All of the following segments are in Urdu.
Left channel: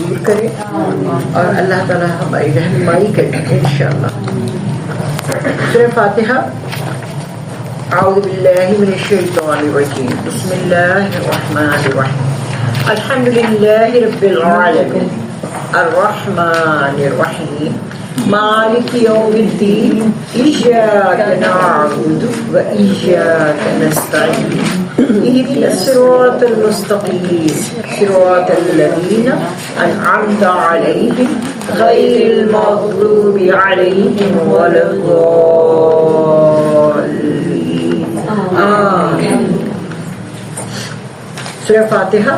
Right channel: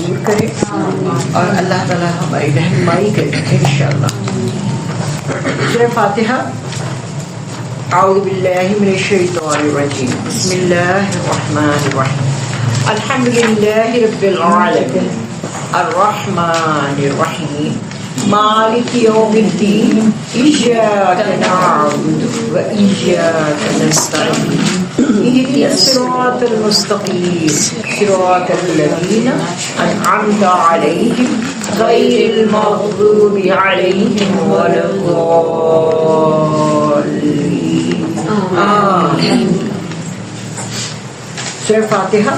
قبول کرے اور اللہ تعالیٰ ہماری رہنمائی کرے انشاءاللہ۔ سورہ فاتحہ۔ اعوذ باللہ من الشیطان الرجیم، بسم اللہ الرحمن الرحیم، الحمد للہ رب العالمین الرحمن الرحیم مالک یوم الدین، ایاک نعبد و ایاک نستعین، اهدنا الصراط المستقیم صراط الذین انعمت علیہم غیر المغضوب علیہم ولا الضالین آمین۔ سورہ فاتحہ۔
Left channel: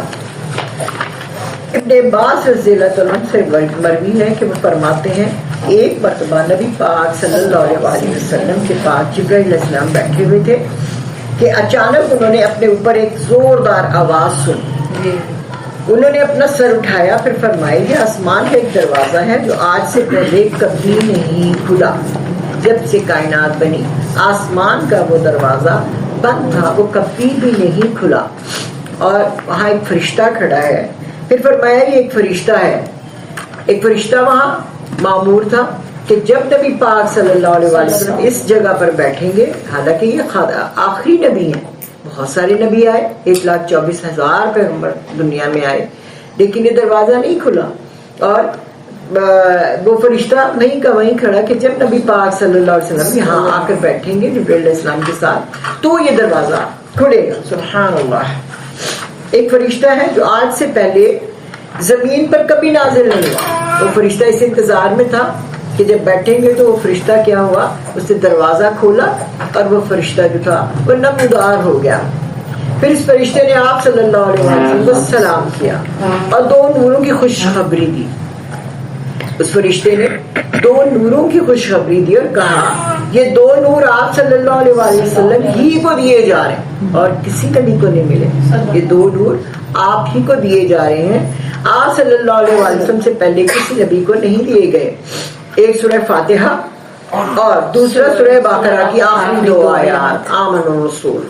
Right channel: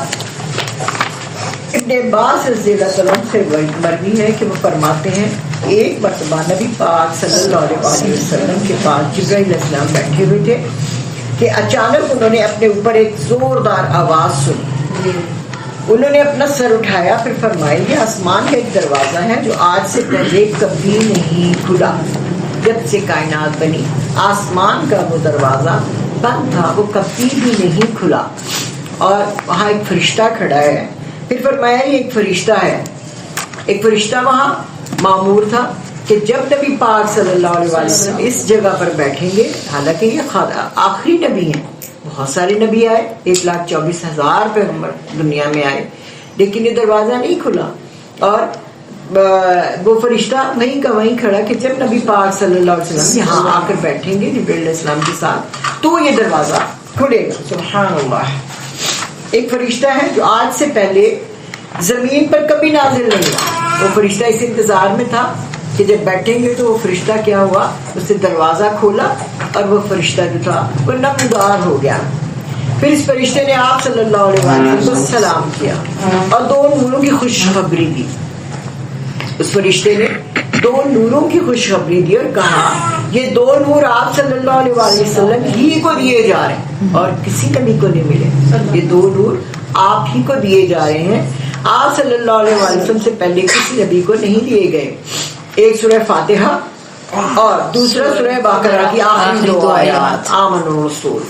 ابن عباس رضی اللہ عنہ سے مروی ہے کہ وہ فرماتے ہیں ایک مرتبہ نبی پاک صلی اللہ علیہ وسلم کے پاس جبرائیل علیہ السلام بیٹھے ہوئے تھے کہ اچانک انہوں نے اپنے اوپر ایک زوردار آواز سنی۔ انہوں نے اپنا سر اٹھایا، پھر فرمایا یہ آسمان کا ایک دروازہ ہے جو آج سے پہلے کبھی نہیں کھلا، جب سے کائنات بنی آسمان کا وہ دروازہ بند تھا، وہ کبھی بھی نہیں کھلا، اور وہاں ایک فرشتہ کھڑا ہے۔ پھر فرمایا یہ ایک فرشتہ ہے، ایک فرشتہ وہاں مامور تھا کہ جب نبی پاک صلی اللہ علیہ وسلم اس جگہ پر بیٹھیں گے، حالانکہ یہ آخری نبی ہیں، بہت سارے نبی آئے، 1,24,000 پیغمبر دنیا میں آئے، لیکن یہ دروازہ نہیں کھلا، اور وہ فرشتہ وہیں کا وہیں کھڑا کہ جب نبی پاک صلی اللہ علیہ وسلم یہاں آ کر بیٹھیں گے جبرائیل علیہ السلام کے ساتھ تو یہ دروازہ کھلے گا۔ سبحان اللہ۔ ایک فرشتہ ہے جو آج سے پہلے زمین پر کبھی نازل نہیں ہوا، وہ فرشتہ اس انتظار میں تھا کہ جب بیٹھیں گے تو وہ فرشتہ کیا ہوا، اس نے دروازہ کھولا اور وہ فرشتہ جو تھا وہ نمودار ہو گیا۔ پھر اس فرشتے نے آپ صلی اللہ علیہ وسلم کو سلام کیا اور 2 نوروں کی خوشخبری دی۔ اس فرشتے نے 2 نوروں کی خوشخبری دی اور کہا یہ 2 نور آپ صلی اللہ علیہ وسلم ہی کو دیے جا رہے ہیں اور کسی نبی کو نہیں ملے، یہ 2 نور آپ ہی کو دیے جا رہے ہیں، آپ صلی اللہ علیہ وسلم سے پہلے کسی نبی کو نہیں دیے گئے۔ ایک سورہ فاتحہ اور دوسرا سورہ بقرہ کی آخری 2 آیات، آمن الرسول،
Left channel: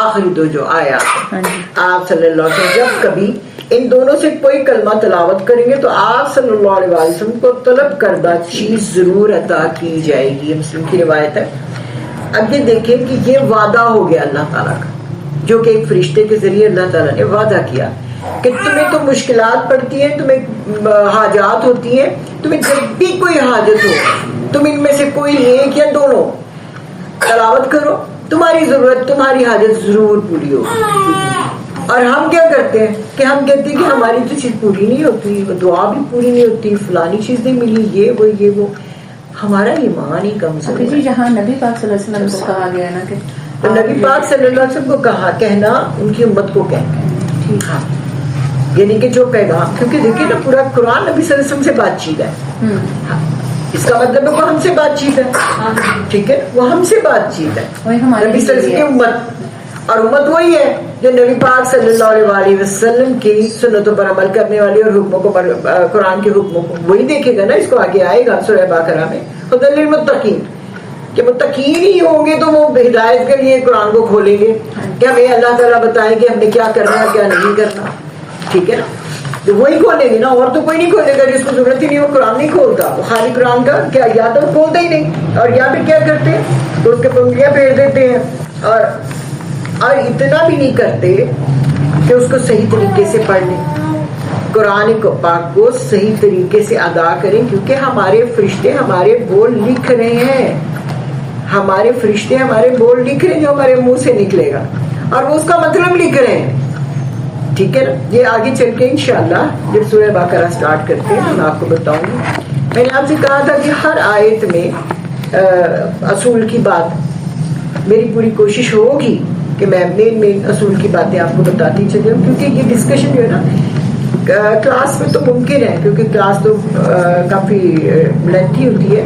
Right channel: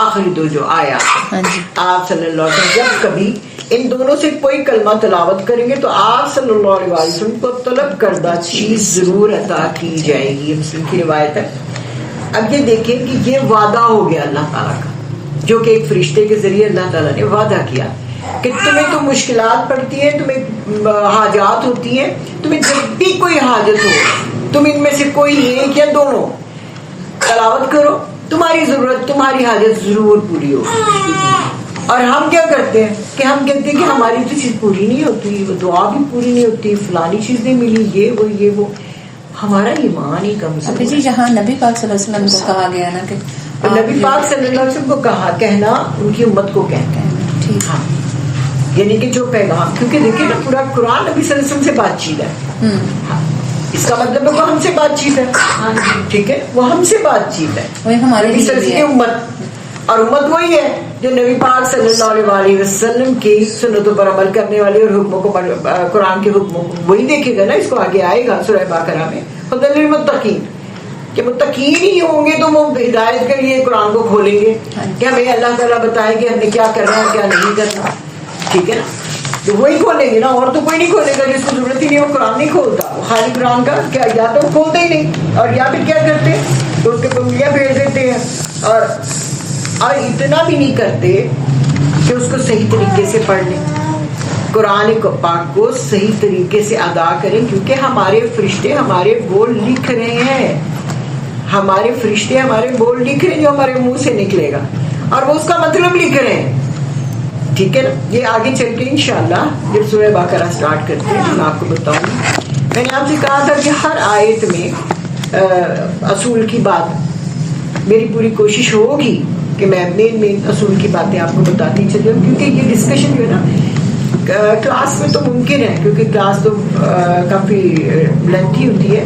آخری 2 جو آیات آپ صلی اللہ علیہ وسلم جب کبھی ان دونوں سے کوئی کلمہ تلاوت کریں گے تو آپ صلی اللہ علیہ وسلم کو طلب کردہ چیز ضرور عطا کی جائے گی، یہ مسلم کی روایت ہے۔ اب یہ دیکھیں کہ یہ وعدہ ہو گیا اللہ تعالیٰ کا، جو کہ ایک فرشتے کے ذریعے اللہ تعالیٰ نے وعدہ کیا کہ تمہیں تو مشکلات پڑتی ہیں، تمہیں حاجات ہوتی ہیں، تمہیں جب بھی کوئی حاجت ہو تم ان میں سے کوئی ایک یا دونوں تلاوت کرو، تمہاری ضرورت تمہاری حاجت ضرور پوری ہوگی۔ اور ہم کیا کرتے ہیں کہ ہم کہتے ہیں کہ ہماری تو چیز پوری نہیں ہوتی، وہ دعا بھی پوری نہیں ہوتی، فلانی چیز نہیں ملی، یہ وہ ہمارا ایمان ہی کمزور ہے۔ جی جہاں نبی پاک صلی اللہ علیہ وسلم کو کہا گیا نا کہ نبی پاک صلی اللہ علیہ وسلم کو کہنا ان کی امت کو کہنا ہے، ٹھیک ہے، یعنی کہ جو پیغام، کیونکہ دیکھیے نا پورا قرآن نبی صلی اللہ علیہ وسلم سے بات چیت ہے، اس کا مطلب ہے وہ ہم سے بات چیت ہے، ٹھیک ہے، وہ ہم سے بات چیت ہے، وہی ہمارے نبی صلی اللہ علیہ وسلم کی امت، اور امت وہی ہے جو نبی پاک صلی اللہ علیہ وسلم کی سنتوں پر عمل کرنے والی اور حکموں کو قرآن کے حکموں کو وہی دیکھے گا نا۔ اس کو آگے آئے گا سورہ بقرہ میں ہدی للمتقین، کہ متقین ہی ہوں گے تو وہ ہدایت کے لیے قرآن کو کھولیں گے کہ ہمیں اللہ تعالیٰ بتائے کہ ہم نے کیا کرنا ہے کیا نہیں کرنا، ٹھیک ہے نا، تو وہی کھولیں گے نا، اور تو کوئی نہیں کھولے گا، جس کو ضرورت ہی نہیں وہ قرآن نہیں کھولتا، وہ خالی قرآن کا کیا یا تو کھولتے ہی نہیں، اور یا پھر کیا کرتے ہیں اس کے پنگلیاں پھیر دیتے ہیں، اور اتنا بھی نہیں کرتے کہ اس کو صحیح طریقے سے پڑھ لیں، قرآن پاک کو صحیح طریقے سے ادا کریں، کیونکہ ہمارے فرشتے ہمارے بول لکھ رہے ہیں، ہمارے فرشتے ہمارے بول لکھ رہے ہیں جو ہمارے منہ سے نکلے گا، اور وہ اس کا مطلب لکھ رہے ہیں، ٹھیک ہے نا۔ یہ آگے چل کے انشاءاللہ جب سورہ بقرہ سٹارٹ کرتے ہیں میں آپ کو بتاؤں گی۔ میں نے آپ سے کہا تھا کہ ہر آیت میں اصول کی بات، میری پوری کوشش ہوگی کہ میں مین اصول کی باتیں آپ کو بتاتی چلی ہوں، کیونکہ یہ ڈسکشن جو ہے نا کلاس میں تو ممکن ہے، کیونکہ کلاس تو کافی لینتھی ہوتی ہے،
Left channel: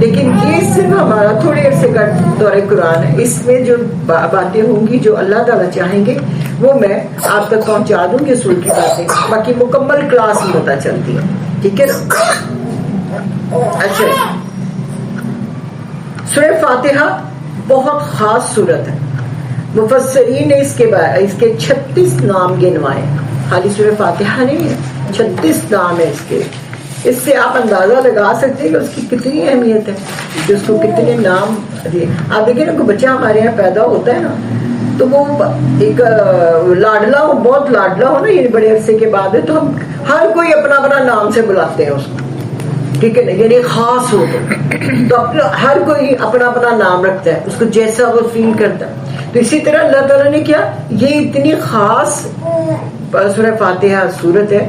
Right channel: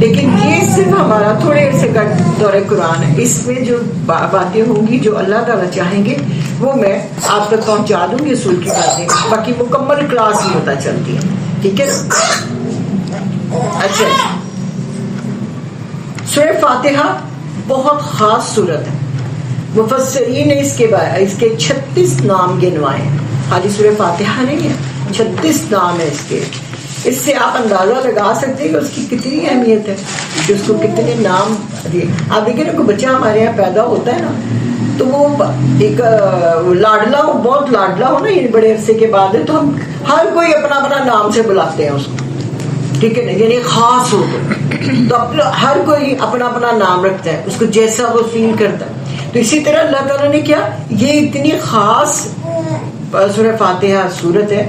لیکن یہ صرف ہمارا تھوڑے عرصے کا دورہ قرآن ہے، اس میں جو باتیں ہوں گی جو اللہ تعالیٰ چاہیں گے وہ میں آپ تک پہنچا دوں گی اصول کی باتیں، باقی مکمل کلاس ہی پتہ چلتی ہے، ٹھیک ہے نا۔ اچھا، سورہ فاتحہ بہت خاص صورت ہے، مفسرین نے اس کے 36 نام گنوائے، خالی سورہ فاتحہ نہیں ہے، 36 نام ہے اس کے. اس سے آپ اندازہ لگا سکتے ہیں کہ اس کی کتنی اہمیت ہے, کہ اس کو کتنے نام دیے. آپ دیکھیں نا, کوئی بچہ ہمارے یہاں پیدا ہوتا ہے نا, تو وہ ایک لاڈلا ہو, بہت لاڈلا ہو نا, یہ بڑے عرصے کے بعد ہے, تو ہم ہر کوئی اپنا اپنا نام سے بلاتے ہیں اس کو, ٹھیک ہے نا, یعنی خاص ہو تو ہر کوئی اپنا اپنا نام رکھتا ہے اس کو جیسا وہ فیل کرتا ہے. تو اسی طرح اللہ تعالیٰ نے کیا, یہ اتنی خاص سورہ فاتحہ سورت ہے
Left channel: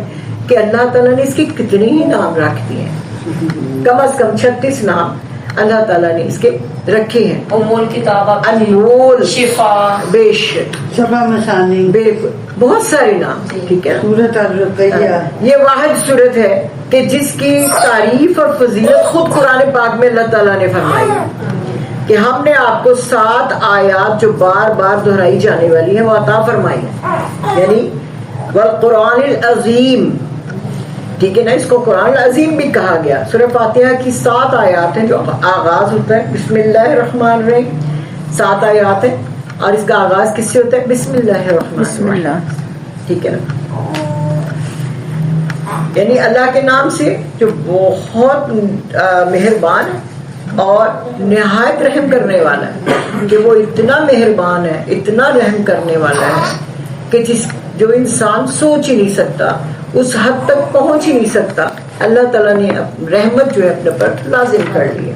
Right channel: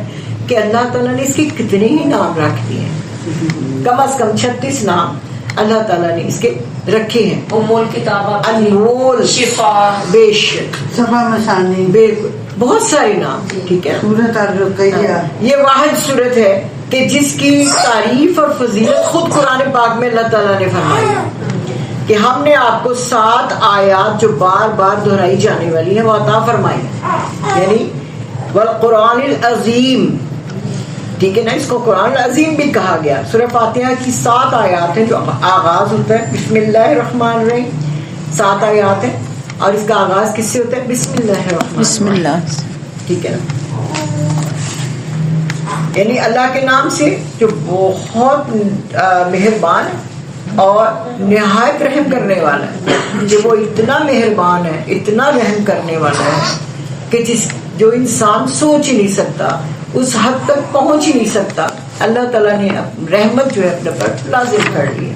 کہ اللہ تعالیٰ نے اس کے کتنے ہی نام رکھ دیے ہیں, کم از کم 36 نام اللہ تعالیٰ نے اس کے رکھے ہیں. انمول, شفا, بے شک, صفا مسانی, بالکل, بہت سارے نام, ٹھیک ہے. سورۃ الرقیہ, یہ واحد صورت ہے کہ جس کی تعریف اور فضیلت خود قرآن پاک میں اللہ تعالیٰ نے فرمائی کہ ہم نے آپ کو 7 آیات جو بار بار دہرائی جانے والی ہیں وہ عطا فرمائی, یعنی والقرآن العظیم, ٹھیک ہے نا. اس کو قرآن العظیم بھی کہا گیا. سورہ فاتحہ کی 7 آیات ہیں جو آغاز ہوتا ہے بسم اللہ الرحمن الرحیم, 7 آیات ہیں, اور اس کا آغاز کس سے ہوتا ہے, بسم اللہ الرحمن, بسم اللہ, ٹھیک ہے. یعنی اللہ کے نام سے جو بہت مہربان ہے اور نہایت رحم کرنے والا ہے, کہ وہ اتنا مہربان ہے, اتنا رحم کرنے والا ہے کہ جو انسان سوچ ہی نہیں سکتا, اس حد تک پہنچ ہی نہیں سکتا. اللہ تعالیٰ نے رحمت جو ہے اپنے پر لازم کر لی ہے.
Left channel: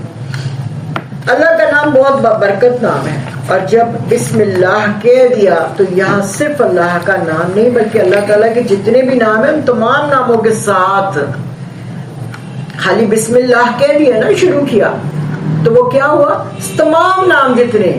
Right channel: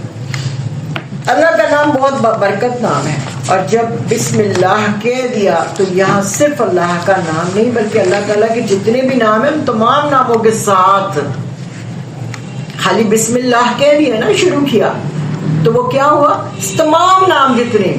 اللہ کا نام بہت برکت نام ہے, اور جب بسم اللہ کہہ دیا تو یہاں صرف اللہ کا نام نہیں بلکہ اللہ تعالیٰ کے جتنے بھی نام ہیں ان تمام ناموں کے ساتھ, خالی بسم اللہ کہہ دیا نا, شروع کیا, تو وہ کیا ہوا, تمام نام جتنے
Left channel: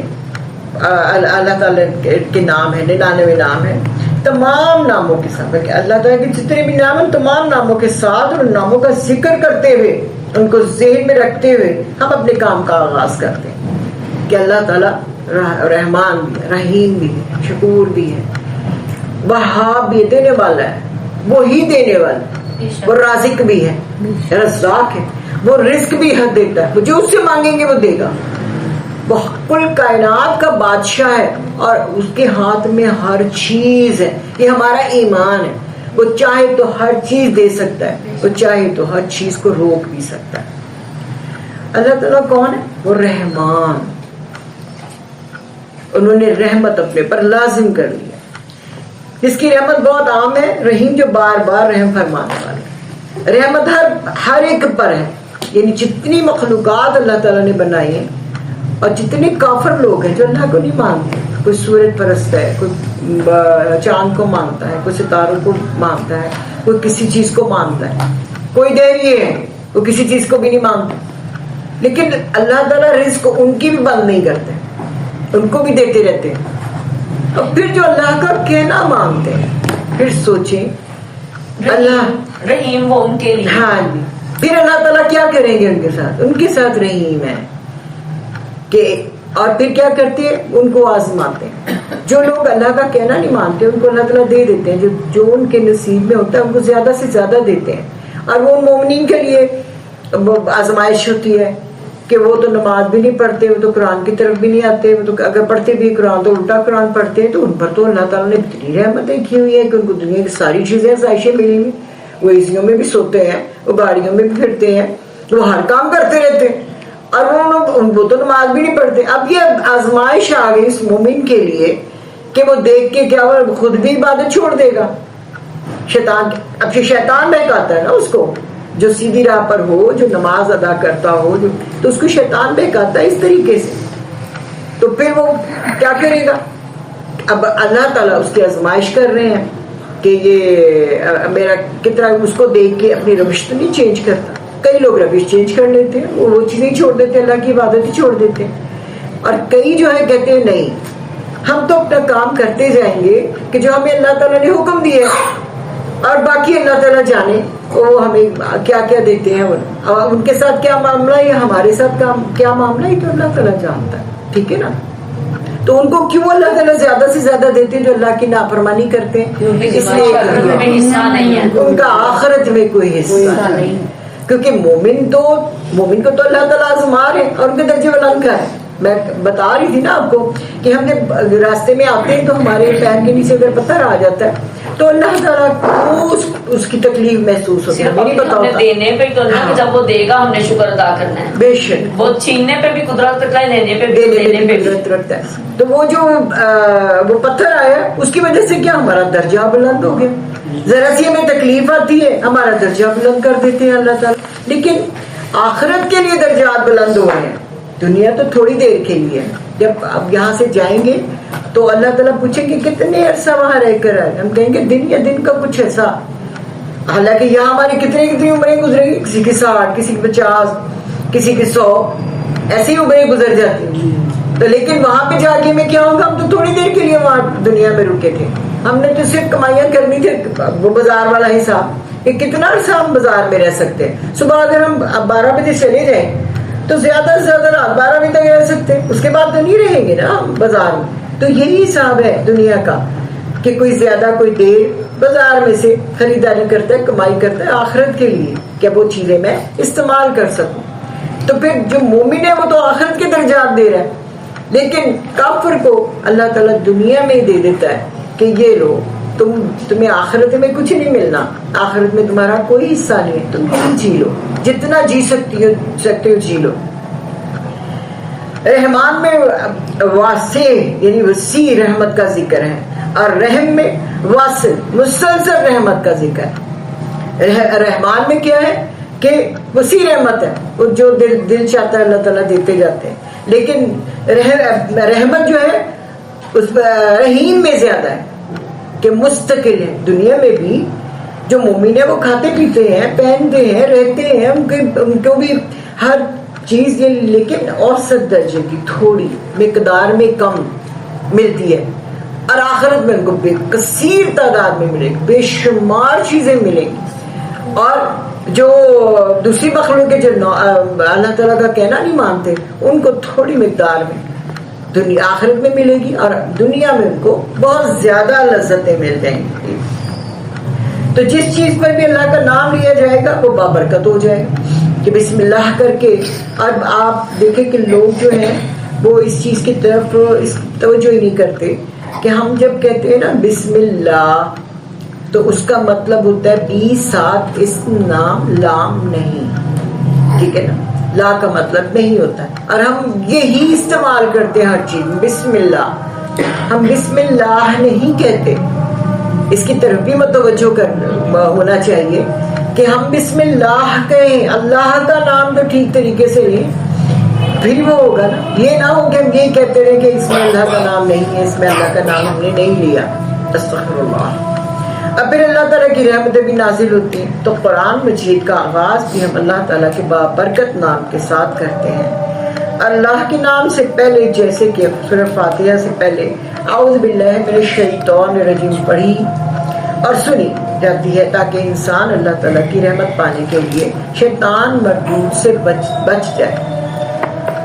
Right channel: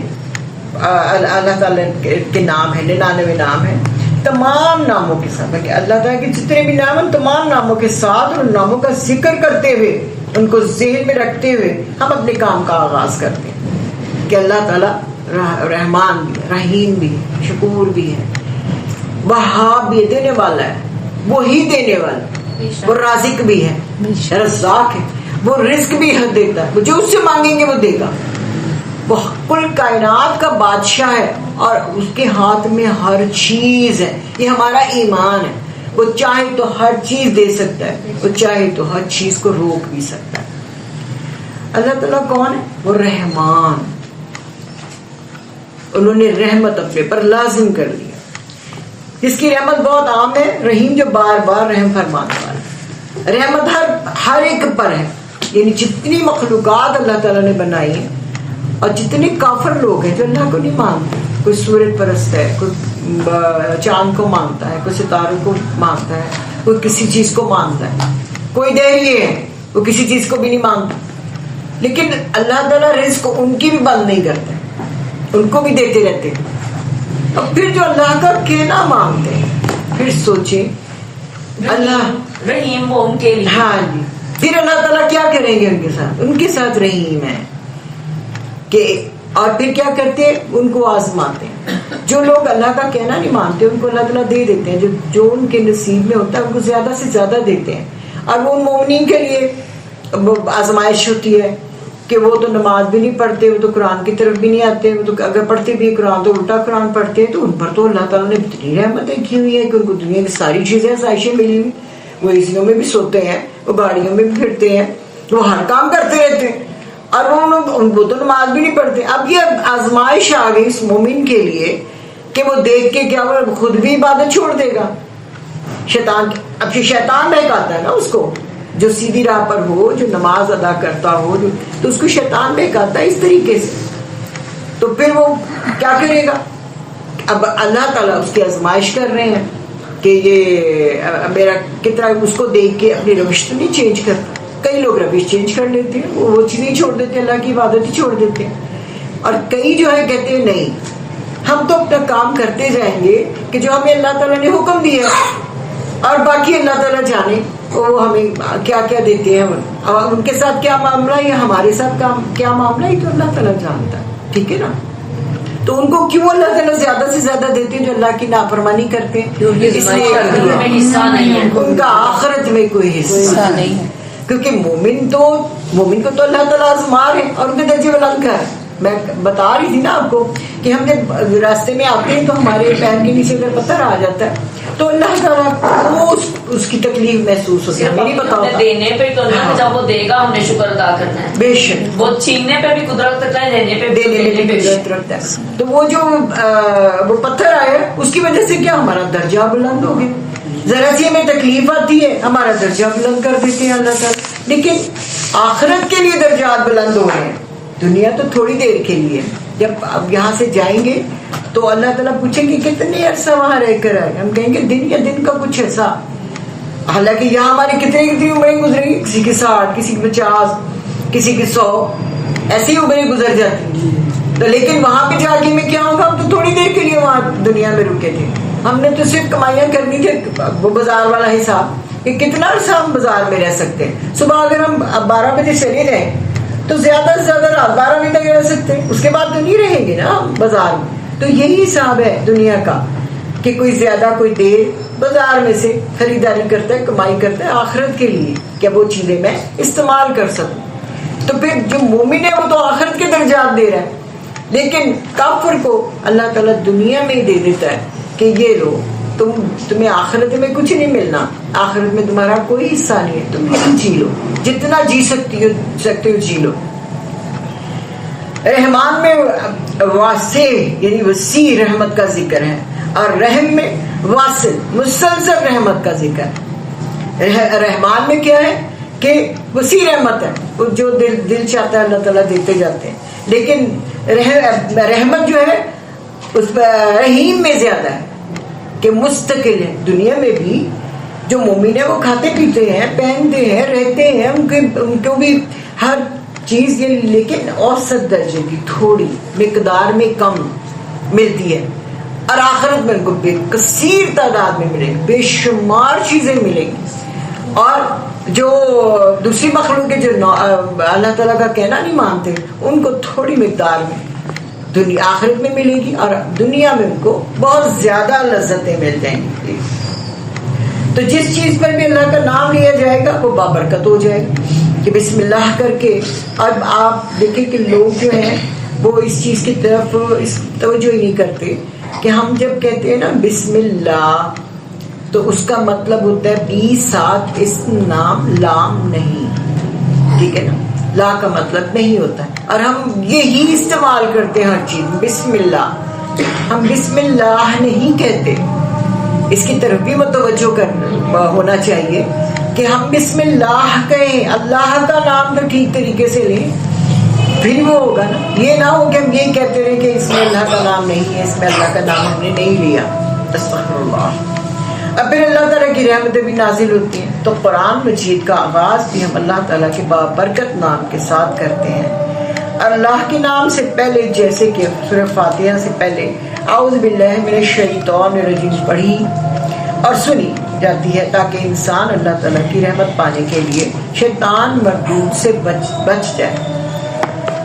اللہ تعالیٰ کے نام ہیں, 99 نام ہیں, تمام ناموں کے ساتھ, کہ اللہ تعالیٰ کے جتنے بھی نام ہیں تمام ناموں کے ساتھ, اور ان ناموں کا ذکر کرتے ہوئے, ان کو ذہن میں رکھتے ہوئے ہم اپنے کام کا آغاز کرتے ہیں کہ اللہ تعالیٰ رحمان بھی, رحیم بھی, شکور بھی ہے, وہاب بھی, دینے والا ہے, وہی دینے والا, وہ رازق بھی ہے, رزاق ہے, وہ رزق بھی حد دیتا ہے, جو اس سے مانگیں گے وہ دے گا, وہ کل کائنات کا بادشاہ ہے, اور اس کے ہاتھ میں ہر چیز ہے. یہ ہمارا ایمان ہے, وہ چاہے تو ہر چیز دے سکتا ہے, وہ چاہے تو ہر چیز کو روک بھی سکتا ہے. اللہ تعالیٰ کون ہے, وہ رحمان, انہوں نے رحمت اپنے پر لازم کر لیا. اس کی رحمت بہت عام ہے, رحیم جو بار بار رحم فرمانے والا. رحمت ہر ایک پر ہے, یعنی جتنی مخلوقات اللہ تعالیٰ نے بنائی ہیں, اور جتنے کافر لوگ ہیں جو اللہ کو نہیں مانتے, کوئی سورج پرست ہے, کوئی چاند کو مانتا ہے, کوئی ستاروں کو مانتا ہے, کوئی کسی چیز کو مانتا ہے, کوئی دہری ہے وہ کسی چیز کو بھی نہیں مانتا, لیکن اللہ تعالیٰ رزق ان کی بھی بند نہیں کرتے, ان کو بھی دیتے رہتے ہیں. اور پھر جو اللہ کا کہنا مانتے ہیں, پھر سوچیں اللہ رحیم وہ ان کے لیے, ہاں جی, پھر اللہ تعالیٰ کیا کریں گے ان کے ساتھ رحیم ہے کہ, اور پھر کیا کرتے ہیں, ان کو آزماتے ہیں. جو لوگ اللہ کا کہنا نہیں مانتے ان کو اللہ تعالیٰ دے دیتے ہیں, جو ان کے نصیب میں ہوتا ہے ان کو زیادہ سے زیادہ دیتے ہیں. اور وہ مومنین کے لیے وہ آزمائش ہوتی ہے کہ وہ تو نماز بھی نہیں پڑھتے, وہ تو قرآن کی طرف بھی نہیں آتے, وہ تو اگر پڑھتے بھی قرآن تو الٹا قرآن پڑھتے ہیں, تو ان پر تو اللہ تعالیٰ نے اتنی رحمتیں کی ہوئی ہیں کہ ان کو دنیا کی ساری چیزیں آسائشیں ملی ہوئی. وہ اے میں بھی سوتے ہیں, وہ گاڑیوں میں بھی پھرتے ہیں, وہ ہر کام کرتے رہتے ہیں, اور وہ تو نماز بھی نہیں پڑھتے. اب یہ آزمائش آ گئی اس مومن کے لیے کہ وہ دیکھ کے کیا وہ خود بھی عبادت چھوڑ دے گا. اب شیطان بہکاتا ہے نا اس کو, جو سیدھی راہ پر ہو, جو نماز ادا کرتا ہو, تو اس کو شیطان بہکاتا ہے اس طریقے سے. تو پھر وہ کیا کرے گا, اب اللہ تعالیٰ اس کی آزمائش کر رہے ہیں کہ یہ میرا کتنا, اس کو دیکھ کے اپنی روش تو نہیں چینج کرتا. کئی لوگ روش چینج کر لیتے ہیں, وہ چیزیں چھوڑ دیتے ہیں, اللہ کی عبادت ہی چھوڑ دیتے ہیں. اور کئی جو ہے کہتے ہیں نہیں, ہم تو اپنا کام کرتے جائیں گے کہ جو ہمیں اللہ تعالیٰ نے حکم دیا ہے, اور باقی اللہ تعالیٰ جانے وہ ہمیں کیا کیا دیتے ہیں, اب ان کے ساتھ کیا معاملہ ہے یا ہمارے ساتھ کیا معاملہ ہے, تو اللہ تعالیٰ جانتا ہے. ٹھیک ہے نا. تو ان کو کیوں اللہ تعالیٰ زیادہ سے زیادہ دیتے ہیں جو اللہ کی نافرمانی کرتے ہیں, اس لیے ان کا آخرت میں کوئی حصہ نہیں, کیونکہ مومن کو تو اللہ تعالیٰ آزما ہے اور ان کے درجے بلند ہے. میں بتا رہی تھی نا آپ کو کہ ہم جب راستے میں آتے ہیں تو ہمارے پیر کے نیچے اگر پتھر آ جاتا ہے تو اللہ تعالیٰ کو اس کی تکلیف محسوس ہوتی ہے. میری بتاؤ دینے پہ تو نا کہ جب وہ دے گا ہم نے شکر ادا کرنا ہے. بے شک وہ چھیننے پہ بھی قدرت رکھتا ہے, لینے پہ بھی دینے میں قدرت رکھتا ہے. تو وہ جو وہ پتھر آیا اس کی وجہ سے کیا ہمارا درجہ بلند ہو گیا. ذرا سی ہمیں تکلیف آتی ہے ہمارا درجہ بلند کر دیتی ہے اللہ تعالیٰ. لیکن آخرت کے لیے درجات بلند ہو رہے ہیں. دنیا تو تھوڑی دیر کے لیے, جب اب یہاں سے جائیں گے تو اللہ تعالیٰ پوچھیں گے کتنے عرصہ وہاں رہ کر آئے. ہم کہیں گے دن یا دن کا کچھ ایسا. حالانکہ یہاں ہماری کتنی عمریں گزرے گی, کسی کی 60, کسی کی 50, کسی کی 100, ایسی عمریں گزر جاتی ہیں. تو لیکن وہاں پہ جا کے میں کیا ہوگا, ہم تو تھوڑی دیر کے لیے وہاں دنیا میں رکے تھے. ہم نے تو صرف کمائیاں کرنی تھی, وہ بازار والا حساب کہ کتنا عرصہ ہم بازار میں رہ سکتے ہیں. صبح اگر ہم 12 بجے چلے جائیں تو زیادہ سے زیادہ رات 12 بجے تک رہ سکتے ہیں, اس کے بعد تو نہیں رہیں گے نا ہم بازار میں. تو یہی حساب ہے دنیا کا کہ کوئی زیادہ کوئی دیر بازار میں سے خریداری کرتا ہے, کمائی کرتا ہے آخرت کے لیے کہ وہ چیزیں میں استعمال کر سکوں. تو پھر جو مومن ہے وہ تو آخرت کے درجات دے رہا ہے, لیکن کافر کو اللہ تعالیٰ دنیا میں دے دیتا ہے کہ یہ لو, تمہیں آخرت میں کچھ نہیں ملنا, آخرت میں تمہارا کوئی حصہ نہیں ہے, تم یہی جی لو, جتنا جی سکتے ہو جی لو. رحمان میں واسع یعنی وسیع رحمت کا ذکر ہے, اور رحم میں واصل مسلسل رحمت کا ذکر ہے. رحمان میں کیا ہے کہ وسیع رحمت ہے, جو دل چاہتا ہے اللہ تعالیٰ دیتے جاتے ہیں. لیکن رحمت جو ہے اس رحیم میں زیادہ ہے کہ مستقل ہے. دنیا میں بھی جو مومن ہے وہ کھاتے پیتے ہیں, پہنتے ہیں, رہتے ہیں, ان کو بھی ہر چیز یہ, لیکن اوسط درجے کی تھوڑی مقدار میں کم ملتی ہے. اور آخرت میں ان کو بے کثیر تعداد میں ملے گی, بے شمار چیزیں ملیں گی. اور جو دوسری مخلوق جو اللہ تعالیٰ کا کہنا نہیں مانتے, ان کو تھوڑی مقدار میں دنیا آخرت میں ملے گی, اور دنیا میں ان کو بہت زیادہ لذتیں مل جائیں گی. تو جس چیز پر بھی اللہ کا نام لیا جائے گا وہ بابرکت ہو جائے گا کہ بسم اللہ کر کے. اب آپ دیکھیں کہ لوگ جو ہیں وہ اس چیز کی طرف اس توجہ ہی نہیں کرتے کہ ہم جب کہتے ہیں نا بسم اللہ تو اس کا مطلب ہوتا ہے 20 ساتھ اس نام لام نہیں, ٹھیک ہے نا, لا کا مطلب نہیں ہوتا ہے. اور ہم یہی استعمال کرتے ہیں ہر چیز میں بسم اللہ. ہم بسم اللہ نہیں کہتے, اس کی طرف بھی متوجہ کرنا ہونا چاہیے کہ ہم بسم اللہ کہیں, اللہ کا نام تو ٹھیک طریقے سے لیں, پھر وہ ہوگا نا. یہ نہ ہو کہ ہم یہی کہتے رہے کہ اس میں اللہ کا نام نہیں ہے, اس میں اللہ کا نام ہم نے نہیں لیا. استغفر اللہ. اب پھر اللہ تعالیٰ کی رحمتیں بھی نازل ہوتی ہیں. تو قرآن مجید کا آغاز بھی ہم اللہ تعالیٰ کے بابرکت نام کے ساتھ کرتے ہیں. اللہ کے نام سے پہلے, جیسے کہ سورہ فاتحہ سے پہلے اعوذ باللہ من الشیطان الرجیم پڑھی اور سنی جاتی ہے تاکہ انسان اللہ تعالیٰ کی رحمت پانے کے لیے شیطان مردود سے بچ جائے,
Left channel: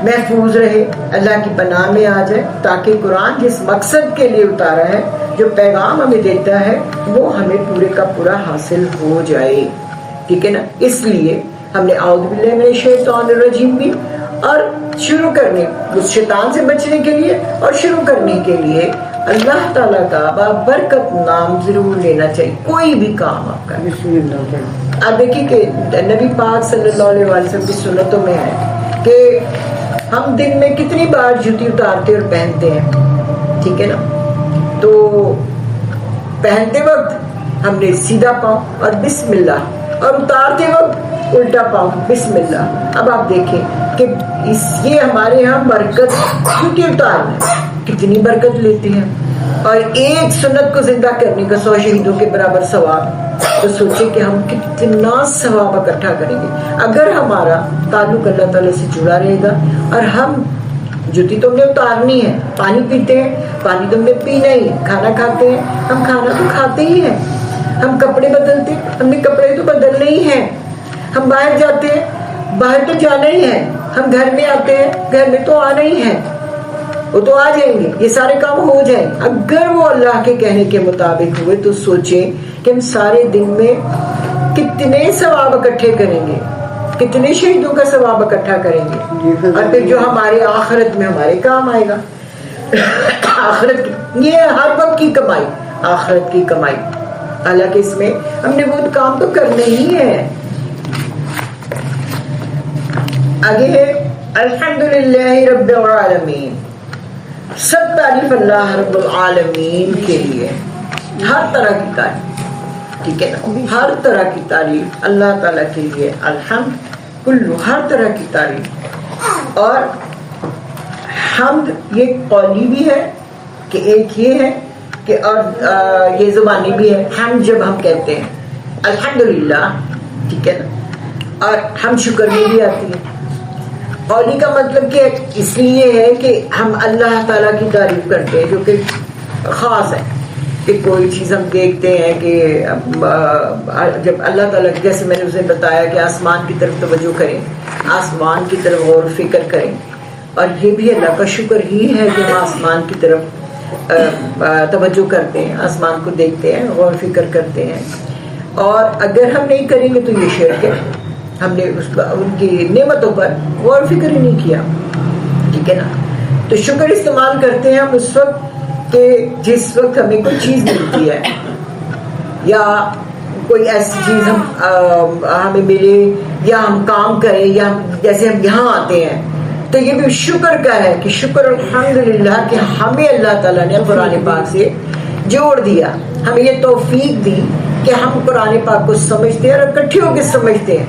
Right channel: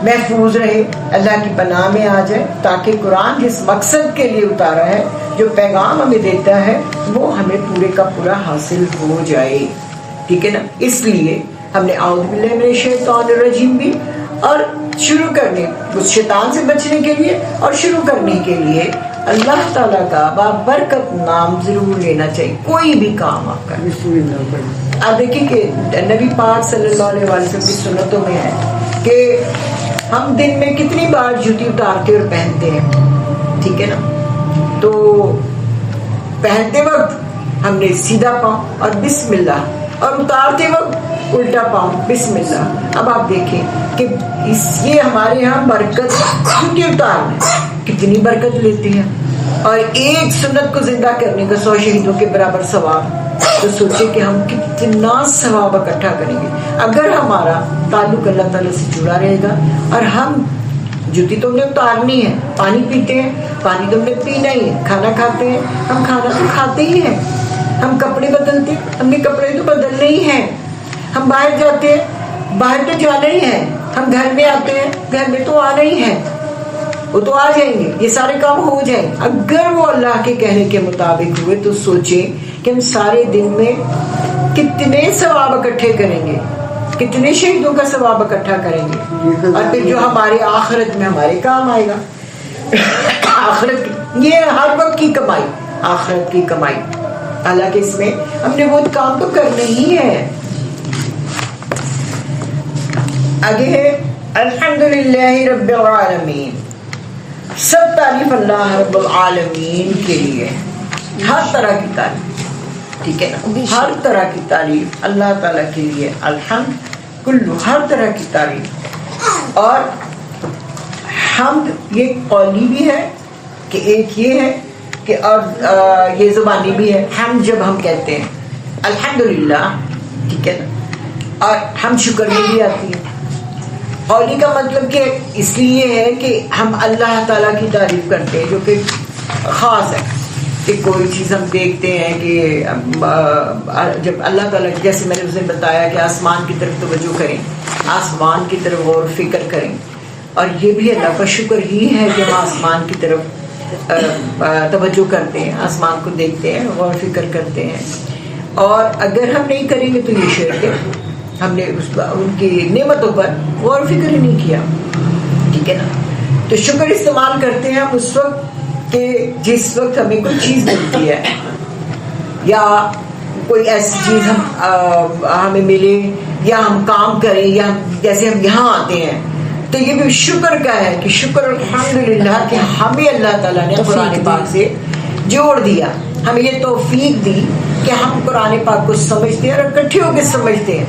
محفوظ رہے, اللہ کی پناہ میں آ جائے, تاکہ قرآن جس مقصد کے لیے اتارا ہے, جو پیغام ہمیں دیتا ہے, وہ ہمیں پورے کا پورا حاصل ہو جائے. ٹھیک ہے نا. اس لیے ہم نے اعوذ باللہ من الشیطان الرجیم بھی, اور شروع کرنے اس شیطان سے بچنے کے لیے اور شروع کرنے کے لیے اللہ تعالیٰ کا بابرکت نام ضرور لینا چاہیے, کوئی بھی کام آپ کا. بسم اللہ پڑھ. آپ دیکھیں کہ نبی پاک صلی اللہ علیہ وسلم کی سنتوں میں ہے کہ ہم دن میں کتنی بار جوتی اتارتے اور پہنتے ہیں, ٹھیک ہے نا. تو پہنتے وقت ہم نے سیدھا پاؤں اور بسم اللہ, اور اتارتے وقت الٹا پاؤں بسم اللہ. اب آپ دیکھیں کہ یہ ہمارے یہاں برکت جوتی اتارنا کتنی برکت لیتے ہیں, اور ایک سنت کو زندہ کرنے کا 100 شہیدوں کے برابر ثواب. تو سوچیں کہ ہم کتنا ثواب اکٹھا کریں گے اگر ہمارا تعلق اللہ تعالیٰ سے جڑا رہے گا. اور ہم جوتی تو ہم نے اتارنی ہے, پانی پیتے ہیں, پانی تو ہم نے پینا ہی ہے, کھانا کھاتے ہیں, ہم کھانا تو کھاتے ہی ہیں, ہم کپڑے بدلتے ہیں, ہم نے کپڑے تو بدلنے ہی ہیں, ہم باہر جاتے ہیں, باہر تو جانا ہی ہے, ہم گھر میں آتے ہیں, گھر میں تو آنا ہی ہے, وہ تو آ جائیں گے, یہ سارے کام ہو جائیں. اگر وہ اللہ کے کہنے کے مطابق ہوئے تو سوچیں کہ ہم سارے دن میں کتنے ثواب اکٹھے کریں گے, کتنے شہیدوں کا ثواب اکٹھا کریں گے, اور پھر جو ہمارے آخرت میں ہمارے کام آئے گا. آخرت یہ ہر وقت کی کمائی, آخرت کی کمائی. حالانکہ اس میں ہم نے وہ کام تو کرنا ہی ہے. آگے ہے الحمدللہ رب العالمین. سب تعریف اللہ رب العالمین کے لیے, ہر طرح کی تعریف, ٹھیک ہے نا, ہر طرح کی تعریف اللہ تعالیٰ کے لیے. الحمد کلو, ہر طرح کی تعریف. اور حمد یہ قولی بھی ہے کہ ایک یہ ہے کہ, اور یہ زبانی بھی ہے. ہم جب ہم کہتے ہیں الحمدللہ, ٹھیک ہے نا, اور ہم شکر میں بھی آتی ہے. قولی کا مطلب کہ اس لیے ہے کہ ہم اللہ تعالیٰ کی تعریف کرتے ہیں, جو کہ خاص ہے کہ کوئی چیز ہم دیکھتے ہیں کہ جب اللہ تعالیٰ, جیسے میں نے اسے بتایا کہ آسمان کی طرف توجہ کریں, آسمان کی طرف غور و فکر کریں, اور یہ بھی اللہ کا شکر ہی ہے کہ ہم آسمان کی طرف توجہ کرتے ہیں, آسمان کو دیکھتے ہیں, غور و فکر کرتے ہیں. اور اگر ہم نہیں کریں گے تو یہ شرک ہے, ہم نے ان کی نعمتوں پر غور و فکر ہی نہیں کیا, ٹھیک ہے نا. تو شکر استعمال کرتے ہیں ہم اس وقت کہ جس وقت ہمیں کوئی چیز ملتی ہے, یا کوئی ایسی چیز ہمیں ملے, یا ہم کام کریں, یا جیسے ہم یہاں آتے ہیں تو یہ بھی شکر کا ہے کہ شکر الحمدللہ کہ ہمیں اللہ تعالیٰ نے قرآن پاک سے جوڑ دیا, ہمیں یہ توفیق دی کہ ہم قرآن پاک کو سمجھتے ہیں اور اکٹھے ہو کے سمجھتے ہیں,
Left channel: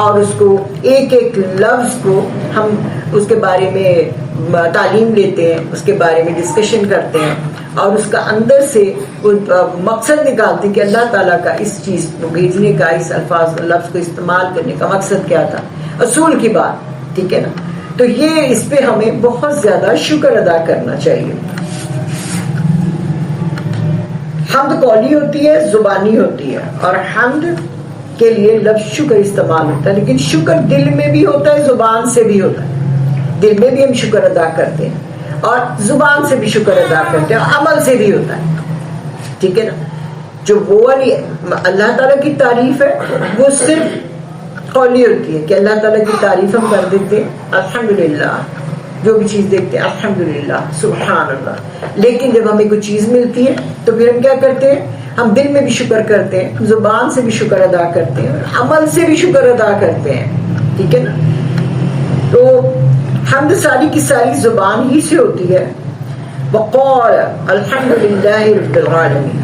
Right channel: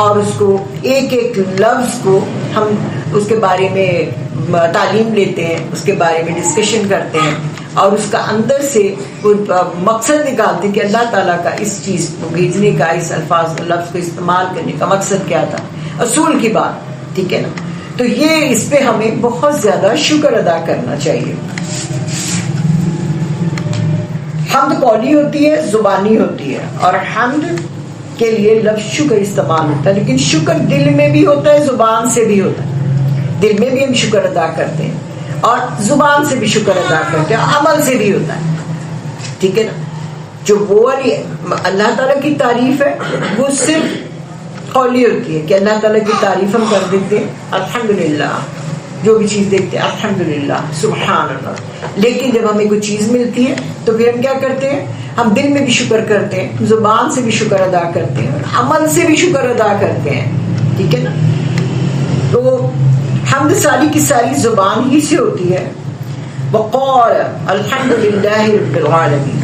اور اس کو ایک ایک لفظ کو ہم اس کے بارے میں تعلیم لیتے ہیں, اس کے بارے میں ڈسکشن کرتے ہیں, اور اس کا اندر سے مقصد نکالتے ہیں کہ اللہ تعالیٰ کا اس چیز کو بھیجنے کا, اس الفاظ لفظ کو استعمال کرنے کا مقصد کیا تھا, اصول کی بات, ٹھیک ہے نا. تو یہ اس پہ ہمیں بہت زیادہ شکر ادا کرنا چاہیے. حمد قولی ہوتی ہے, زبانی ہوتی ہے, اور حمد کے لیے لفظ شکر استعمال ہوتا ہے, لیکن شکر دل میں بھی ہوتا ہے, زبان سے بھی ہوتا ہے. دل میں بھی ہم شکر ادا کرتے ہیں اور زبان سے بھی شکر ادا کرتے ہیں, عمل سے بھی ہوتا ہے, ٹھیک ہے نا. جو وہ والی اللہ تعالیٰ کی تعریف ہے وہ صرف قولی ہوتی ہے کہ اللہ تعالیٰ کی تعریف ہم کر دیتے ہیں الحمدللہ, جو بھی چیز دیکھتے ہیں الحمدللہ سبحان اللہ. لیکن جب ہمیں کوئی چیز ملتی ہے تو پھر ہم کیا کرتے ہیں, ہم دل میں بھی شکر کرتے ہیں, زبان سے بھی شکر ادا کرتے ہیں, اور عمل سے بھی شکر ادا کرتے ہیں, ٹھیک ہے نا. تو حمد ساری کی ساری زبان ہی سے ہوتی ہے. وقال الحمدللہ رب العالمین.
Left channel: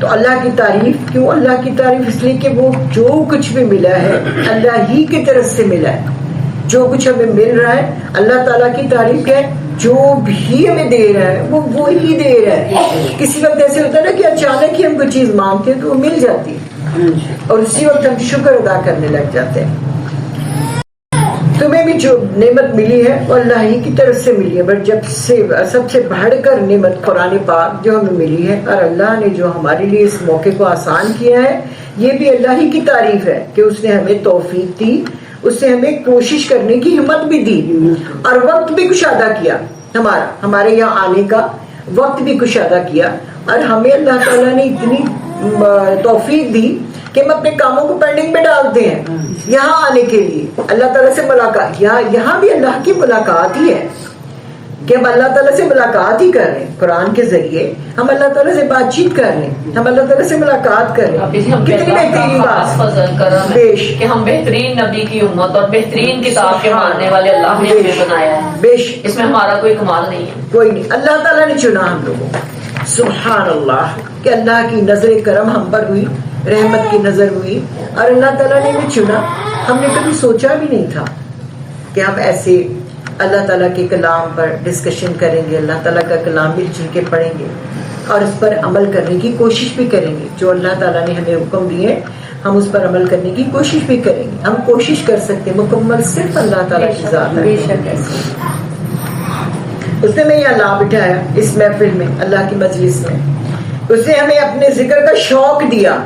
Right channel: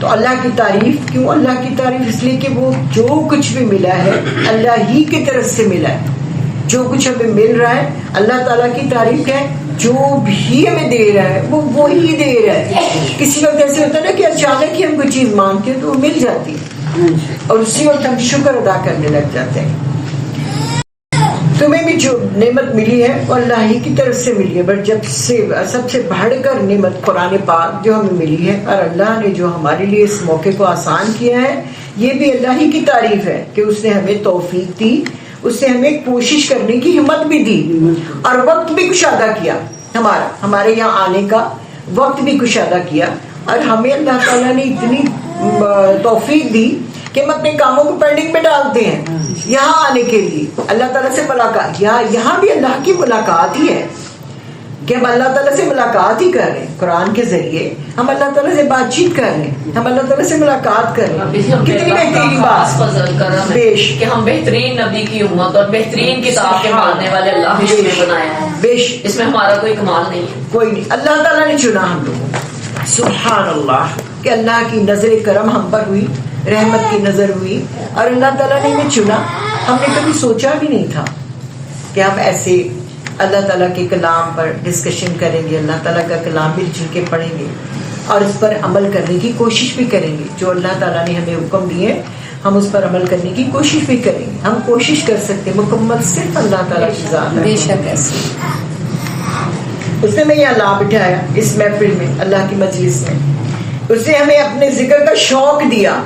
تو اللہ کی تعریف کیوں, اللہ کی تعریف اس لیے کہ وہ جو کچھ بھی ملا ہے اللہ ہی کی طرف سے ملا ہے. جو کچھ ہمیں مل رہا ہے اللہ تعالیٰ کی تعریف ہے, جو بھی ہمیں دے رہا ہے وہ وہی دے رہا ہے. کسی وقت ایسے ہوتا ہے نا کہ اچانک ہی ہم کوئی چیز مانگتے ہیں تو وہ مل جاتی ہے, اور اسی وقت ہم شکر ادا کرنے لگ جاتے ہیں. تمہیں بھی جو نعمت ملی ہے وہ اللہ ہی کی طرف سے ملی ہے, بٹ جب سے سب سے بڑھ کر نعمت قرآن پاک جو ہمیں ملی ہے, اور اللہ نے جو ہمارے لیے اس موقع کو آسان کیا ہے, یہ بھی اللہ ہی کی تعریف ہے کہ اس نے ہمیں توفیق دی, اس نے ہمیں کوشش کرنے کی ہمت بھی دی, اور وقت بھی کشادہ کیا, ہمارے یہاں آنے کا وقت بھی کشادہ کیا, اور ہمیں اللہ تعالیٰ نے اتنی توفیق دی کہ ہم اپنے کاموں کو پینڈنگ میں ڈالتے ہیں یہاں آنے کے لیے اللہ تعالیٰ سے ملاقات. یہاں بھی اللہ کی ملاقات ہی ہے کہ ہم اللہ تعالیٰ سے ملاقات ہی کر رہے ہیں, قرآن کے ذریعے ہم اللہ تعالیٰ سے بات چیت کر رہے ہیں, ہم اللہ تعالیٰ سے ملاقات کر رہے ہیں. کتنی بہترین بات, کہ ہم بہترین نبی کی امت اور بہترین کتاب کے ماننے والے اللہ نے ہمیں بنایا ہے. بیش اس میں ہمارا کوئی کمال نہیں ہے, کوئی نہیں, اللہ تعالیٰ نے چنا ہم لوگوں کو. سبحان اللہ کہ اللہ کی نظر کرم ہم پر ہوئی, رحمت کی نظر ہوئی, اور اللہ تعالیٰ نے ہمیں چنا. ہم نے کبھی سوچا بھی نہیں تھا کہ ہم ایسے اللہ تعالیٰ کے کلام پر ڈسکشن کریں گے, اللہ تعالیٰ کا کلام مل جل کے پڑھیں گے, اور اس پر عمل کرنے کی کوشش بھی کریں گے. جو اللہ تعالیٰ نے ہمیں حکم دیے ہم اس پر عمل کرنے کی کوشش بھی کریں گے. ہم کوشش کر سکتے ہیں, مکمل صرف اللہ تعالیٰ کی ذات ہے. بے شک ایسے اس نے ہمیں یہاں لا بٹھایا اس محفل میں, اللہ کی مجلس میں. اس نے ہمیں اپنے ذکر کا شوق دیا,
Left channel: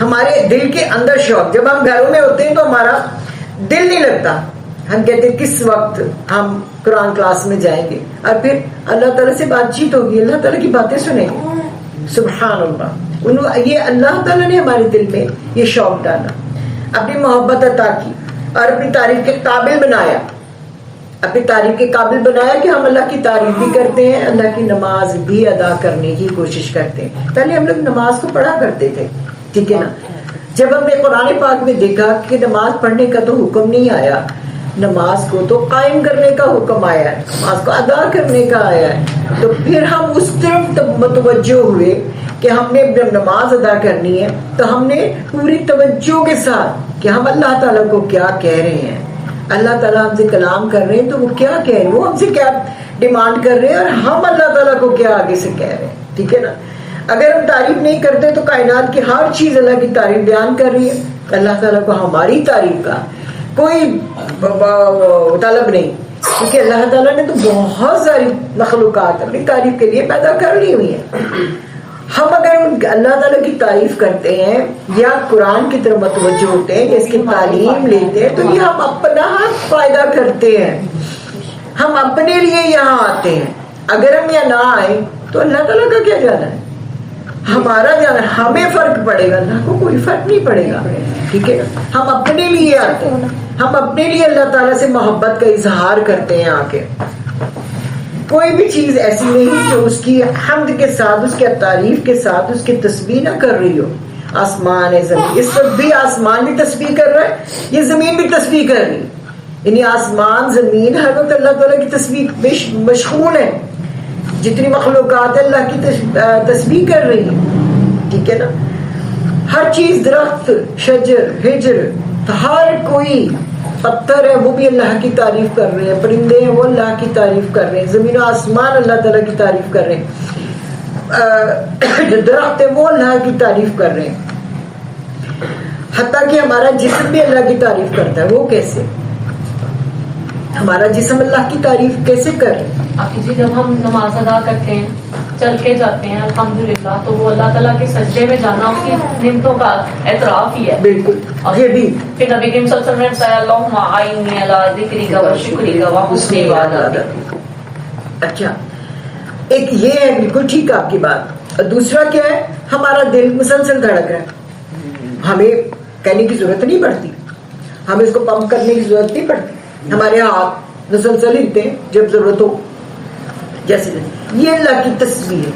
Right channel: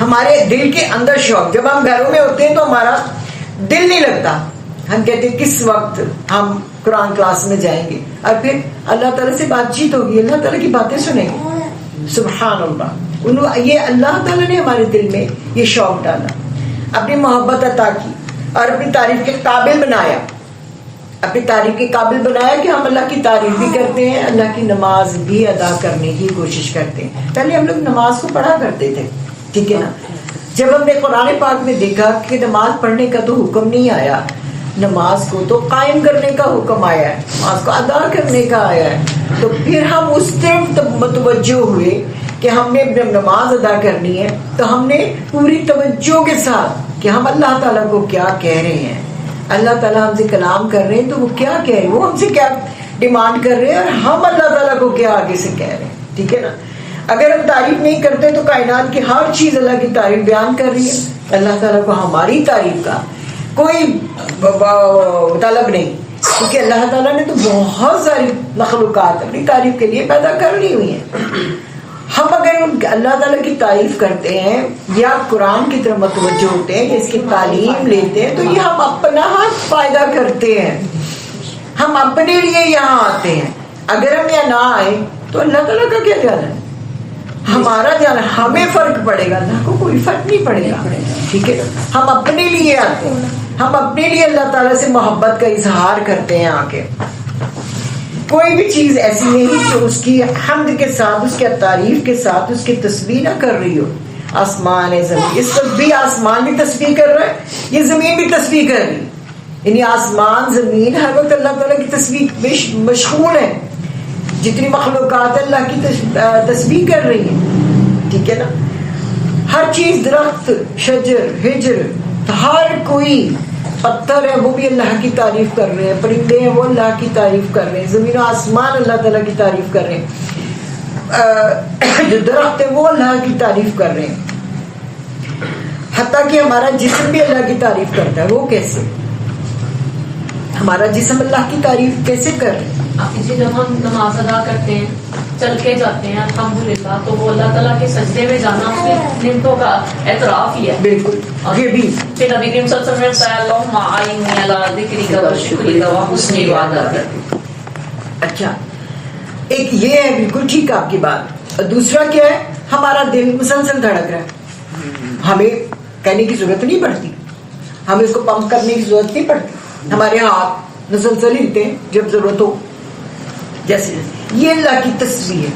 ہمارے دل کے اندر شوق. جب ہم گھروں میں ہوتے ہیں تو ہمارا دل نہیں لگتا, ہم کہتے ہیں کس وقت ہم قرآن کلاس میں جائیں گے, اور پھر اللہ تعالیٰ سے بات چیت ہوگی, اللہ تعالیٰ کی باتیں سنیں گے. سبحان اللہ, یہ اللہ تعالیٰ نے ہمارے دل میں یہ شوق ڈالا, اپنی محبت عطا کی, اور اپنی تعریف کے قابل بنایا. اپنی تعریف کے قابل بنایا کہ ہم اللہ کی تعریف بھی کرتے ہیں, اللہ کی نماز بھی ادا کرنے کی کوشش کرتے ہیں. پہلے ہم لوگ نماز کو پڑھا کرتے تھے, ٹھیک ہے نا. جب ہم نے قرآن پاک میں دیکھا کہ نماز پڑھنے کا تو حکم نہیں آیا, نماز کو تو قائم کرنے کا حکم آیا ہے, نماز کو ادا کرنے کا آیا ہے, تو پھر ہم اس طرف متوجہ ہوئے کہ ہم نے جب نماز ادا کرنی ہے تو ہم نے پوری توجہ کے ساتھ کہ ہم اللہ تعالیٰ کو کیا کہہ رہے ہیں, اللہ تعالیٰ ہم سے کلام کر رہے ہیں تو وہ کیا کہہ رہے ہیں, وہ ہم سے کیا ڈیمانڈ کر رہے ہیں اور ہم اللہ تعالیٰ کو کیا آگے سے کہہ رہے ہیں, ٹھیک ہے نا. اگر ہم تعریف نہیں کرتے تو کائنات کی ہر چیز اللہ کی تعریف بیان کر رہی ہے, اللہ تعالیٰ کو ہماری تعریف کا کوئی طلب نہیں, کیونکہ اللہ تعالیٰ نے تو بہت ساری مخلوقات اپنی تعریف کے لیے پیدا کر لی ہوئی ہیں. ہم اگر اللہ تعالیٰ کی تعریف کرتے ہیں یا قرآن کی طرف متوجہ ہوتے ہیں کہ اس کی تعلیم لیتے ہیں تو یہ ہم اپنا فائدہ کرتے ہیں, ہم اپنے لیے یہاں آتے ہیں. اگر ہم یہاں نہ آئے تو اللہ تعالیٰ کا کیا جانا ہے, ہمارا جانا ہے, ہمیں فرق پڑے گا, اللہ کو کوئی فرق نہیں پڑے گا, ٹھیک ہے. ہم اپنے لیے آتے ہیں, ہم اپنے لیے اللہ تعالیٰ سے محبت کا اظہار کرتے ہیں. آ کے کوئی بھی چیز ایسی نہیں جو اس کی حمد کے ساتھ, اس کے تعریف کے ساتھ اس کی تسبیح نہ کر رہی ہو. آسمان ہے, زمین, اس وقت بھی آسمان بھی تسبیح کر رہا ہے, یہ زمین بھی تسبیح کر رہی ہے. یعنی آسمان زمین ہر وقت اللہ تعالیٰ کی تسبیح مشغول ہے. جتنی مخلوقات اللہ کی تسبیح کر رہی ہیں, ٹھیک ہے نا. ہر چیز, درخت, شجر, ہجر, ہر کوئی, پتھر ہے وہ بھی اللہ کی تعریف کر رہے ہیں, پرندے ہیں وہ اللہ کی تعریف کر رہے ہیں, زمین و آسمان اللہ تعالیٰ کی تعریف کر رہے ہیں, جو درخت ہے وہ اللہ کی تعریف کر رہے ہیں. حتیٰ کہ ہمارا جسم بھی اللہ کی تعریف کرتا ہے. وہ کیسے, ہمارا جسم اللہ کی تعریف کیسے کر رہے ہیں؟ جب ہم نماز ادا کرتے ہیں, چل کے جاتے ہیں الحمدللہ, تو وہ اللہ تعالیٰ کے سجدے میں جانا اس کی نعمتوں کا اعتراف ہی ہے. بالکل. یہ بھی پھر نبی کریم صلی اللہ علیہ وسلم نے بتایا اللہم اعنی علی ذکرک و شکرک و حسن عبادتک. اچھا, ایک یہ ہے, بالکل ٹھیک آپ کی بات. دوسرا کیا ہے, ہمارا دل مسلسل دھڑک رہا ہے, ہمیں کہنے کی ضرورت نہیں پڑتی, ہمیں اس کو پمپ کرنے کی ضرورت نہیں پڑتی. ہمارے ہاتھ مسلسل ہلتے ہیں جب ضرورت ہو. جیسے یہ اللہ کی تصویر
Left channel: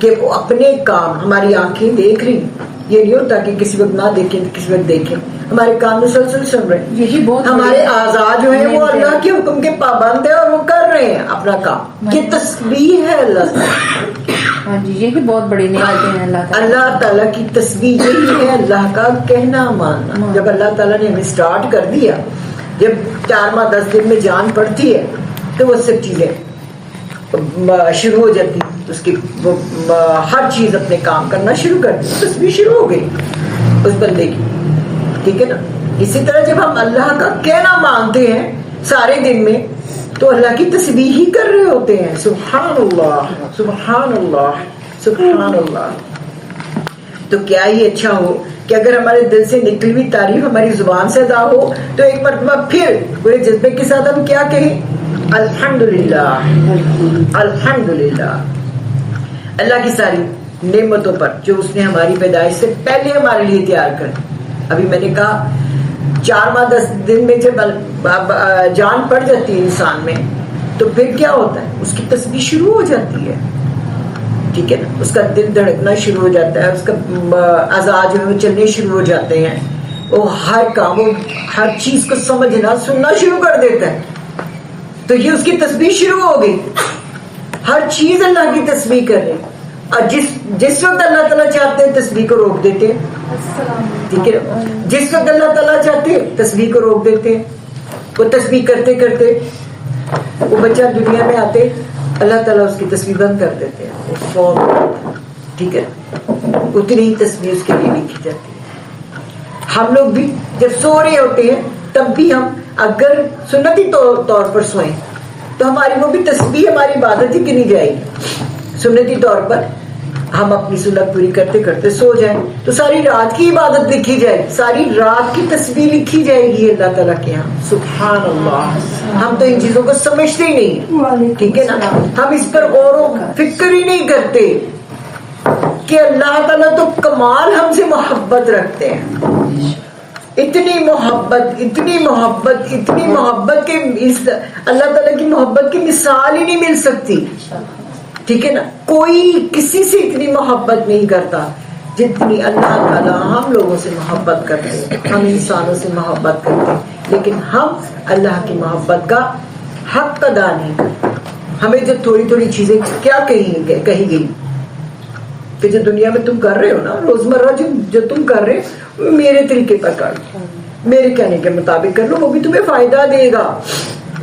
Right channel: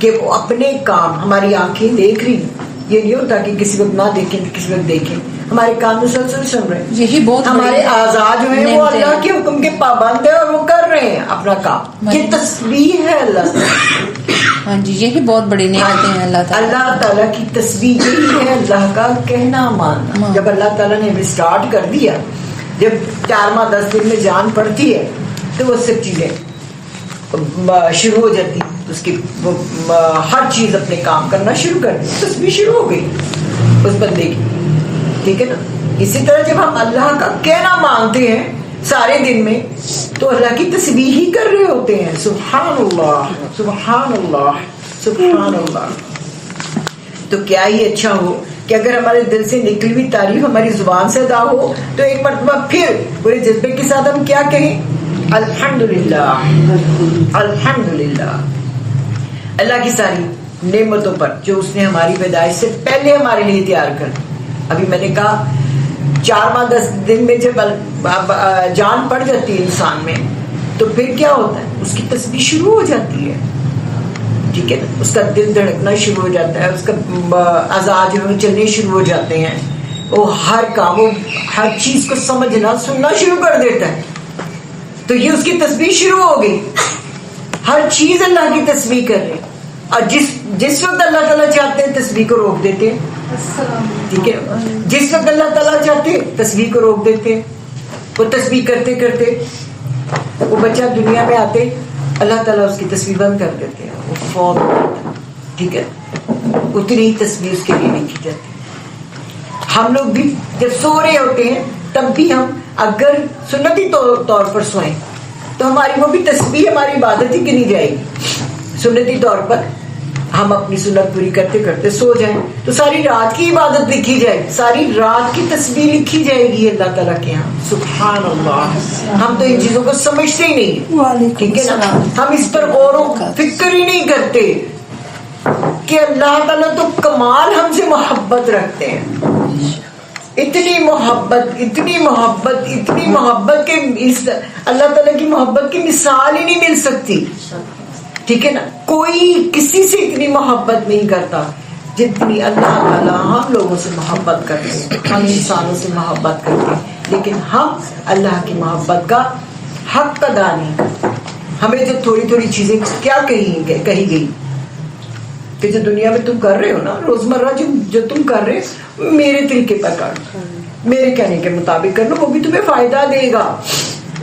کہ وہ اپنے کام, ہماری آنکھیں دیکھ رہی, یہ نہیں ہوتا کہ کسی وقت نہ دیکھیں کسی وقت دیکھیں, ہمارے کام مسلسل سن رہے ہیں. یہی بہت ہمارے اعضاء جو ہیں وہ اللہ کے حکم کے پابند ہیں اور وہ کر رہے ہیں اپنا کام. یہ تسبیح ہے اللہ تعالیٰ. ہاں جی, یہ بھی بہت بڑی نعمتیں ہیں اللہ تعالیٰ. اللہ تعالیٰ کی تسبیح یہی ہے اللہ کا کہنا ماننا. جب اللہ تعالیٰ نے ہمیں اسٹارٹ کر دیا, جب 4 ماہ 10 دن میں جان پڑتی ہے تو وہ سب چیزیں شروع ہو جاتی, اس کی وہ ہر چیز اپنے کام کرنا شروع کر دی, تسبیح شروع ہو گئی اس بندے کی, ٹھیک ہے نا. اسی طرح جب ہم اللہ کا کہنا مانتے ہیں سارے دن میں تو اللہ کی تسبیح ہی کر رہے ہوتے ہیں. سبحان اللہ سبحان اللہ سبحان اللہ. تو کیا ہی اچھا ہو کہ اگر ہمارے دل سے نکلی ہوئی تعریف ہماری زبان سے ادا ہو تو ایک مرتبہ پھر پورے جذبے کے ساتھ ہم کیا کہیں, الحمدللہ الحمدللہ, اللہ کی ساری نعمتوں پر جو اس نے ہماری پیدائش سے پہلے ہمارے لیے تیار کر دی. ابھی میں نے کہا 4 ماہ 10 دن میں جب جان پڑ جاتی ہے انسان میں تو پھر کیا ہوتا ہے, اس کی تسبیح شروع ہو جاتی ہے, ٹھیک ہے نا. اس کا دل دھڑکنا شروع ہو جاتا ہے, اس کا اعضاء جو ہے چلنے شروع ہو جاتے ہیں, وہ ہر کام, ہر چیز کو سمجھنا سننا شروع کر دیتا ہے. تو یہ اس کی تسبیح شروع ہو گئی, ہر چیز اللہ کی تسبیح کر رہے. اور جس وقت اللہ تعالیٰ چاہتے ہیں تسبیح کو روک دیتے ہیں, ٹھیک ہے. جس وقت اللہ تعالیٰ چاہتے ہیں تسبیح کو روک دیتے ہیں. وہ تسبیح کرتے کرتے وہ بچہ دنیا میں آتے, اللہ تعالیٰ اس کی تسبیح بند کر دیتے ہیں, وہ فوت ہو جاتا ہے, ٹھیک ہے. اتنی ہی تسبیح اس کے لیے لکھی جاتی ہے. ہم لوگ بھی جب سو رہے ہوتے ہیں تب بھی ہم اگر سنتی طور پر سوئیں تو ہماری وہ بھی تسبیح ہماری عبادت ہی گنی جائے گی. سنتی طور پر ہم اپنی سنت پوری کرتے کرتے سو جائیں تو ساری رات کی عبادت لکھی جائے, ساری رات کی تسبیح لکھی جائے گی اللہ تعالیٰ کے یہاں. سبحان اللہ. ہم تو ان چیزوں کو سمجھتے ہی نہیں, ٹھیک ہے نا. ہم اس پر غور و فکر ہی نہیں کرتے کہ اللہ تعالیٰ تو کمال ہم سے محبت رکھتے ہیں. اتنی محبت کہ اس اللہ تعالیٰ کی محبت کی مثال ہی نہیں مل سکتی. ٹھیک ہے نا, کوئی کسی سے اتنی محبت نہیں کرتا جتنی اللہ تعالیٰ ہم لوگوں سے محبت کرتے ہیں. ہم انسانوں سے محبت کرتے ہیں لیکن ہم اللہ کی محبت کا حق ادا نہیں کرتے. ہمیں جو تھوڑی چیزیں کیا کہی گئی کہ جو دنیا میں تم کر رہے ہو نا روزمرہ جو تم کر رہے ہو میرے طریقے پر کر لو, میرے کہنے کے مطابق کر لو, وہ بھی تمہیں فائدہ دے گا.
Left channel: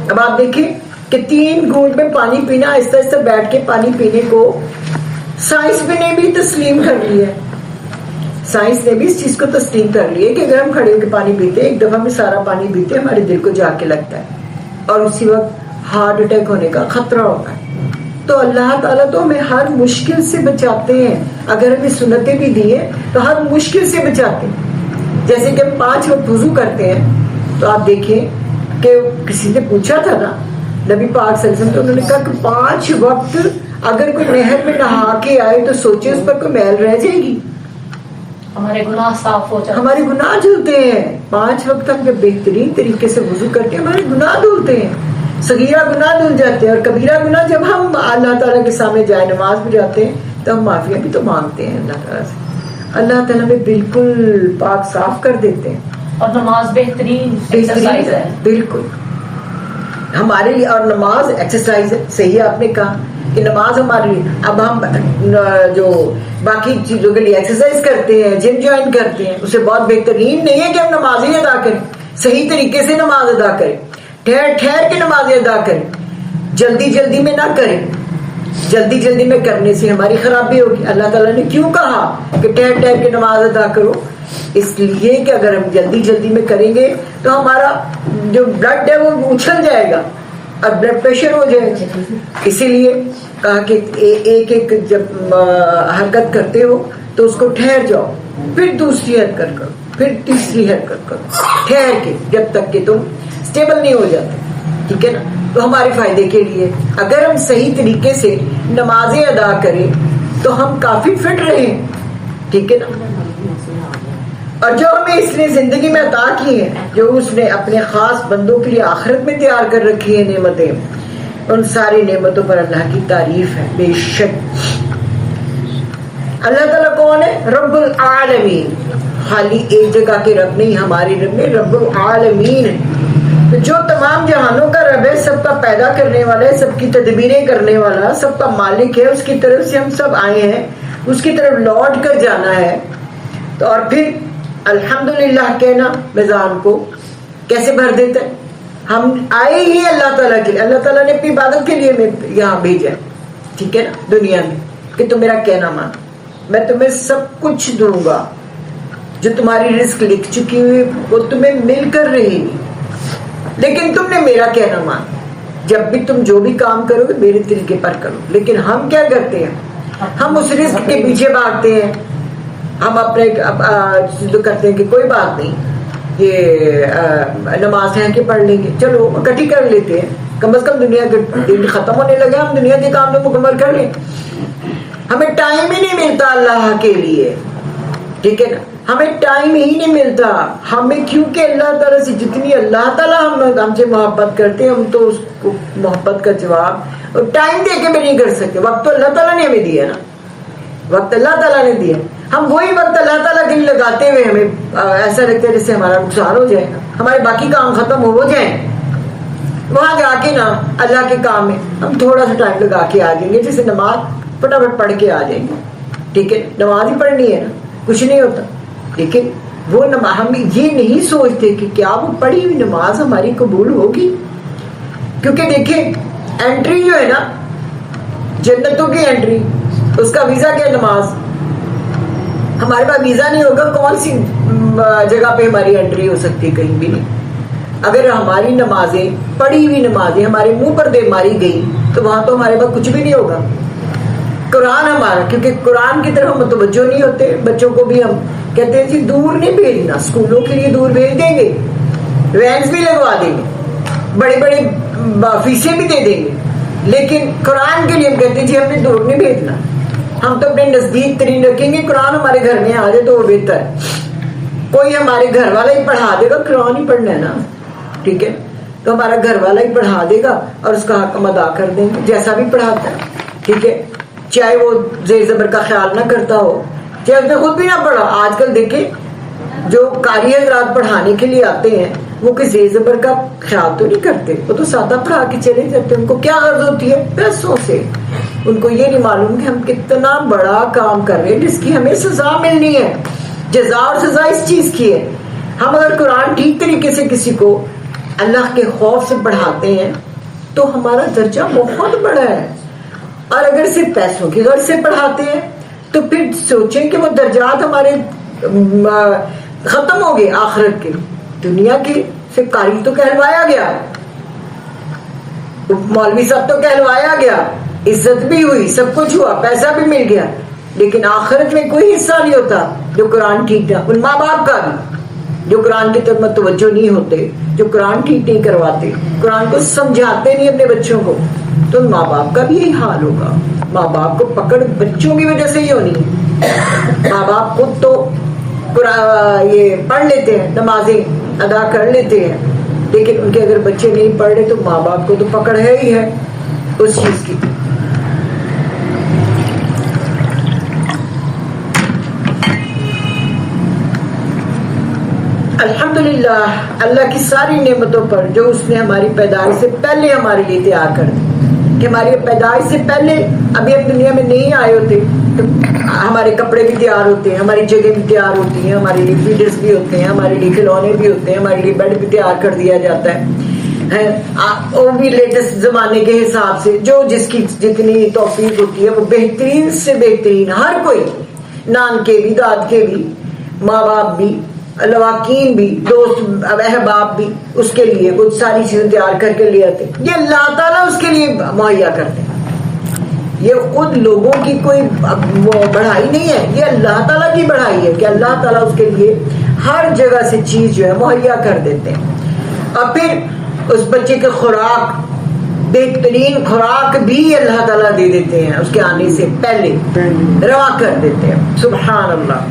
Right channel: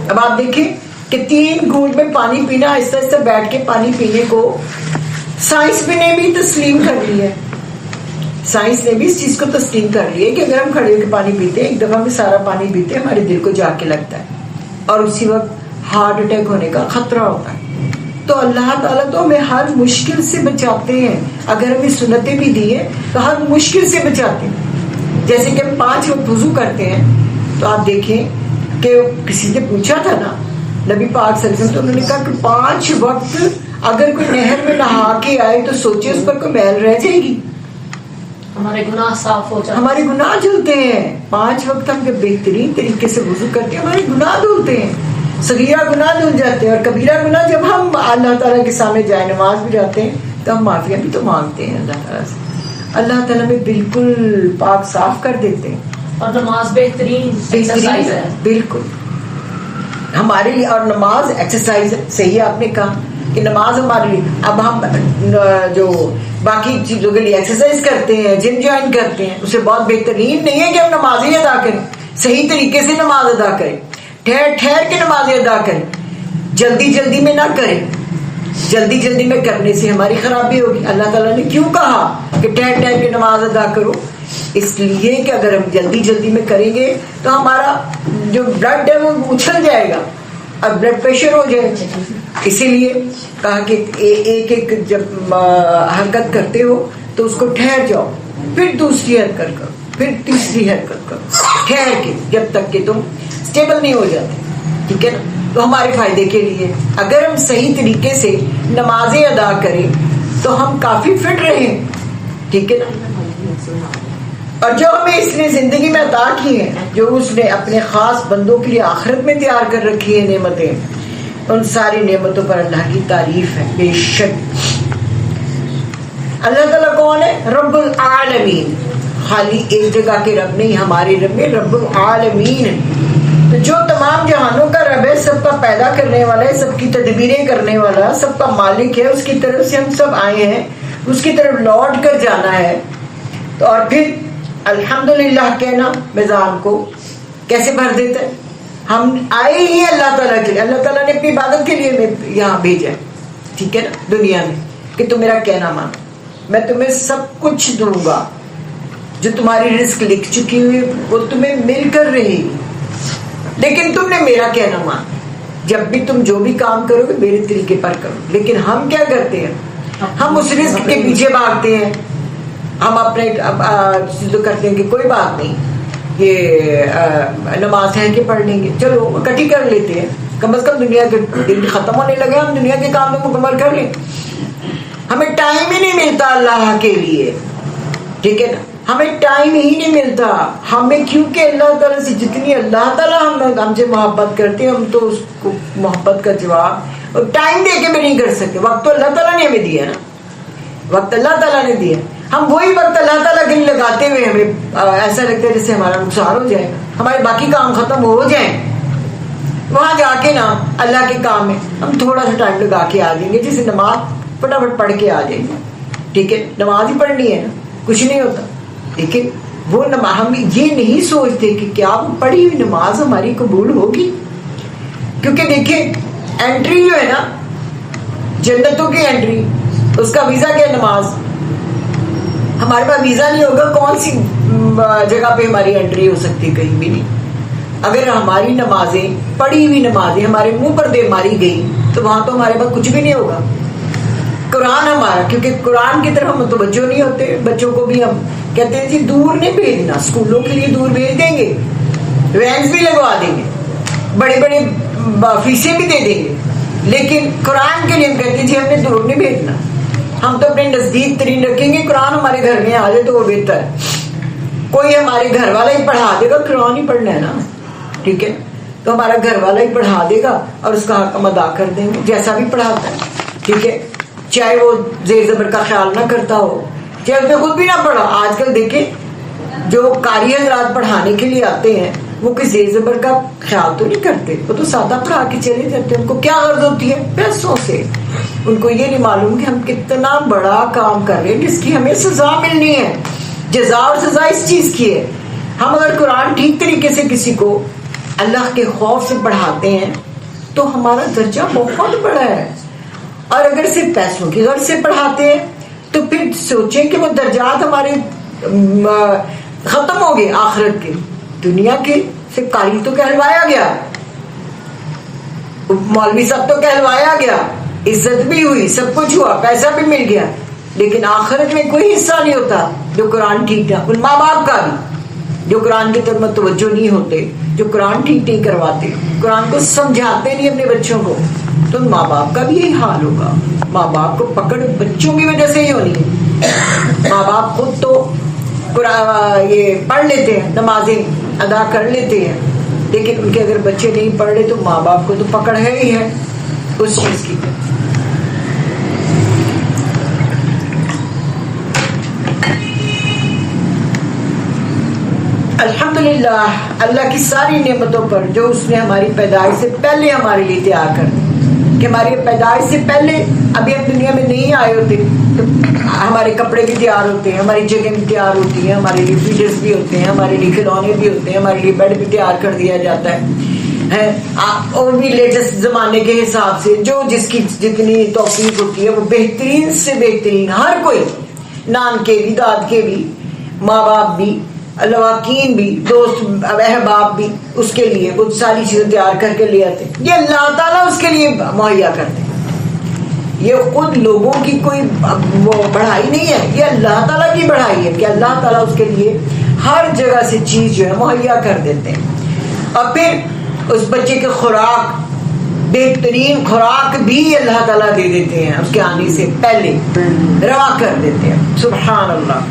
اب آپ دیکھیں کہ 3 گھونٹ میں پانی پینا, آہستہ آہستہ بیٹھ کے پانی پینے کو سائنس نے بھی تسلیم کر لی ہے. سائنس نے بھی اس چیز کو تسلیم کر لی ہے کہ اگر ہم کھڑے ہو کے پانی پیتے ہیں, ایک دفعہ میں سارا پانی پیتے ہیں, ہمارے دل کو جا کے لگتا ہے اور اسی وقت ہارٹ اٹیک ہونے کا خطرہ ہوتا ہے. تو اللہ تعالیٰ تو ہمیں ہر مشکل سے بچاتے ہیں. اگر ہمیں سنتیں بھی دی ہیں تو ہر مشکل سے بچاتے ہیں. جیسے کہ 5 وقت وضو کرتے ہیں تو آپ دیکھیں کہ کسی نے پوچھا تھا نا نبی پاک صلی اللہ علیہ وسلم, تو انہوں نے کہا کہ 5 وقت اگر کوئی نہر میں نہا کے آئے تو سوچے اس پر کوئی میل رہ جائے گی, ہمارے گناہ صاف ہو جاتے ہیں, ہمارے گناہ دھلتے ہیں. 5 وقت ہم جب بہترین طریقے سے وضو کرتے ہیں ہمارے گناہ دھلتے ہیں, صغیرہ گناہ دھل جاتے ہیں. اور کبیرہ گناہ جب ہم اللہ تعالیٰ کے سامنے جائے نماز بھی جاتے ہیں تو ہم معافیہ بھی تو مانگتے ہیں اللہ تعالیٰ سے. اللہ تعالیٰ میں بالکل پاک صاف کر دیتے ہیں. اور نماز بہترین ایکسرسائز ہے بالکل ہمارے لیے, اور نماز ایکسرسائز ہے. صحیح آپ نے کہا کہ نماز ہمارے لیے, اب ہم جو باقی چیزوں کے لیے ایکسرسائز کرتے ہیں, جم جوائن کرتے ہیں, اسے بہت بہترین نہیں ہے کہ ہم نماز ہی ادا کریں, صحیح طریقے سے نماز ادا کریں, ٹھہر کے نماز ادا کریں, جلدی میں نہ کریں. جلدی میں کرنے سے ہماری خرابی ہوگی. اللہ تعالیٰ نے کیوں کہا کہ ٹھہر کے نماز ادا کرو؟ اس لیے کہ اگر ہم جلدی میں کریں گے تو ہمارا جو بلڈ ہے وہ اچھل جائے گا اور بلڈ پریشر ہو جائے گا. اسی لیے کہا کہ ایک جب حرکت کرتے ہو تو اس کو ٹھہر جاؤ, پھر دوسری حرکت کرو, پھر تیسری حرکت کرو, ٹھہر کے, جب تک کہ تم اسٹیبل نہیں ہو جاتے. ٹھیک ہے نا, تو ہمارے فائدے کے لیے اگر ہم صحیح طریقے سے نمازیں ادا کریں تو ہم کافی فٹ رہیں. ٹھیک ہے نا, اور جو ہمیں اس نے زندگی میں عطا کی ہیں, جو اس نے اپنے خاص بندوں کے لیے آخرت میں تیار کر رکھی ہیں نعمتیں, ان ساری نعمتوں پر اللہ کی تعریف ہے. بے شک اللہ تعالیٰ کون ہے؟ رب العالمین. خالی ایک جگہ کے رب نہیں, ہمارے رب میں رب العالمین ہے. تو جو تمام جہانوں کا رب ہے, سب کا پیدا کرنے والا ہے, سب کی تدبیریں کرنے والا, سب کا مالک ہے, اس کی طرف سے ہم سب آئے ہیں, اس کی طرف لوٹ کر جانا ہے. تو اور پھر الحمدللہ کہنا میزان کو کیسے بھر دیتا ہے. ہم آئے ہی اللہ تعالیٰ کے لیے, اللہ تعالیٰ نے اپنی عبادت کے لیے یہاں بھیجا ہے. ٹھیک ہے نا, دنیا میں کہ تم میرا کہنا مانو, میں تمہیں سب کچھ دوں گا. جو تمہاری رزق لکھ چکی ہوئی وہ تمہیں مل کر رہے گی, لیکن تم نے میرا کہنا مانا. جب بھی تم جو بھی کام کرو گے میرے طریقے پر کرو. لیکن ہم کیا کرتے ہیں, ہم اس رزق کے پیچھے بھاگتے ہیں. ہم اپنے تو کرتے ہیں کہ کوئی بات نہیں, یہ نماز ہے کہ پڑھ لیں گے, چلو اکٹھی کر لیتے ہیں, کم از کم دنیا کے دن ختم ہونے لگے, ہم دنیا کے کام تو مکمل کر لیں. ہمیں ٹائم ہی نہیں ملتا اللہ کے لیے. ٹھیک ہے نا, ہمیں ٹائم ہی نہیں ملتا. ہمیں کیونکہ اللہ تعالیٰ سے جتنی اللہ تعالیٰ ہم سے محبت کرتے ہیں, ہم تو اس کو محبت کا جواب ٹائم دے کے بھی نہیں کر سکتے. وقت تو اللہ تعالیٰ نے ہمیں دیا نا, وقت اللہ تعالیٰ نے دیا. ہم وہی وقت اللہ تعالیٰ کے لیے لگاتے ہوئے ہمیں ایسا لگتا ہے جیسے ہمارا نقصان ہو جائے گا, ہمارے باقی کام ختم ہو جائیں. وہاں جا کے نا اللہ کے کام میں ہم تھوڑا سا ٹائم لگا کے آ جائیں گے, جیسے نماز فٹافٹ پڑھ کے آ جائیں گے. ٹھیک ہے, نماز ہی پڑھنی ہے نا, کچھ نہیں ہوتا. لیکن وہ ہم یہ نہیں سوچتے کہ کیا وہ پڑھی ہوئی نماز ہماری قبول ہوگی. کیونکہ دیکھیں انٹری جو ہے نا جنتوں کی انٹری, اس کا ویزا کیا نماز. ہمارے پاس ویزا نہیں ہوگا, کون سی جگہ پہ ہماری انٹری ہو سکتی ہے؟ کہیں بھی نہیں. اگر ہماری نمازیں پڑھی ہوئی نمازیں ہمارے منہ پر دے ماری گئی تو وہاں تو ہمارے پاس کچھ بھی نہیں ہوگا. قرآن ہمارا, کیونکہ قرآن کی طرف ہم متوجہ نہیں ہوتے. بچوں کو بھی ہم کہتے ہیں جی دور نہیں بھیجنا, اسکولوں کے لیے دور بھیج دیں گے, وینس بھی لگوا دیں گے, بڑے بڑے فیسیں بھی دے دیں گے, لیکن قرآن کے لیے ہم کہتے ہیں جی ہم نے دور نہیں بھیجنا, ہم تو اپنے نزدیک ترین رکھیں گے, قرآن ہمارے گھر میں آ جائے تو وہ بہتر ہے. کوئی ہمارے گھر والا ہی پڑھا دے گا, قرآن ہی پڑھنا ہے نا, ٹھیک ہے, تو ہمارا گھر والا ہی پڑھا دے گا اور اس کا حق ہم ادا کر دیں گے جیسا بھی پڑھاتا ہے, ٹھیک ہے, چاہے وہ زیر زبر کا خیال نہ کرتا ہو, چاہے اس نے خود بھی نہ پڑھا. آج کل دیکھیں جو قاری حضرات پڑھانے کے لیے آتے ہیں وہ کوئی زیر زبر کا خیال تو نہیں کرتے, وہ تو سادہ پڑھا کے چلے جاتے ہیں. ان کو کیا غرض ہوتی ہے؟ پیسوں سے. ان کو یہ نہیں معلوم کہ ہم کتنا بڑا کام کر رہے ہیں جس کی ہمیں سزا ملنی ہے. جزا اور سزا اس چیز کی ہے. ہم اگر قرآن ٹھیک طریقے سے کسی کو اللہ کے خوف سے پڑھاتے ہیں تو ہمارا درجہ بہت بڑا ہے, اور اگر صرف پیسوں کی غرض سے پڑھاتے ہیں تو پھر سوچیں کہ وہ درجات ہمارے ختم ہو گئے آخرت کے. دنیا کے سے قاری تو کہلوایا گیا, مولوی صاحب تو کہلوایا گیا, عزت بھی ہوئی, سب کچھ ہوا, پیسہ بھی مل گیا, لیکن آخرت میں کوئی حصہ نہیں ہوتا جو قرآن ٹھیک نہ. ان ماں باپ کا بھی جو قرآن کی طرف متوجہ نہیں ہوتے, جو قرآن ٹھیک نہیں کرواتے, قرآن کو سمجھاتے نہیں اپنے بچوں کو, تو ماں باپ کا بھی یہی حال ہوگا. ماں باپ کو پکڑ بچوں کی وجہ سے ہی ہونی ہے. ماں باپ خود تو یہ پڑھ لیتے ہیں, نمازیں ادا کر لیتے ہیں, لیکن ان کے اگر بچے نہیں پڑھ رہے تو ماں باپ کو تو پکڑ ہے ہی ہے اس چیز کی. الحمدللہ اللہ کی ساری نعمتوں پر جو اس نے ہماری پیدائش سے پہلے ہمارے لیے تیار کر دی, کہ ہماری پیدائش سے پہلے ابھی ہم دنیا میں نہیں آئے ہوتے, ہمارے کپڑے بھی تیار ہوتے ہیں, ہماری جگہ بھی تیار ہوتی ہے, ہمارے لیے فیڈرز بھی ہوتے ہیں, ہمارے لیے کھلونے بھی ہوتے ہیں, ہمارے لیے بیڈ بھی تیار کر دیا جاتا ہے, وہ بھی لیٹسٹ زمانے کے حساب سے جو جس کی جتنی توفیق ہوتی ہے وہ بہترین سے بہترین. ہر کوئی, نان کے بھی, داد کے بھی, ماں باپ بھی, لواکین بھی, دوست احباب بھی, اس کے لیے کچھ ساری چیزیں تیار کر کے لے آتے. یہ اللہ تعالیٰ اس کے لیے مہیا کرتے ہیں. یہ خود لوگوں کی کوئی وہ بڑھائی نہیں ہے, یہ اللہ تعالیٰ کی بڑھائی ہے کہ اللہ تعالیٰ اس کے لیے ہر جگہ سے چیز جو ہے مہیا کر دیتے ہیں. اور پھر اس بچے کی خوراک, بہترین خوراک بھی اللہ تعالیٰ دے دیتے ہیں, اس کے آنے سے پہلے روا کر دیتے ہیں. سبحان اللہ.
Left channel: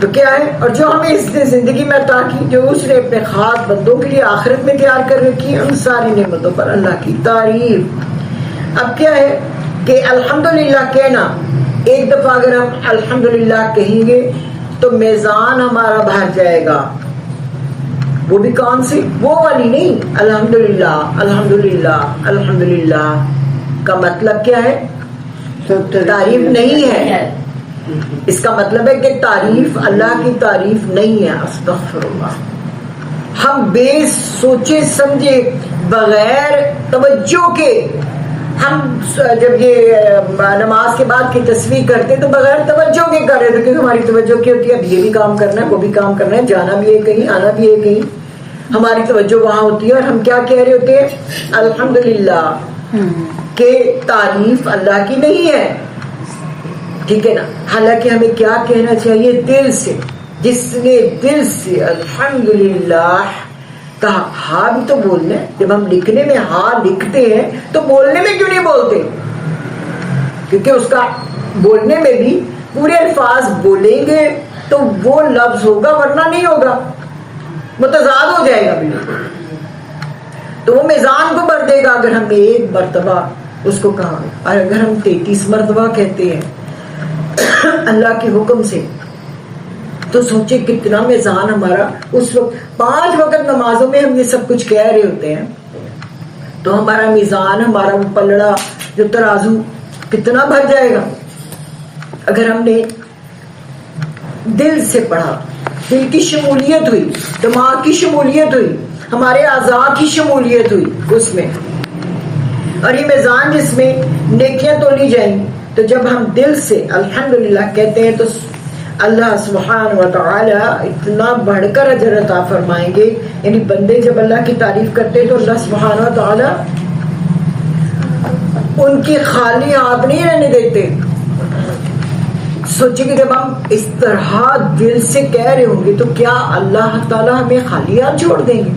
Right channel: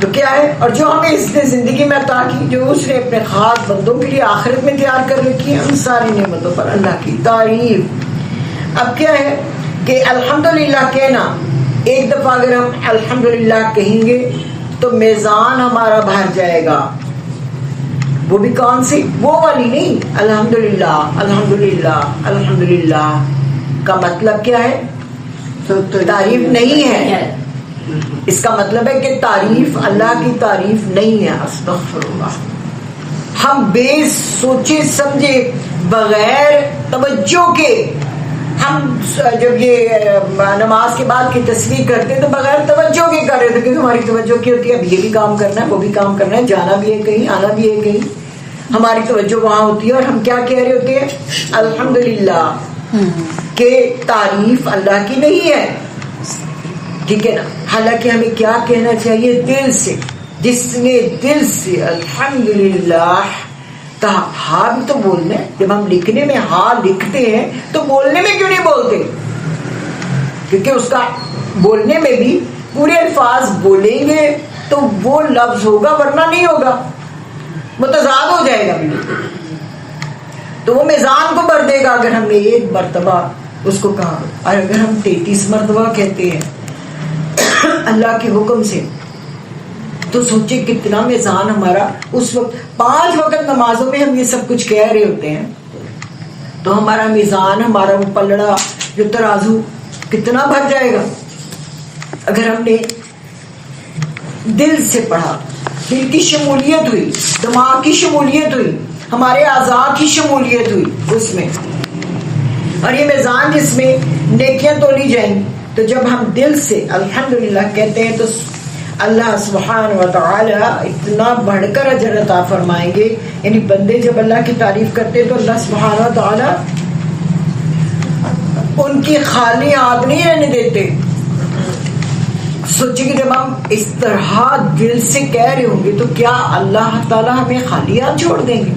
تو کیا ہے, اور جو ہمیں اس نے زندگی میں عطا کی, جو اس نے اپنے خاص بندوں کے لیے آخرت میں تیار کر رکھی ہے, ان ساری نعمتوں پر اللہ کی تعریف. اب کیا ہے کہ الحمدللہ کہنا, ایک دفعہ اگر ہم الحمدللہ کہیں گے تو میزان ہمارا بھر جائے گا. وہ بھی کون سی, وہ والی نہیں, الحمدللہ الحمدللہ الحمدللہ کا مطلب کیا ہے؟ تعریف نہیں ہے. اس کا مطلب ہے کہ تعریف اللہ کی تعریف نہیں ہے. استغفر اللہ. ہم بے سوچے سمجھے بغیر توجہ کے, ہم جب یہ نماز کے بعد کی تسبیح کرتے ہیں تو بغیر توجہ کے کر رہے تھے, کیونکہ ہماری توجہ کی ہوتی ہے اب یہ بھی کام کرنا ہے, وہ بھی کام کرنا ہے, جانا بھی ہے کہیں, آنا بھی ہے کہیں, ہماری توجہ وہاں ہوتی ہے, اور ہم کیا کہہ رہے ہوتے ہیں؟ الحمدللہ. کہ تعریف اللہ کی نہیں ہے, ٹھیک ہے نا. حالانکہ ہمیں کیا کہنا چاہیے؟ دل سے. جس نے دل سے الحمدللہ کہا. ہاں بھی تو بولنا ہے. جب ہم لکھنے میں ہاں لکھتے ہیں تو بولنے میں کیوں نہیں بولتے؟ کیونکہ اس کا بولنے میں بھی پورے الفاظ بولیں گے تو وہ لفظ ہوگا, ورنہ نہیں ہوگا, متضاد ہو جائے گا بالکل. تو وہ میزان کو بھر دے گا اگر ہم نے ایک مرتبہ اس کو کہا. اور اگر ہم 33 مرتبہ کہتے ہیں اللہ کے حکم سے, تو سوچے کتنا میزان ہمارا اس وقت. 5 وقت نمازوں میں ہم یہ سب کچھ کہہ رہے ہوتے ہیں تو ہمارا میزان, ہمارا وہ پلڑا جو ترازو کتنا بھر جائے گا اگر ہم نے دل سے پڑھا. دل کی شمولیت ہوئی, دماغ کی شمولیت ہوئی, ہمارے اعضاء کی شمولیت ہوئی اس میں. اور یہ میزان جس میں نیکیاں تولی جائیں گی. تو جب ہم دل سے الحمدللہ کہتے ہیں تو اللہ سبحانہ و تعالی اتنا بڑھ کر اجر عطا فرمائیں گے. یعنی بندے جب اللہ کی تعریف کرتے ہیں تو اللہ سبحانہ و تعالی ان کی خالی ہاتھ نہیں رہنے دیتے. سوچیں کہ جب ہم اس طرح دل سے کہہ رہے ہوں گے تو کیا اللہ تعالیٰ ہمیں خالی ہاتھ چھوڑ دیں گے؟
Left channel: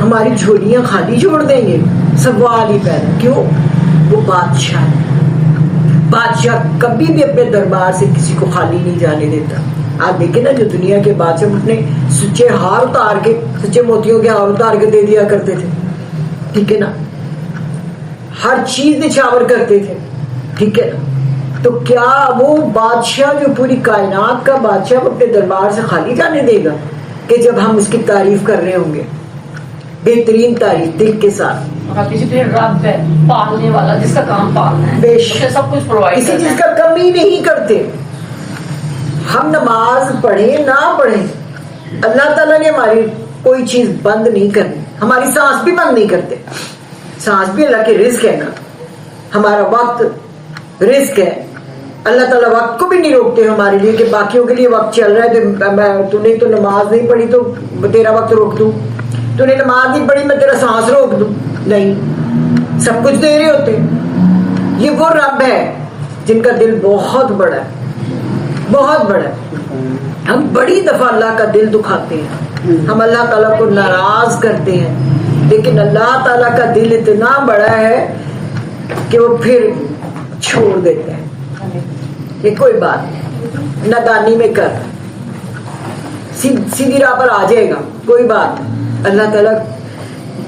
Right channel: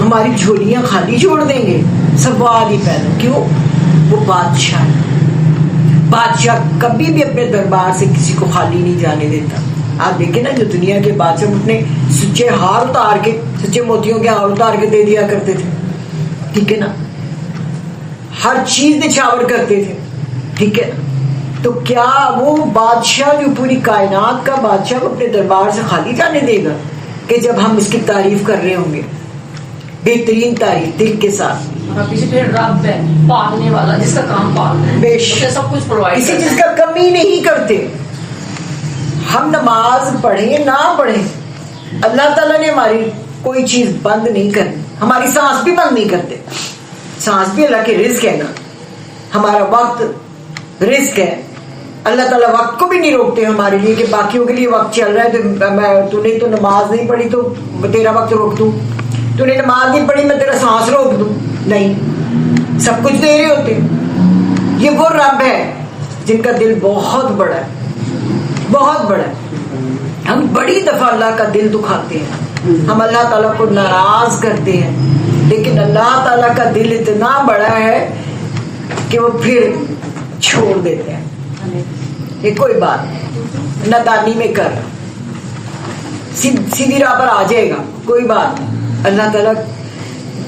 ہماری جھولیاں خالی چھوڑ دیں گے؟ سوال ہی پیدا. کیوں؟ وہ بادشاہ کبھی بھی اپنے دربار سے کسی کو خالی نہیں جانے دیتا. آپ دیکھیں نا جو دنیا کے بادشاہ اپنے سچے ہار اتار کے, سچے موتیوں کے ہار اتار کے دے دیا کرتے تھے, ٹھیک ہے نا, ہر چیز نچھاور کرتے تھے, ٹھیک ہے نا. تو کیا وہ بادشاہ جو پوری کائنات کا بادشاہ وہ اپنے دربار سے خالی جانے دے گا کہ جب ہم اس کی تعریف کر رہے ہوں گے, بہترین تعریف دل کے ساتھ. کسی پہ رب ہے پالنے والا جس کا کام پالنا ہے, اسے سب کچھ پرووائڈ کسی چیز کا کمی نہیں کرتے. ہم نماز پڑھیں نہ پڑھیں, اللہ تعالیٰ نے ہماری کوئی چیز بند نہیں کرنی, ہماری سانس بھی بند نہیں کرتے, سانس بھی اللہ کے رزق ہے نا, ہمارا وقت رزق ہے, اللہ تعالیٰ وقت کو بھی نہیں روکتے ہمارے لیے کہ باقیوں کے لیے وقت چل رہا ہے تو نے تو نماز نہیں پڑھی تو تیرا وقت روک دوں, تو نے نماز نہیں پڑھی میں تیرا سانس روک دوں. نہیں, سب کچھ دے رہے ہوتے. یہ وہ رب ہے جن کا دل بہت بڑا ہے, بہت بڑا ہے. ہم بڑی دفعہ اللہ کا دل دکھاتے ہیں, ہم اللہ تعالیٰ کو ناراض کرتے ہیں, لیکن اللہ تعالیٰ کا دل اتنا بڑا ہے کہ وہ پھر چھوڑ دیتے ہیں. یہ کوئی بات نادانی میں کر, سیدھی راہ پر آ جائے گا, کوئی بات. اللہ تعالیٰ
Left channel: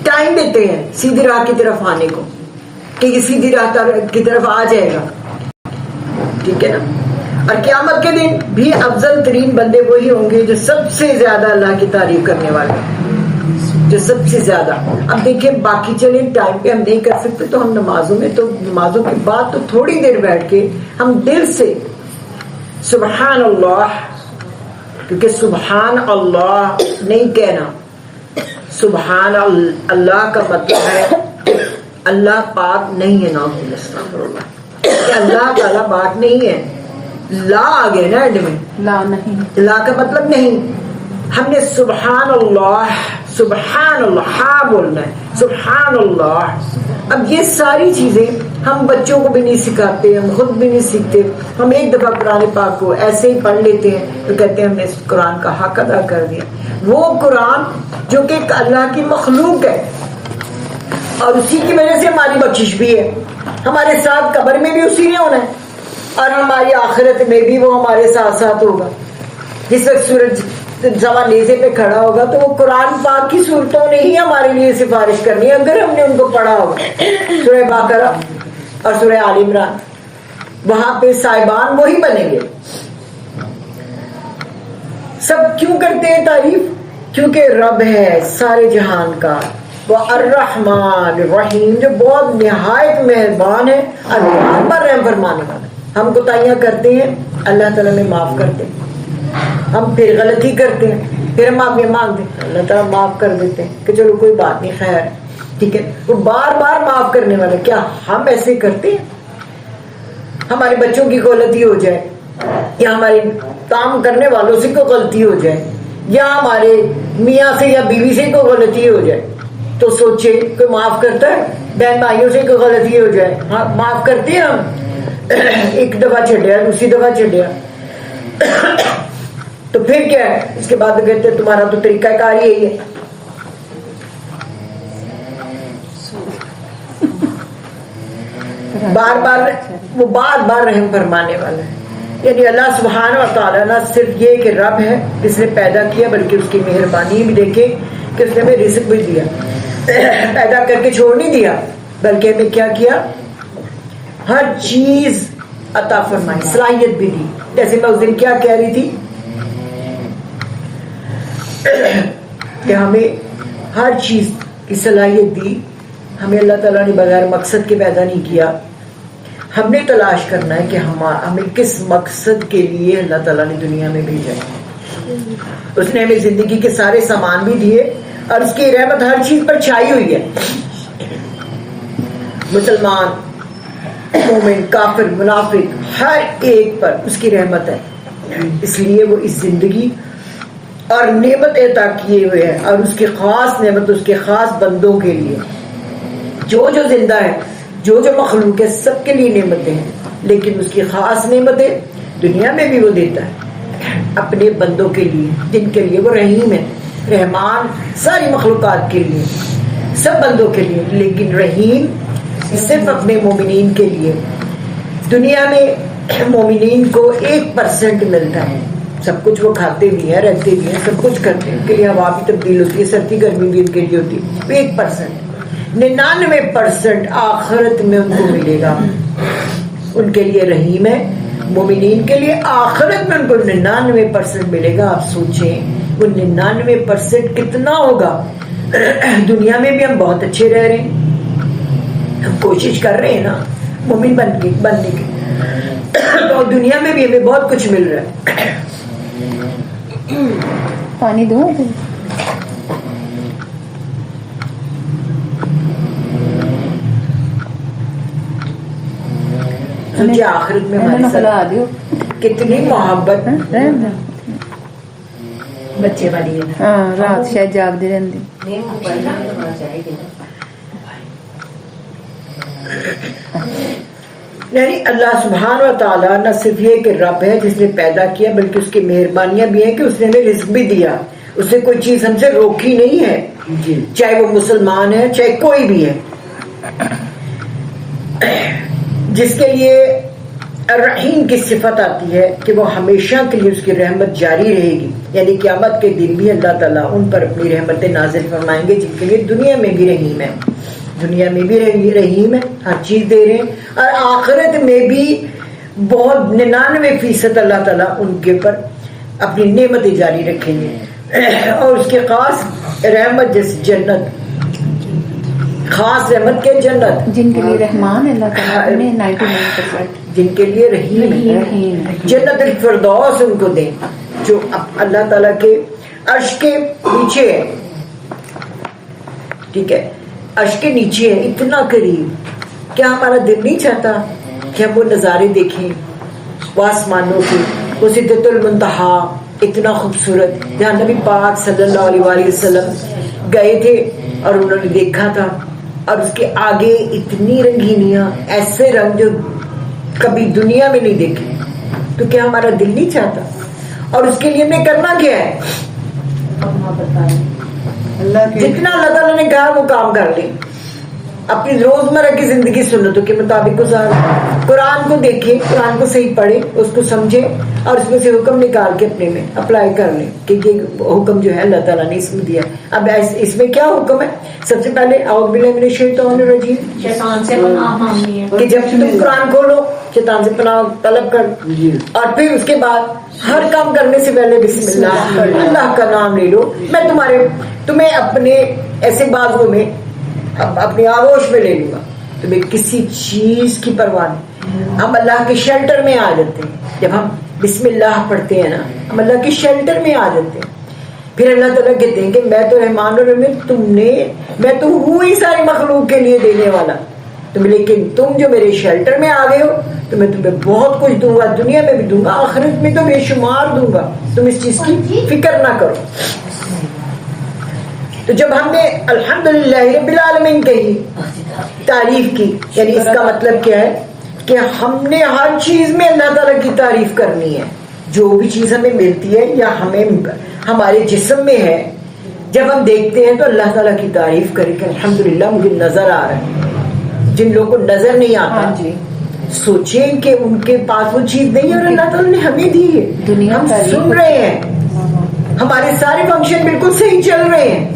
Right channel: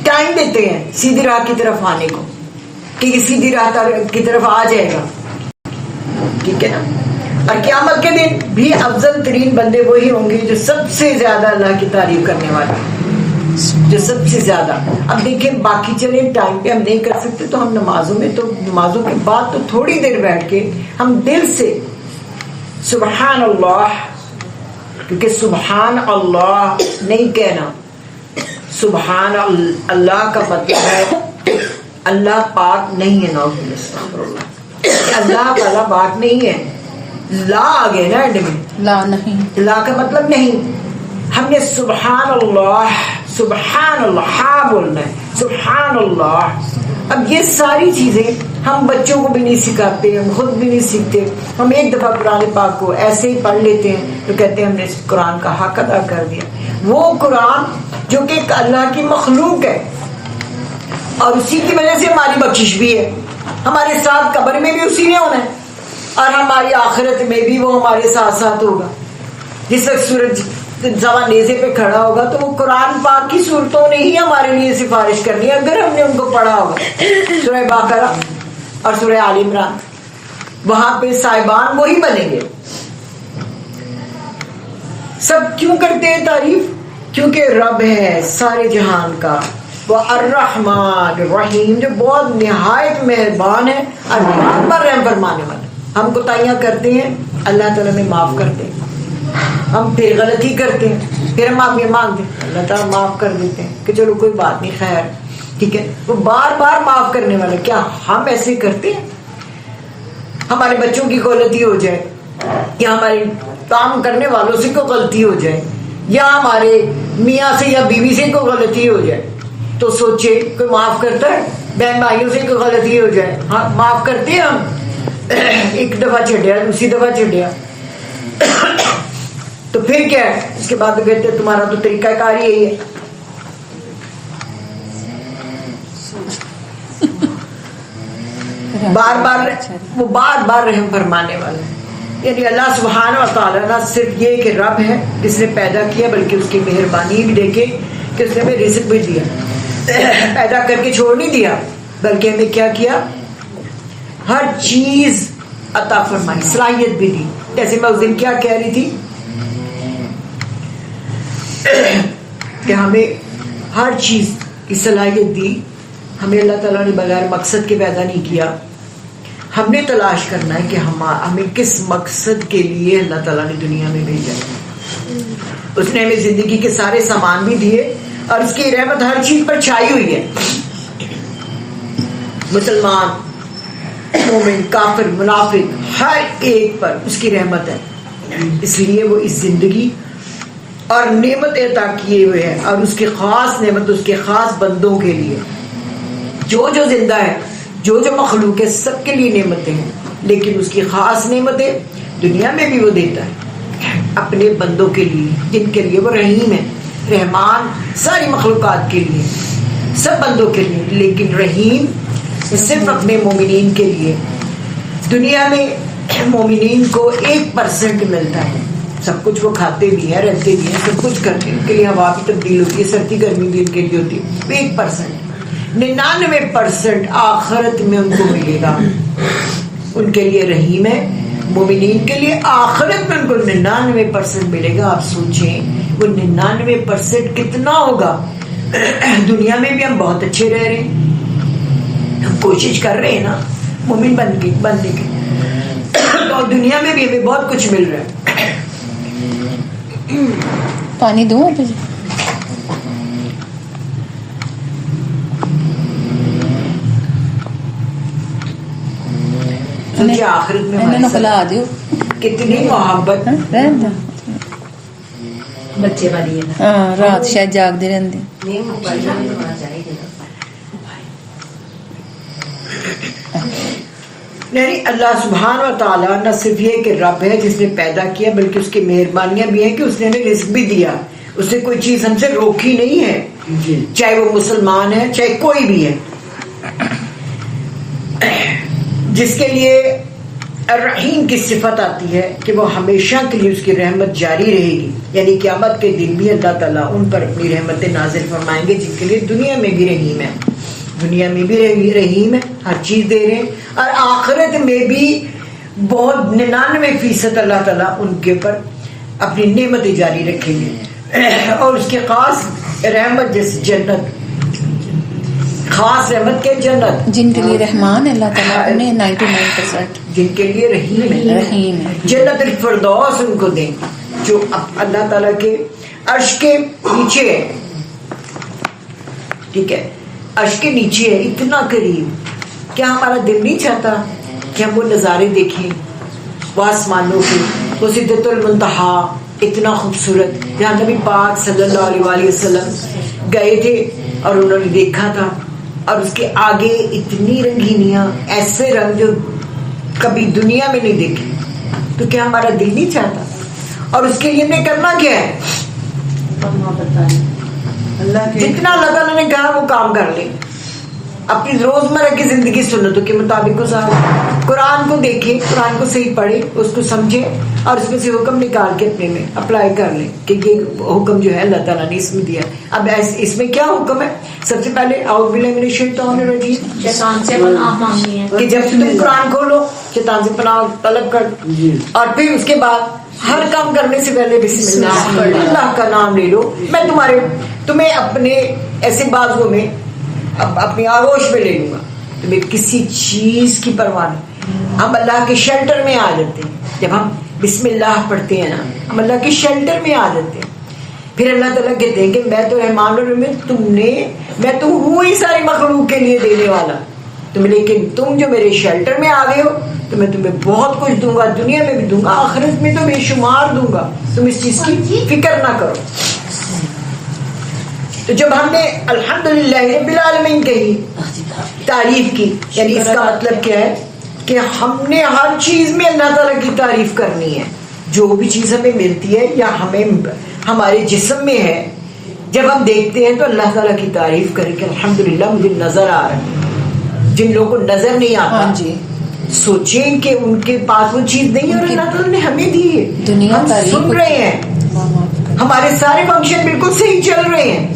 ٹائم دیتے ہیں سیدھی راہ کی طرف آنے کو کہ یہ سیدھی راہ کی طرف آ جائے گا, ٹھیک ہے نا. اور قیامت کے دن بھی افضل ترین بندے وہی ہوں گے جو سب سے زیادہ اللہ کی تعریف کرنے والے, جو سب سے زیادہ. اب دیکھیں باقی چلیں ٹائم پہ ہم نہیں کر سکتے تو ہم نمازوں میں, تو نمازوں کے بعد تو تھوڑی دیر بیٹھ کے ہم دل سے سبحان اللہ, کیونکہ سبحان اللہ نہیں کہنا, سبحان اللہ کا مطلب ہے اللہ پاک نہیں ہے, اللہ تعالیٰ پاک نہیں ہے. لا آ گیا نا ایڈ میں, لا نہیں, لا کا مطلب نہیں. ہم نے سبحان اللہ, سبحان اللہ بولنا ہے, سبحان اللہ. اب یہ ساری چیزیں ہم بچوں کو بھی نہیں سکھاتے, ہم خود بھی نہیں سیکھتے. ہم ایک دفعہ قرآن پاک کو ایسے ہی پڑھ لیتے ہیں تو کہتے ہیں ہم نے اس قرآن کا حق ادا کر دیا. وہ قرآن جو کہ اللہ کی مخلوق ہے اور اسی کی وجہ سے ہماری بخشش بھی ہے, ہمارے ساتھ قبر میں بھی اسی نے ہونا ہے اور ہماری آخرت میں بھی وہ ہمارے ساتھ ساتھ ہوگا. جس وقت سورج زوا نیزے پہ کھڑا ہوگا تو وہ قرآن پاک کی صورتوں نے ہی ہمارے لیے سفارش کرنی ہے اگر ہم نے ان کو پڑھا ہوگا. سورہ بقرہ اور سورہ آل عمران, وہاں پہ صاحبان وہی بنیں گے. سب کیوں کرتے ہیں تعریف؟ کیونکہ رب ہے سارے جہان کا, وہ الرحمن الرحیم, جو بہت نہایت مہربان ہے اور بار رحم فرمانے والا. ہم کوتاہیاں کرتے ہیں, اللہ تعالیٰ میں معاف کرتے ہیں. ہم پھر غلطی کرتے ہیں, پھر ہم معافی مانگتے ہیں, اللہ تعالیٰ معاف کر دیتے ہیں کہ چلو کوئی بات نہیں, خیر ٹھیک ہے. وہ بار بار معاف کرنے والا. کیا ہم ایسے کرتے ہیں؟ ہمارے بچوں کی غلطی ہو جائے یا ہمارے کام کرنے والوں سے کوئی غلطی ہو جائے یا ہمارے میاں سے یا بیوی سے کوئی غلطی ہو جائے تو سوچے کوئی معاف کرتا ہے؟ بہن بھائیوں سے کوئی غلطی ہو جائے, ہاں معاف کرتے ہیں ہم. ایک دفعہ چھڈیا, دوسری دفعہ چھڈیا تو پھر کیا ہے, اس کے بعد کہتے تمہارا تو طریقہ کار یہی ہے. بار بار وہ بار بار رحم فرمانے والا ہے. یعنی اللہ سبحانہ و تعالیٰ نہ صرف یہ کہ رب ہے جس نے پیدا کیا, بلکہ اس کی مہربانی بھی دیکھے کہ اس نے ہمیں رزق بھی دیا, پیدا کر کے چھوڑ نہیں دیا بلکہ ہمیں کیا کیا, ہر چیز عطا فرمائی, صلاحیت بھی دی. جیسے میں اس دن کیا کہہ رہی تھی کہ ہمیں ہر چیز کی صلاحیت دی. ہمیں اللہ تعالیٰ نے بغیر مقصد کے پیدا نہیں کیا. ہم نے تلاش کرنا ہے کہ ہمیں کس مقصد کے لیے اللہ تعالیٰ نے دنیا میں بھیجا ہے. اس نے ہمیں زندگی کے سارے سامان بھی دیے اور اس کی رحمت ہر چیز پر چھائی ہوئی ہے. مسلمان, مومن, کافر, منافق, ہر ایک پر اس کی رحمت ہے. اس لیے وہ اس زندگی اور نعمت عطا کیے ہوئے ہیں, اور اس کی خاص نعمت اس کے خاص بندوں کے لیے. جو زندہ ہے, جو مخلوق ہے, سب کے لیے نعمتیں ہیں, لیکن اس کی خاص نعمتیں دنیا میں بھی وہ دیتا ہے اپنے بندوں کے لیے جن کے لیے وہ رحیم ہے. رحمان ساری مخلوقات کے لیے, سب بندوں کے لیے, لیکن رحیم صرف اپنے مومنین کے لیے. دنیا میں مومنین کو 1% ملتا ہے, سب کچھ وہ کھاتے بھی ہیں, رہتے بھی ہیں, سب کچھ کرتے ہیں, ان کے لیے ہوا بھی تبدیل ہوتی ہے, سردی گرمی بھی ان کے لیے ہوتی ہے. 1%, 99% آخرت میں ان کو ملے گا. ان کے لیے رحیم ہے, مومنین کے لیے آخرت میں ان کو 99% ملے گا. آپ سوچیں وہ 99% کتنا ہوگا. دنیا میں بھی ہم بہت اچھے رہ رہے ہیں, ہم کوشش کر رہے ہیں نا مومن بننے کی, اور دنیا میں بھی ہمیں بہت کچھ مل رہا ہے. پانی دوں مجھے آخرت میں ہمارے کھلا دیو ساتھ کتنی محبت. بچے والی ہے نا, ہاں رات شاید جاگتے رہتے. نہیں, اللہ سبحانہ و تعالیٰ نہ صرف یہ کہ رب ہے جس نے پیدا کیا, بلکہ اس کی مہربانیاں بھی ہیں کہ اس نے ہمیں رزق بھی دیا. اس نے کوئی چیز ہم سے روکی نہیں ہے, چاہے وہ مسلمان ہے چاہے کوئی بھی ہے. جس کے لیے الرحیم کی صفت آتی ہے کہ وہ ہمیشہ کے لیے اس کی رحمت جاری رہے گی, یعنی قیامت کے دن بھی اللہ تعالیٰ ان پر اپنی رحمتیں نازل فرمائیں گے, جن کے لیے دنیا میں بھی رحیم ہے. دنیا میں بھی رحیم ہے, ہر چیز دے رہے ہیں, اور آخرت میں بھی بہت 99% اللہ تعالیٰ ان کے پر اپنی نعمتیں جاری رکھیں گے. اور اس کے خاص رحمت جیسے جنت, خاص رحمت کے جنت, جن کے لیے رحمان ہے اللہ تعالیٰ نے 99%, جن کے لیے رحیم ہے, جنت الفردوس ان کو دیں جو اللہ تعالیٰ کے عرش کے نیچے ہے. ٹھیک ہے, عرش کے نیچے ہے, اتنا قریب. کیا ہمارا دل نہیں چاہتا کہ ہم وہ نظارے دیکھیں, وہ آسمانوں کے, وہ سدرۃ المنتہا اتنا خوبصورت, جہاں نبی پاک صلی اللہ علیہ وسلم گئے تھے اور انہوں نے دیکھا تھا, اور اس کے آگے اتنی رنگینیاں, ایسے رنگ جو کبھی دنیا میں نہیں دیکھے. تو کیا ہمارا دل نہیں چاہتا؟ اور اس کے لیے ہمیں کرنا کیا ہے؟ اللہ کے جتنا اللہ تعالیٰ نے کہا وہ کام کر لیں, اپنی روزمرہ کی زندگی سنتوں کے مطابق گزار. قرآن کو دیکھیں, قرآن کو صحیح پڑھیں, اس کو سمجھیں, اور اس میں سے حکم نکال کے اپنے میں اپلائی کر لیں کہ یہ حکم جو ہے اللہ تعالیٰ نے اس میں دیا. اب اس میں کیا حکم ہے؟ سب سے پہلے اعوذ باللہ من الشیطان الرجیم, شیطان سے پناہ مانگنی ہے. کہ جب تم قرآن کھولو شیطان سے پناہ طلب کر, اور پھر اس کے بعد ہر کام کرنے سے پہلے بسم اللہ, اللہ کا نام لے لو. میں تمہیں اپنے ایسے بازو میں اپنی آغوش میں لے لوں گا, تمہیں کسی چیز کی پرواہ نہیں. ہم اللہ کے شیلٹر میں آ جاتے ہیں, جب ہم بسم اللہ پڑھتے ہیں نا, ہم اللہ کے شیلٹر میں آ جاتے ہیں. پھر اللہ تعالیٰ کہتے ہیں کہ میں تو رحمان الرحیم, میں تو ہوں ہی ساری مخلوق کے لیے دینے والا, لیکن تم جو میرے شیلٹر میں آ گئے ہو تو میں تمہیں بہت کچھ دوں گا, دنیا میں بھی دوں گا, آخرت میں تو بے شمار دوں گا, تم اس چیز کی فکر نہ کرو. تو جب ہم نے الحمدللہ رب العالمین کہی, تعریف کی, یعنی اس کا مطلب کیا ہے کہ ہم نے ہر چیز میں اللہ تعالیٰ کی تعریف کرنی ہے. جو بھی چیز ہمیں ملتی ہے یا ہمارے جسم میں ہے, جب ہم دیکھتے ہیں تو اللہ تعالیٰ کی تعریف کریں کہ الحمدللہ مجھے نظر آ رہا ہے. جن لوگوں کو نظر نہیں آتا, سوچیں کہ ان کے پاس وہ چیز نہیں, اور اللہ تعالیٰ نے ہمیں دی ہے, ہم سن رہے ہیں, ہمارے سارے فنکشن بالکل صحیح چل رہے ہیں.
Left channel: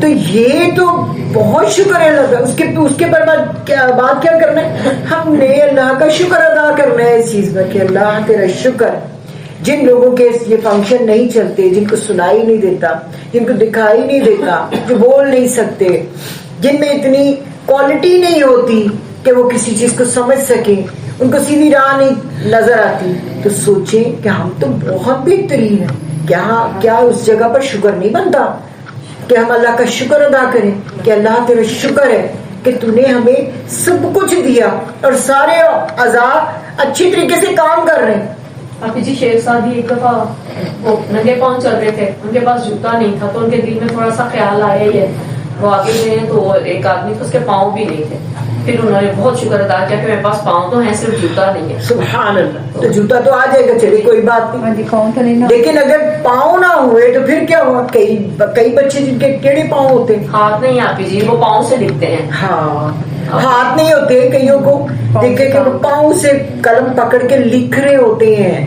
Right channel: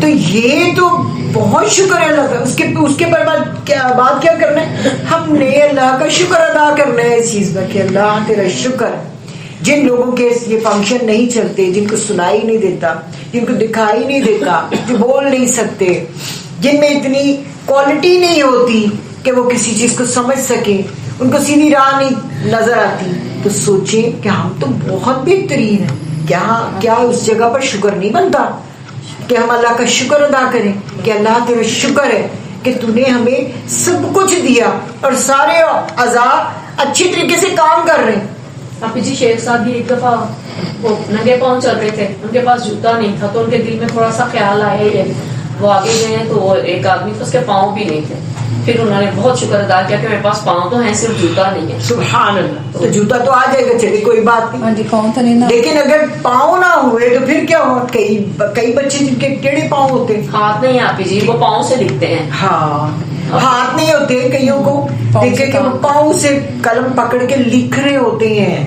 تو یہ تو بہت شکر ہے اللہ کا. اس کے بعد کیا کرنا ہے؟ ہم نے اللہ کا شکر ادا کرنا ہے اس چیز میں کہ اللہ تیرا شکر. جن لوگوں کے یہ فنکشن نہیں چلتے, جن کو سنائی نہیں دیتا, جن کو دکھائی نہیں دیتا, جو بول نہیں سکتے, جن میں اتنی کوالٹی نہیں ہوتی کہ وہ کسی چیز کو سمجھ سکیں, ان کو سیدھی راہ نہیں نظر آتی, تو سوچیں کہ ہم تو بہت بہترین ہیں. کیا اس جگہ پر شکر نہیں بنتا کہ ہم اللہ کا شکر ادا کریں کہ اللہ تیرا شکر ہے کہ تو نے ہمیں سب کچھ دیا اور سارے اعضاء اچھی طریقے سے کام کر رہے ہیں. آپ جی شیخ صاحب بھی ایک دفعہ وہ ننگے پاؤں چل رہے تھے, ان کے پاس جوتا نہیں تھا, تو ان کے دل میں تھوڑا سا خیال آیا ہی ہے. وہ آگے گئے ہیں تو ایک آدمی تھا, اس کے پاؤں بھی نہیں تھے. پھر انہوں نے بہت شکر ادا کیا کہ میرے پاس پاؤں تو ہیں, صرف جوتا نہیں ہے. سبحان اللہ. تو جوتا تو آ جائے گا, چلے کوئی بات نہیں, پاؤں تو نہیں, لیکن اگر پاؤں نہ ہوئے تو پھر کیا ہوا؟ کئی بچے جن کے ٹیڑھے پاؤں ہوتے ہیں, ہاتھ نہیں آپ جی, وہ پاؤں سے لکھتے ہیں. ہاں, ہاتھ نہیں ہوتے کئیوں کو, دیکھیں کہ وہ پاؤں سے قلم پکڑ کے لکھ رہے ہوتے ہیں.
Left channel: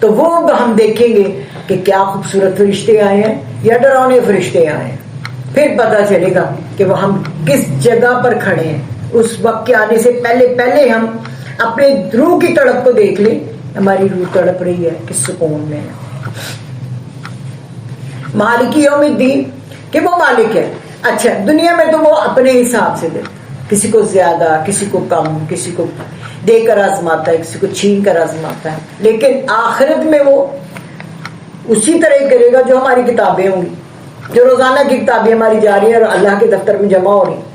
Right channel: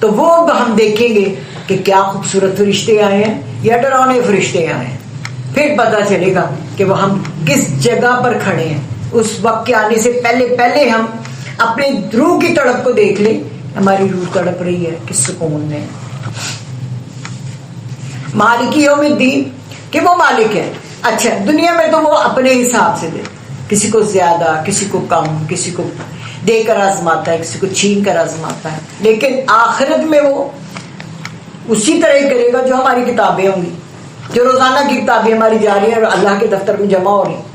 تو وہ ہم دیکھیں گے کہ کیا خوبصورت فرشتے آئے ہیں یا ڈراؤنے فرشتے آئے ہیں. پھر پتا چلے گا کہ وہ ہم کس جگہ پر کھڑے ہیں. اس وقت کے آنے سے پہلے ہم اپنے روح کی تڑپ کو دیکھ لیں. ہماری روح تڑپ رہی ہے کس سکون میں. مالک یوم الدین کہ وہ مالک ہے. اچھا دنیا میں تو وہ اپنے حساب سے دے, کسی کو زیادہ کسی کو کم, کسی کو دے کر آزماتا ہے, کسی کو چھین کر آزماتا ہے. لیکن آخرت میں وہ اسی طرح ہی کرے گا جو ہماری کتابیں ہوں گی, جو روزانہ کی کتابیں ہماری جا رہی ہیں اور اللہ کے دفتر میں جمع ہو رہی ہیں.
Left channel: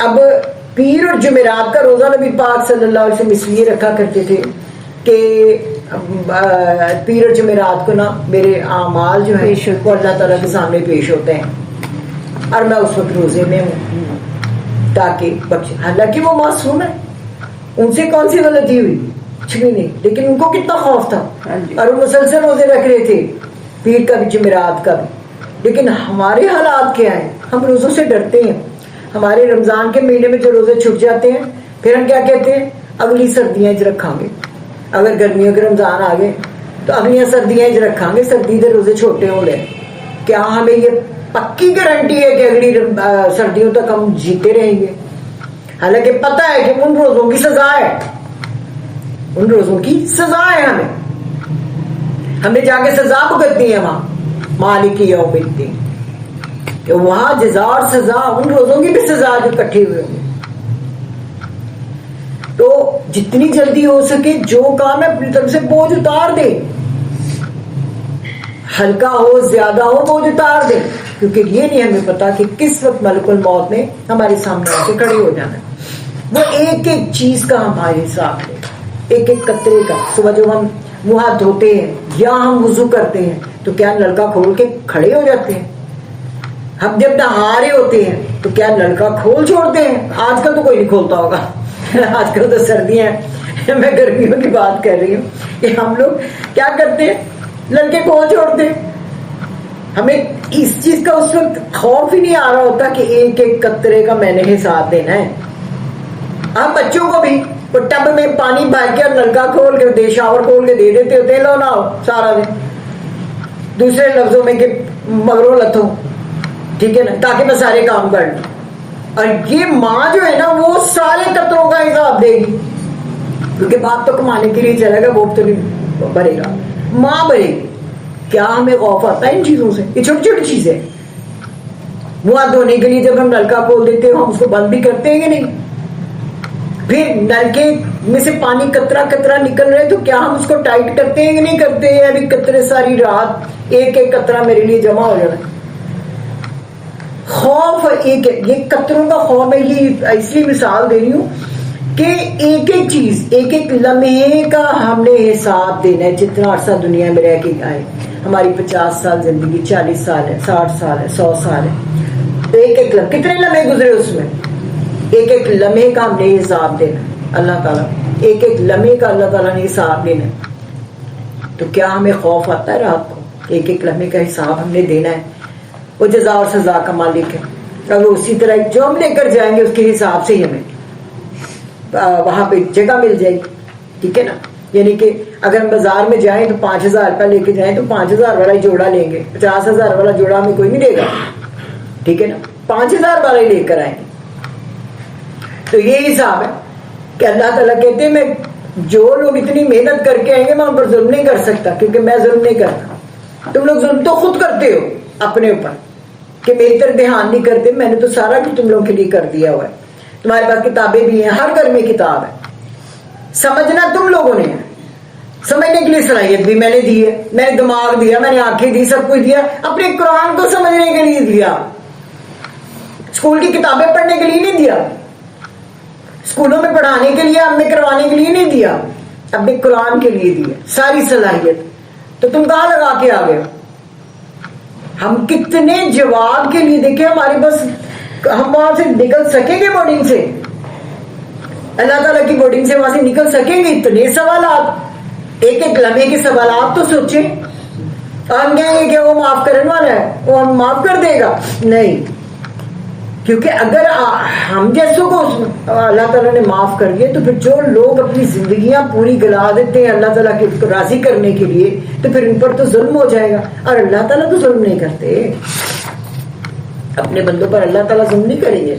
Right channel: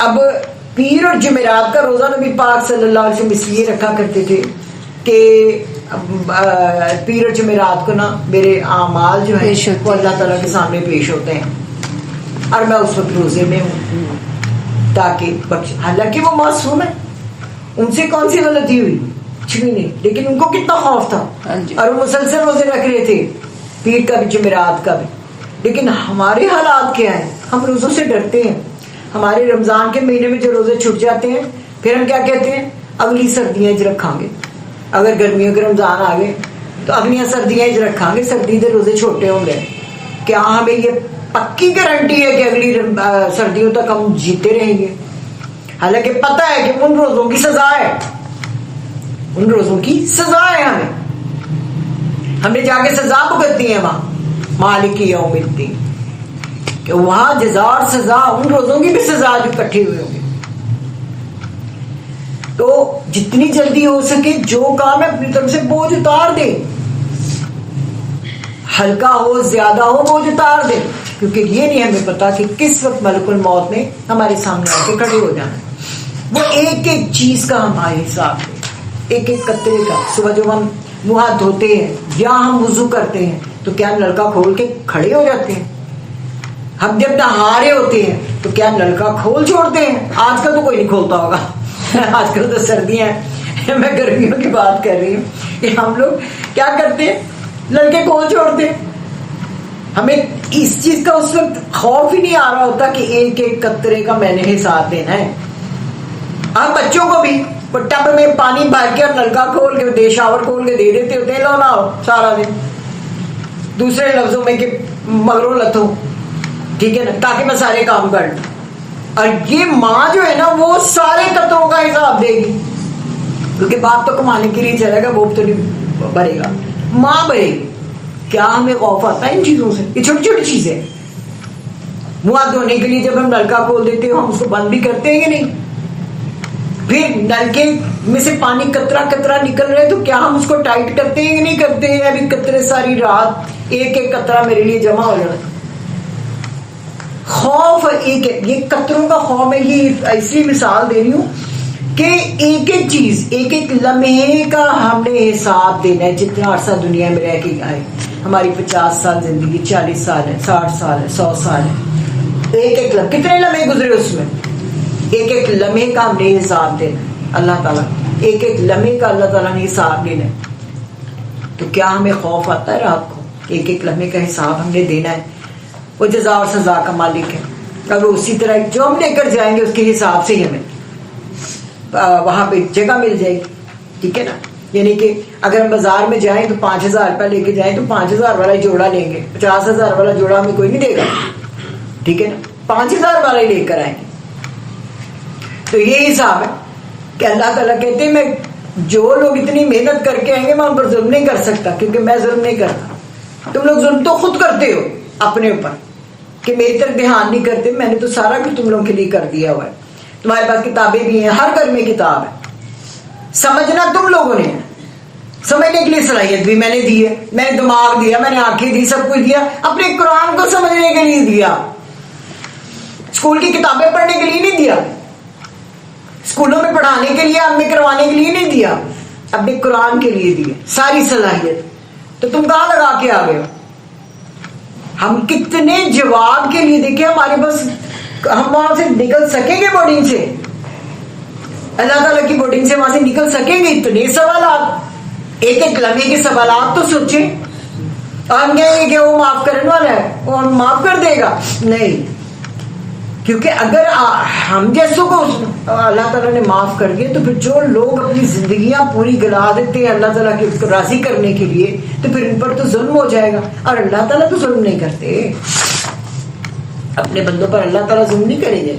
اب پیر اور جمعرات کا روزہ نبی پاک صلی اللہ علیہ وسلم اس لیے رکھا کرتے تھے کہ پیر اور جمعرات کو نا میرے اعمال جو ہے وہ اللہ تعالیٰ کے سامنے پیش ہوتے ہیں اور میں اس وقت روزے میں ہوں تاکہ حالانکہ وہ معصوم ہے, ان سے کون سی غلطی ہوئی, کچھ بھی نہیں, لیکن ان کو کتنا خوف تھا اور وہ مسلسل روزے رکھ رہے تھے, پیر کا بھی جمعرات کا بھی. لیکن ہمارے حالات کیا ہے, ہم روزوں سے ڈرتے ہیں. ہمارے رمضان کے مہینے میں جو روزے چھٹ جاتے ہیں پھر ہم کیا کہتے ہیں, اگلی سردیاں رکھاں گے. اگر گرمیوں کے رمضان آ گئے تو اگلیاں سردیاں رکھاں گے, سردی کے روزے چھوٹے ہوں گے. کیا ہمیں یہ پکی گارنٹی ہے کہ اگلی سردیوں تک ہم جیتے رہیں گے؟ حالانکہ پتہ ہے کہ ان روزوں کی سزا ہے, ان روزوں کی سزا ہے. ہمیں جا کے سزا بھگتنی ہے وہاں مالک یوم الدین, کہ وہاں جزا اور سزا, ان روزوں کی بھی سزا جو کٹھے ہوئے ہوں گے. تو جتنی جلدی ہو سکے جو کام ہے اپنی طرف سے بوجھ اتار دے, ہلکا ہو زیادہ ہو بوجھ اتار دے, کیونکہ یہ نہیں ہمیں پتا کہ کس وقت ملک الموت نے ہمارے سامنے آ کے کھڑے ہو جانا ہے. وہ ایک ایک چیز کا ہمارے حساب ہے, ایک ایک قطرے کا. صبح جو ہم منہ ہاتھ دھوتے ہیں یا ہم وضو کرتے ہیں تو کیا نلکا کھول کے کھڑے ہو جاتے ہیں؟ ہم جب نہا رہے ہوتے ہیں تو کیا نلکا کھول چھوڑتے ہیں؟ آج کل تو کوئی نہیں کھولتا ہوگا, آج کل تو سردیاں ہیں, میں گرمیوں کی بات کر رہی ہوں کہ ہم لوگ کیا کرتے ہیں, نلکے کھول چھوڑتے ہیں. ہمیں اس چیز کا اس وقت خوف ہی نہیں آ رہا ہوتا کہ ایک ایک قطرے کا میں نے حساب دینا ہے. ہم بچوں کو بھی وہ ٹب میں پانی بھر کے اور نلکا کھول کے شاور کھول کے دے دیتے ہوتے ہیں, لو نہ ہو سارا دن. دوسرے لفظوں میں کہ مگرو لتھوں, ٹھیک ہے نا, تاکہ میں سارے کام کر لوں. اور یہ ماں جو ہے نا وہ سارے قطروں کا حساب دے گی, کیونکہ باپ تو کمانے کے لیے چلے گا, وہ تو نہیں بھرے گا, ماں بھرے گی. کیا ہمیں خوف آتا ہے ان چیزوں سے؟ یہ چھوٹی چھوٹی چیزیں. منہ ہاتھ دھونے کے لیے جب ہم نلکا کھول دیتے ہیں ہم اس کو بند بھی کرتے ہیں کہ نہیں؟ پھر نلکے میں سے پانی قطرہ قطرہ نکل رہے تو کیا ہم اس کو ٹائٹ کرتے ہیں کہ نہیں کرتے ہیں؟ ابھی قطرے ساری رات ایک ایک قطرہ میرے لیے جمع ہو جانا. خوف ایک ہے, یہ قطروں کا خوف ہے. یہ ایسی مثال دے رہی ہوں کہ ایک ایک چیز, ایک ایک لمحے کا ہم نے حساب دینا ہے. جتنا عرصہ دنیا میں رہ کے آئے, ہماری 50 سال زندگی, 40 سال ہے, 60 سال ہے, 100 سال ہے, ایک ایک لمحے کتنے لمحے گزرے اس میں, ایک ایک لمحے کا ہم نے حساب دینا. اللہ تعالیٰ ایک ایک لمحے کا اللہ تعالیٰ نے حساب لینا. تو کیا ہمیں خوف آتا ہے رات کو؟ ایک ایک لمحے کا حساب ہم نے دینا ہے. وہ جزا اور سزا کا مالک ہے, اور وہ اسی طرح جو ہم لے کر جائیں گے اس کے حساب سے ہی ہمیں وہاں پہ جگہ مل جائے گی. ٹھیک ہے نا, یعنی کہ اگر ہم بازار میں جائیں تو 5,000 روپیہ لے کے جائیں تو 5,000 والا جوڑا لیں گے, 50,000 والا جوڑا ہمیں کوئی نہیں دے گا. ٹھیک ہے نا, 5,000 والا ہی لے کر آئیں گے. تو یہ حساب ہے کہ اللہ تعالیٰ کہتے ہیں میں جو لوگ اتنی محنت کر کے آئیں گے میں ان پر ظلم نہیں کر سکتا, کیونکہ میں ظلم نہیں کرتا. تم لوگ ظلم تو خود کرتے ہو اپنے اوپر کہ میری طرف دھیان نہیں کرتے. میں نے تو سارا کچھ تم لوگوں کے لیے کر دیا ہوا ہے. تمہارے پاس کتابیں بھی ہیں, ہر گھر میں کتاب ہے. سمجھنا تم لوگوں نے ہے, سمجھنے کے لیے صلاحیت بھی میں نے دی ہے, میں نے دماغ دیا, میں نے آنکھیں دی, سب کچھ دیا. اپنے قرآن کو سمجھنے کے لیے دیا, اسکول کی کتابیں پڑھنے کے لیے نہیں دیا, اسکولوں میں پڑھانے کے لیے, ہم نے کروانے کے لیے نہیں دیا, اپنے قرآن کے لیے دیا ساری صلاحیت. تو تم کہاں لگا کے آ گئے؟ ہم کتنے جواب کے لیے دیکھیں ہمارے پاس, ہم وہاں سے نکل سکیں گے بورڈنگ سے, اللہ تعالیٰ کی بورڈنگ سے وہاں سے نکل سکیں گے؟ اتنے سوالات, ایک ایک لمحے کے سوالات تو سوچیں. ہم کہیں گے کہ وہ معاف کرنے والا ہے, وہ ہم معاف کر دے گا. نہیں, کیونکہ اگر ہم جیسوں کو اللہ تعالیٰ نے معاف کر دیا تو پھر جو لوگ اپنی زندگیاں پوری گلا دیتے ہیں اللہ تعالیٰ کو راضی کرنے کے لیے تو پھر ان پر تو ظلم ہو جائے گا. اور اللہ تعالیٰ تو ظلم نہیں کرتے, اپنے بندوں پر اللہ تعالیٰ ظلم نہیں کریں گے,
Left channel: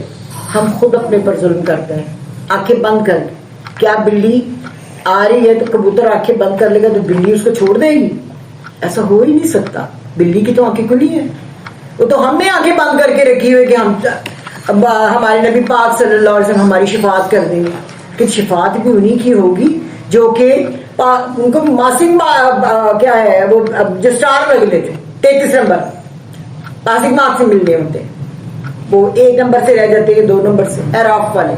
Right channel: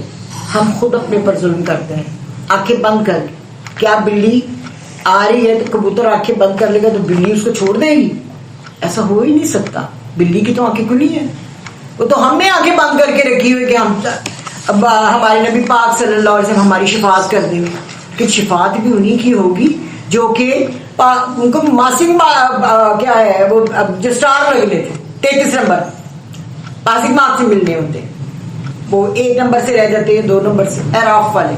ہم خود اپنے پر ظلم کرتے ہیں آنکھیں بند کر کے. کیا بلی آ رہی ہے تو کبوتر آنکھیں بند کر لے گا تو بلی اس کو چھوڑ دے گی؟ ایسا ہو ہی نہیں سکتا. بلی کی تو آنکھیں کھلی ہیں, وہ تو ہم نے آنکھیں بند کر کے رکھی ہوئی کہ ہم ہمارے نبی پاک صلی اللہ علیہ وسلم ہماری شفاعت کر دیں گے. کہ شفاعت بھی انہی کی ہوگی جو کہ ان کو ماسنگ کیا ہے وہ جو اسٹار لگنے تھے 33 نمبر پاسنگ مارک سے ملنے ہوتے, وہ 1 نمبر سے رہ جاتے ہیں 2 نمبر سے اعراف والے,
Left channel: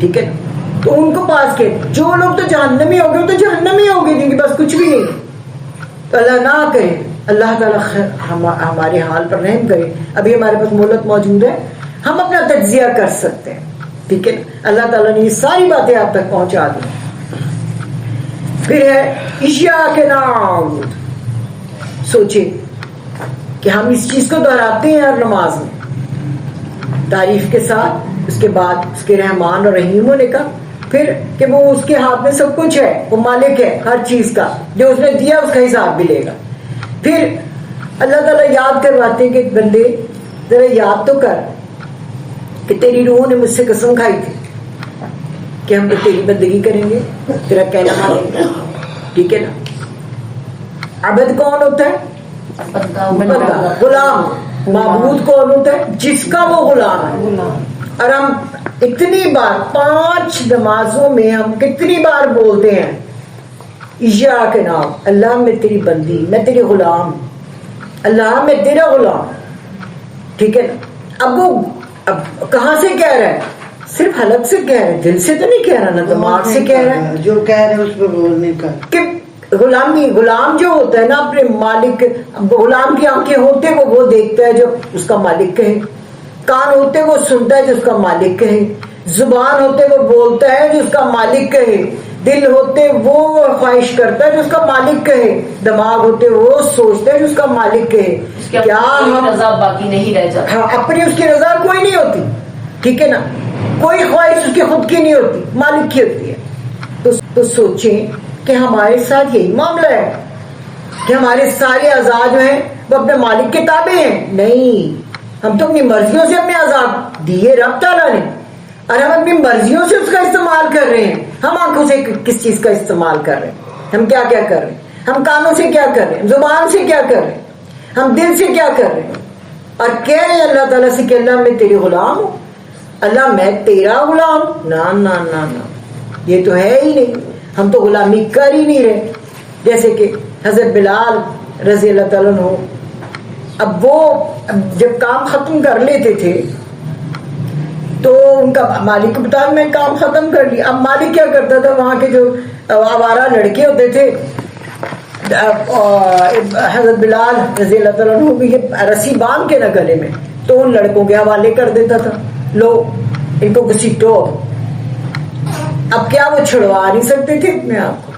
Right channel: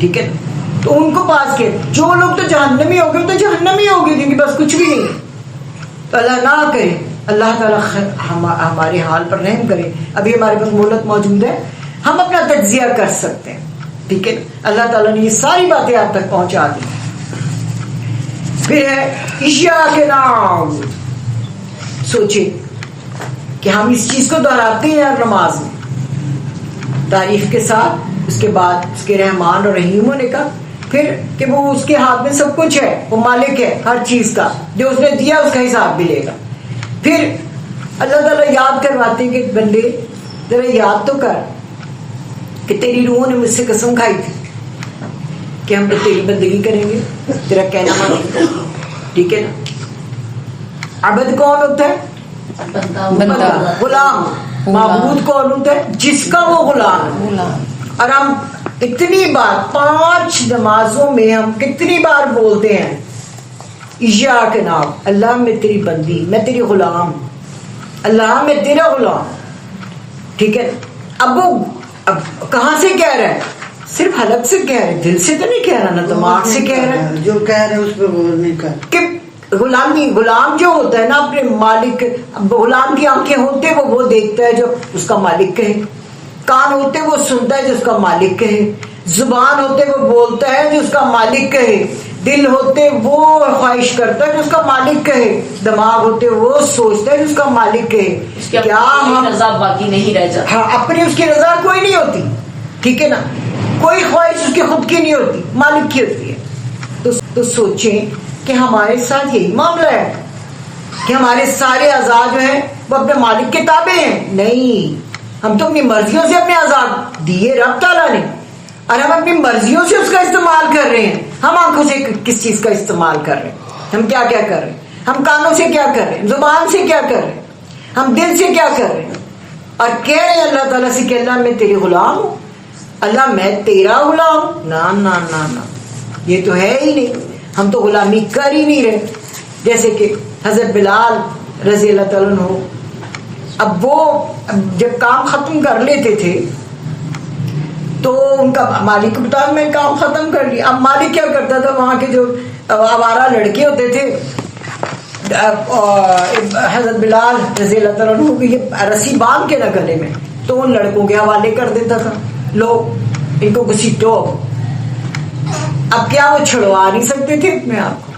ٹھیک ہے. تو ان کو پاس کے جو لوگ تو جہنمی ہو گئے وہ تو جہنمی ہو گئے جن کے پاس کچھ بھی نہیں. تو اللہ نہ کرے, اللہ تعالیٰ ہمارے حال پر رحم کرے. ابھی ہمارے پاس مہلت موجود ہے, ہم اپنا تجزیہ کر سکتے ہیں, ٹھیک ہے. اللہ تعالیٰ نے یہ ساری باتیں آپ تک پہنچا دی. پھر ہے ایاک نعبد. سوچے کہ ہم اس چیز کو دہراتے ہیں ہر نماز میں تعریف کے ساتھ, اس کے بعد اس کے رحمان اور رحیم ہونے کا, پھر کہ وہ اس کے ہاتھ میں سب کچھ ہے, وہ مالک ہے ہر چیز کا, جو اس نے دیا اس کا حساب بھی لے گا. پھر اللہ تعالیٰ یاد کرواتے ہیں کہ بندے ذرا یاد تو کر کہ تیری روح نے مجھ سے قسم کھائی تھی کہ ہم تو تیری بندگی کریں گے, تیرا کہنا مانیں گے, ٹھیک ہے نا. عبد کون ہوتا ہے؟ غلام. معبود کون ہوتا ہے؟ جس کا وہ غلام ہے. اور ہم اتنی بار 5 نمازوں میں ہم کتنی بار بولتے ہیں ایاک نعبد, اللہ میں تیری بندی, میں تیری غلام, اللہ میں تیرا غلام, ٹھیک ہے. اب وہ کہاں سے کہہ رہا ہے؟ صرف حلق سے کہہ رہا ہے, دل سے تو نہیں کہہ رہا, نہ دماغ سے کہہ رہا ہے. جو کہہ رہے اس پہ غور نہیں کر. کہ غلامی, غلام جو ہوتا ہے نا اپنے مالک, غلام کی آنکھیں ہوتے وہ دیکھتا ہے جو اس کا مالک کہے, کان ہوتے وہ سنتا ہے جو اس کا مالک کہے, زبان ہوتے وہ بولتا ہے جو اس کا مالک کہے, دل ہوتے وہ خواہش کرتا ہے جو اس کا مالک کہے, دماغ ہوتے وہ سوچتا ہے جو اس کا مالک کہے. کیا ہم رضا باقی نہیں رہ جاتی؟ ہاں, اپنی اس کی رضا کوئی نہیں ہوتی, ٹھیک ہے نا. کوئی خواہش اس کی خود کی نہیں ہوتی, مالک کی ہوتی ہے. تو سوچیں کہ ہمارے ساتھ یہی معاملہ ہے کہ ہمارے سارے اعضاء جو ہیں وہ اپنے مالک کے تابع ہیں. نہیں, ہم تو اپنی مرضیوں سے اپنے اعضاء دیے رب تعالیٰ نے, اور ہم اپنی مرضیوں سے اس کا استعمال کر رہے ہیں. ہم آنکھوں سے کس چیز کا استعمال کر رہے ہیں, ہم کیا کیا کر رہے ہیں, ہم کانوں سے کیا کر رہے ہیں, زبان سے کیا کر رہے ہیں, ہم دل سے کیا کر رہے ہیں. اور کہہ رہے ہیں اللہ تعالیٰ سے کہ اللہ میں تیری غلام ہوں, اللہ میں تیرا غلام. نا نا نا نا, یہ تو ہے ہی نہیں, ہم تو غلامی کر ہی نہیں رہے. جیسے کہ حضرت بلال رضی اللہ تعالیٰ عنہ, اب وہ جب کام ختم کر لیتے تھے تو ان کا مالک کو بتایا میں کام ختم کر لیا. اب مالک کیا کرتا تھا, وہاں کے جو آوارہ لڑکے ہوتے تھے, حضرت بلال رضی اللہ تعالیٰ عنہ کو یہ رسی باندھ کے نہ گلے میں, تو ان لڑکوں کے حوالے کر دیتا تھا, لو ان کو گھسیٹو. اب کیا وہ چھڑوا نہیں سکتے تھے اپنے آپ کو,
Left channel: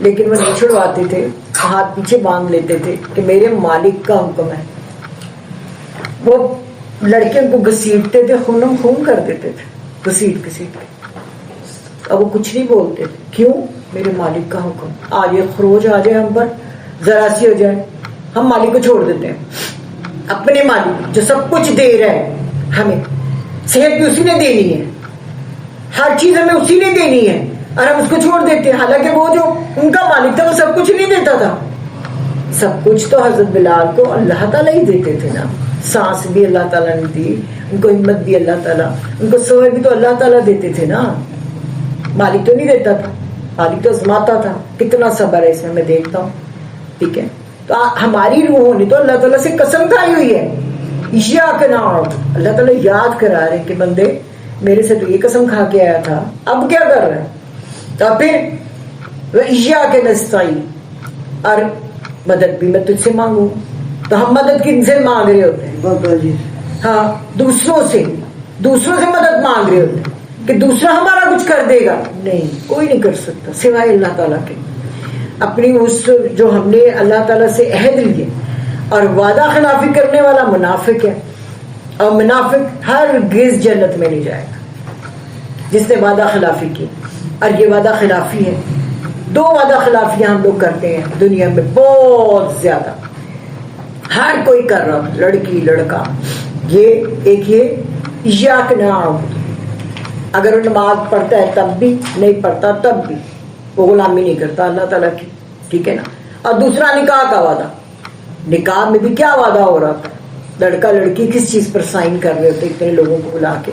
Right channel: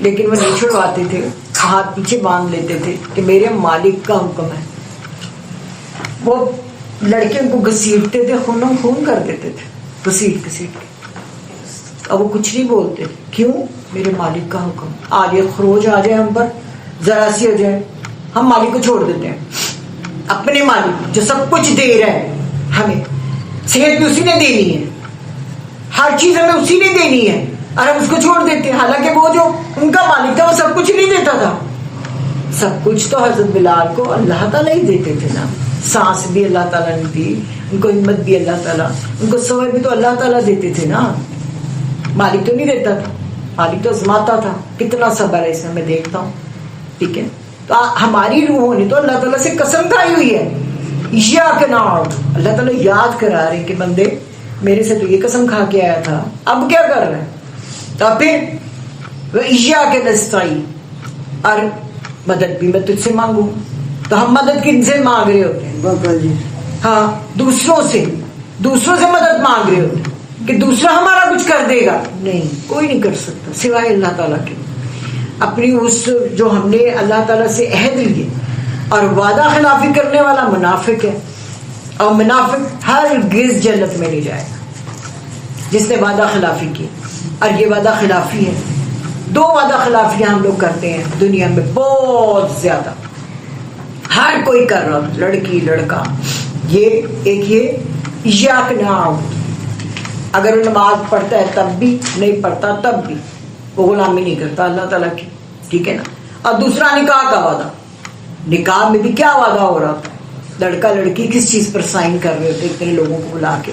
لیکن وہ نہیں چھڑواتے تھے, ہاتھ پیچھے باندھ لیتے تھے کہ میرے مالک کا حکم ہے. وہ لڑکے ان کو گھسیٹتے تھے, خون کر دیتے تھے گھسیٹ کے, اور وہ کچھ نہیں بولتے تھے. کیوں؟ میرے مالک کا حکم. آج یہ خروج آ جائے ہم پر, ذرا سی ہو جائے, ہم مالک کو چھوڑ دیتے ہیں. اپنے مالک جو سب کچھ دے رہا ہے, ہمیں صحت بھی اسی نے دینی ہے, ہر چیز ہمیں اسی نے دینی ہے, اور ہم اس کو چھوڑ دیتے ہیں. حالانکہ وہ جو ان کا مالک تھا وہ سب کچھ نہیں دیتا تھا. سب کچھ تو حضرت بلال کو اللہ تعالیٰ ہی دیتے تھے نا. سانس بھی اللہ تعالیٰ نے دی, ان کو ہمت بھی اللہ تعالیٰ, ان کو صبر بھی تو اللہ تعالیٰ دیتے تھے نا, مالک تو نہیں دیتا تھا. مالک تو آزماتا تھا. کتنا صبر ہے اس میں میں دیکھتا ہوں, ٹھیک ہے. تو ہماری روحوں نے تو اللہ تعالیٰ سے قسم کھائی ہوئی ہے. ایاک نعبد, اللہ تعالیٰ یاد کرا رہے کہ بندے میرے سے تو یہ قسم کھا کے آیا تھا, اب کیا کر رہا ہے. تو پھر ایاک نستعین, اور مدد بھی میں تجھ سے مانگوں. تو ہم مدد کن سے مانگ رہے ہوتے ہیں؟ بابا جی ہاں, دوسروں سے مدد مانگ رہے ہوتے ہیں کہ دوسرا ہمارا کچھ کر دے گا. نہیں, کوئی نہیں کر سکتا سوائے اللہ تعالیٰ کے. اپنی اس جو ہم نے اللہ تعالیٰ سے عہد لیے, اور وعدہ خلافی کرنے والا منافق ہے, اور منافق ہرگز جنت میں نہیں جائے گا جس نے وعدہ خلافی کی. اور یہ وعدہ خلافی ہے. 2 وعدہ خلافیاں ہم لوگ کرتے ہیں دنیا میں بہت زیادہ, ہر کوئی کر رہا, لڑکی لڑکا. یہ ایک یہ ایاک نعبد, اگر وہ نماز پڑھتا ہے تب بھی, نہیں پڑھتا تب بھی, وہ غلامی نہیں کرتا اللہ تعالیٰ کی, ٹھیک ہے نا. اور دوسرا نکاح کا وعدہ. نکاح میں بھی کیا وعدہ ہو رہا تھا, لڑکا لڑکی کس چیز پر سائن کر رہے ہوتے اتنے لوگوں کو بلا کے.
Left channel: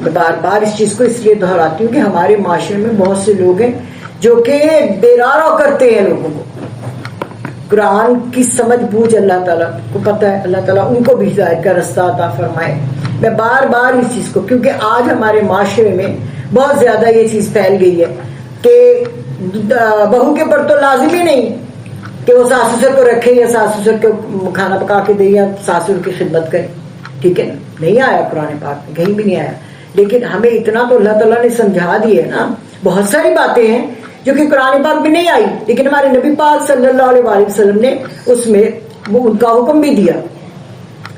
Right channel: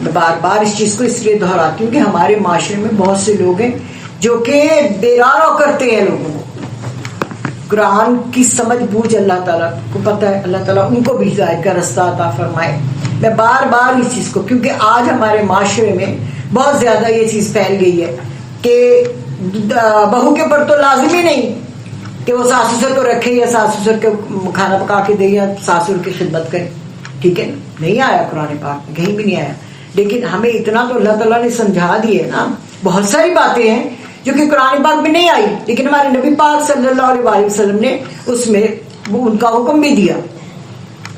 میں بار بار اس چیز کو اس لیے دہراتی ہوں کہ ہمارے معاشرے میں بہت سے لوگ ہیں جو کہ دیرارو کرتے ہیں لوگوں کو. قرآن کی سمجھ بوجھ اللہ تعالیٰ کو پتہ ہے, اللہ تعالیٰ ان کو بھی ہدایت کا رستہ عطا فرمائے. میں بار بار اس چیز کو, کیونکہ آج ہمارے معاشرے میں بہت زیادہ یہ چیز پھیل گئی ہے کہ بہو کے اوپر تو لازم ہی نہیں کہ وہ ساس سسر کو رکھے یا ساس سسر کو کھانا پکا کے دے یا ساسر کی خدمت کرے, ٹھیک ہے. نہیں آیا قرآن پاک میں, کہیں بھی نہیں آیا. لیکن ہمیں اتنا تو اللہ تعالیٰ نے سمجھا دی ہے نا. بہت ساری باتیں ہیں جو کہ قرآن پاک میں نہیں آئی, لیکن ہمارے نبی پاک صلی اللہ علیہ وسلم نے اس میں وہ ان کا حکم بھی دیا.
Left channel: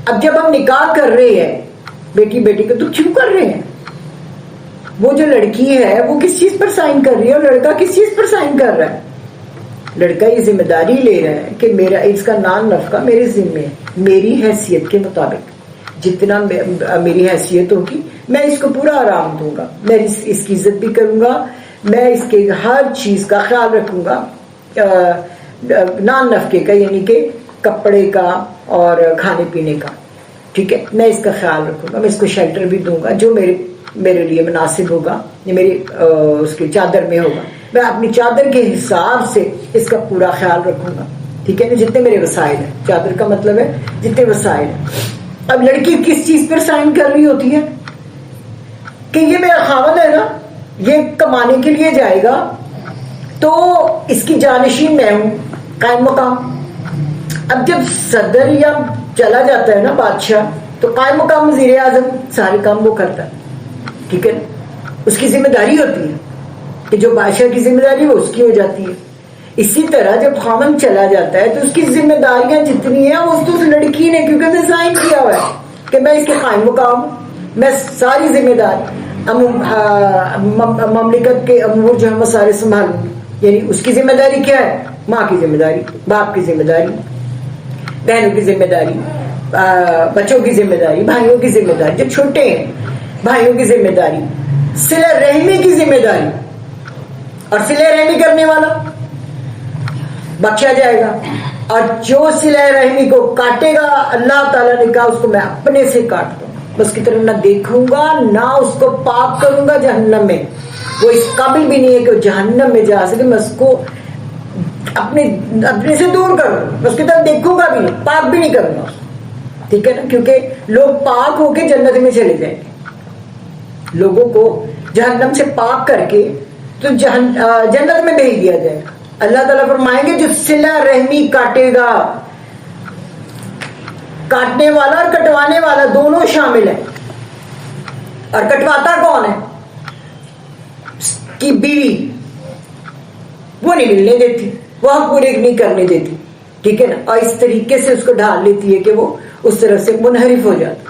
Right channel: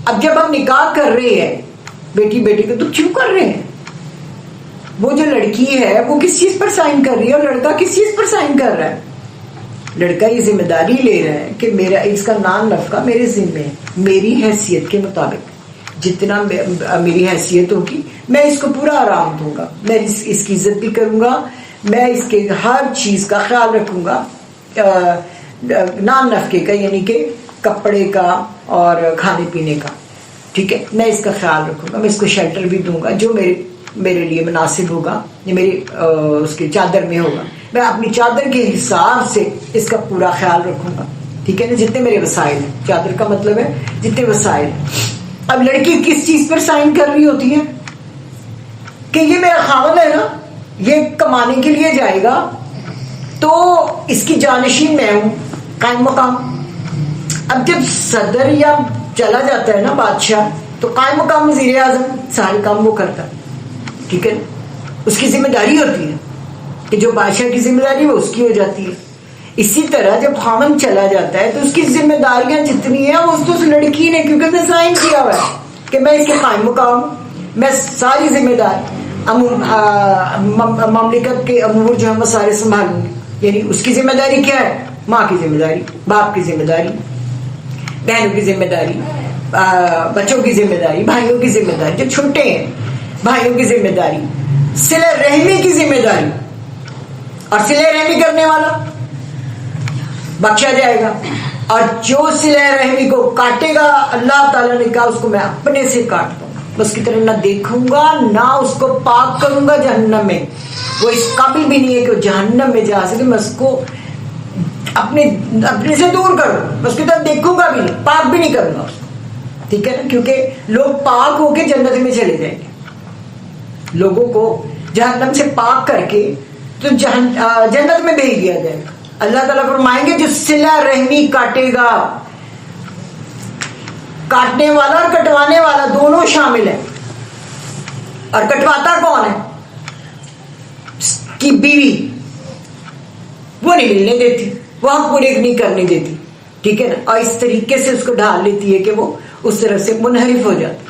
اب جب ہم نکاح کر رہے ہیں بیٹی بیٹی کو, تو کیوں کر رہے ہیں؟ وہ جو لڑکی ہے وہ کس چیز پر سائن کر رہی ہے اور لڑکا کس چیز پر سائن کر رہا ہے؟ لڑکا یہ ذمہ داری لے رہا ہے کہ میرا اس کا نام نفقہ میرے ذمے ہے, میری حیثیت کے مطابق جتنا میری حیثیت ہوگی میں اس کو پورا آرام دوں گا, میں اس کی عزت بھی کروں گا, میں اس کے ہر چیز کا خیال رکھوں گا. نان نفقے کا یعنی کہ کپڑے کا اور کھانے پینے کا, ٹھیک ہے, میں اس کا خیال رکھوں گا, میں اس کو شیلٹر بھی دوں گا جو میرے لیے مناسب ہوگا, یا میری اس کے چادر میں ہوگا. میں اپنی چادر کے حساب سے اس کا پورا خیال رکھوں گا, ٹھیک ہے نا, جتنے میرے وسائل ہیں. چادر کا مطلب ہے جتنے وسائل. اب لڑکی کس چیز پر سائن کر رہی ہوتی ہے کہ یہ میرا خاوند ہے نا, یہ کمانے کے لیے جائے گا تو اس کی جانشین میں ہوں, قائم مقام. اب جب صدر یا چلا جاتا ہے نا بادشاہ, تو قائم مقام وزیر اعظم سارے کام وہ کرتا ہے, ٹھیک ہے, اس کی ذمہ داری ہوتی ہے کہ جو بادشاہ کی ذمہ داری وہ اس کی ہو جاتی ہے. اسی طرح جب خاوند چلا جاتا ہے تو اس کی ذمہ داریاں جتنی ہیں وہ اس لڑکی نے, کیونکہ نے سائن کیا ہوا ہے کہ میں اس کے قائم مقام, میں ساری ذمہ دار مملکت کے امور جو ہے وہ سارے سنبھالوں گی. یعنی اس کی ذمہ داری کیا ہے؟ ماں کی ذمہ داری, باپ کی ذمہ داری, بہنوں کی ذمہ داری, بچوں کی ذمہ داری, بھائیوں کی ذمہ داری, جو چھوٹے ہیں بھائیوں کی ذمہ داری, صلہ رحمی کی ذمہ داری. اور صلہ رحمی کرنے والا بخشا جائے گا, اور جو صلہ رحمی کو کاٹے گا اللہ تعالیٰ نے کہا اس کو میں اپنے سے کاٹ دوں گا, اس کی طرف نہ دیکھوں گا نہ اس کو پاک کروں گا جہنم میں. وہ اس قابل بھی نہیں ہے کہ وہ جہنم میں جا سکے, میں اس کو اپنے سے دور کروں, اس کی طرف دیکھوں گا بھی نہیں, پاک بھی نہیں کروں گا, ٹھیک ہے نا. کیونکہ لوگ پاک ہو کے جنت میں چلے جائیں گے, لوگوں کو جہنم سے پاک کر کے تو جنت میں بھیج دیا جائے گا. اللہ تعالیٰ فرمائیں گے جو صلہ رحمی کاٹے گا, کاٹنے والا اور کٹوانے والا دونوں شامل ہیں. اور کٹواتا کون ہے؟ کی بیوی, وہ نہیں ملنے دیتی, وہ حق پورے نہیں کرنے دیتی, ٹھیک ہے نا, اور اس طریقے سے اس کو ڈال لیتی ہے کہ وہ اس طرف سے منحرف ہو جاتی.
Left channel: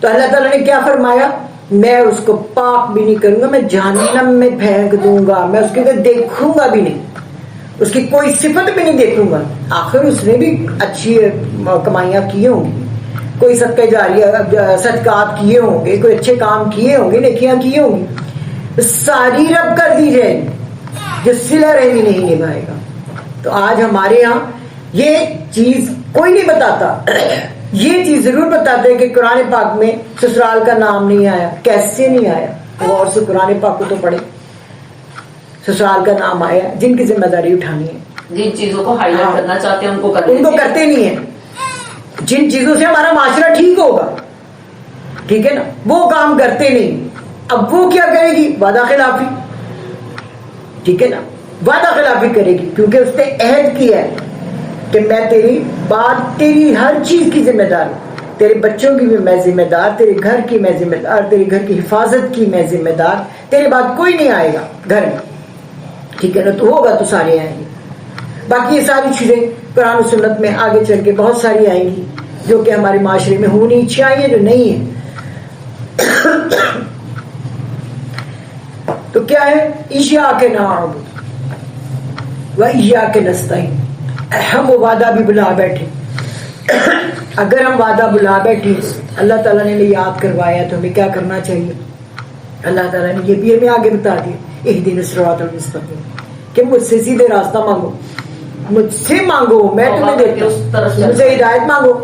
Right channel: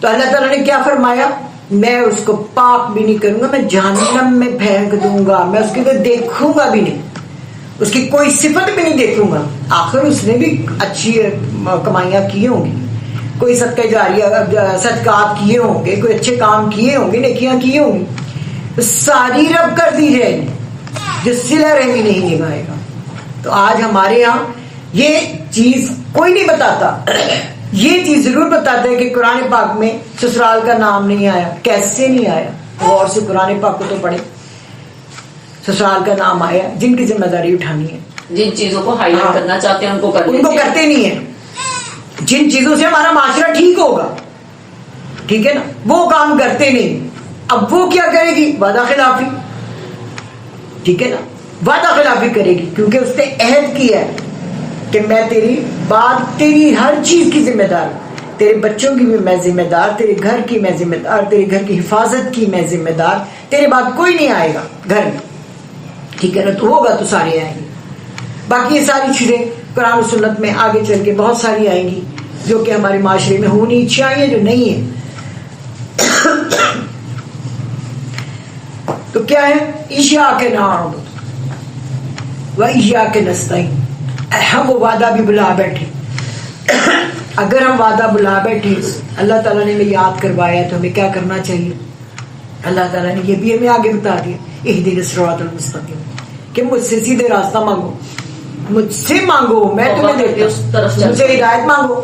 تو اللہ تعالیٰ نے کیا فرمایا, میں اس کو پاک بھی نہیں کروں گا, میں جہنم میں پھینک دوں گا, میں اس کے لیے دیکھوں گا بھی نہیں, اس کی کوئی صفت بھی نہیں دیکھوں گا. آخر اس نے بھی اچھی کمائیاں کی ہوں گی, کوئی صدقہ جاریہ صدقات کیے ہوں گے, کوئی اچھے کام کیے ہوں گے, نیکیاں کی ہوں گی, ساری رب کر دی جائے گی, جو صلہ رحمی نہیں نبھائے گا. تو آج ہمارے ہاں یہ چیز کوئی نہیں بتاتا, یہ چیز ضرور بتاتے ہیں کہ قرآن پاک میں سسرال کا نام نہیں آیا. کیسے نہیں آیا؟ غور سے قرآن پاک کو تو پڑھیں, سسرال کا نام آیا. جن کی ذمہ داری اٹھانی ہے, جن چیزوں کو ہائی لائٹ کرنا چاہتے ہیں ان کو کرتے نہیں ہیں. جن چیزوں سے ہمارا معاشرہ ٹھیک ہوگا, ٹھیک ہے نا, وہ کام کرتے نہیں. اب وہ کیا کرے گی؟ وعدہ خلافی, ٹھیک ہے نا, وعدہ خلافی کرے گی, کیونکہ اس نے عہد کیا ہے کہ میں تیری بات, تیری ہر چیز کی ذمہ دار ہوں, تیرے بچوں کی بھی میں ذمہ دار, تیرے گھر کی میں ذمہ دار, تیرے گھر کی حفاظت کی میں ذمہ دار, تیرے بات کوئی نہیں آئے گا گھر میں, ٹھیک ہے نا. تو ہوگا تو سارے آئیں گے. باقی یہ ساری چیزیں قرآن و سنت میں آگے چل کے بہت ساری آئیں گی. جو کہ ہمارے معاشرے میں ہونی چاہیے, جو نہیں ہے. تو کیا ہے, ایاک نعبد و ایاک نستعین. ہم وہ وعدہ بھی بلا بیٹھے. اگر ہم وعدہ بلا بیٹھے, اللہ تعالیٰ نے ہمیں یاد کروایا تو ہمیں کیا کرنا چاہیے. اللہ تعالیٰ نے یہ بھی ہمیں آگے بتا دیا, اہدنا الصراط المستقیم, کہ مجھ سے سیدھے راستہ مانگو, مجھ سے مانگو, میں تمہیں دیتا ہوں, مجھے ہدایت مانگو.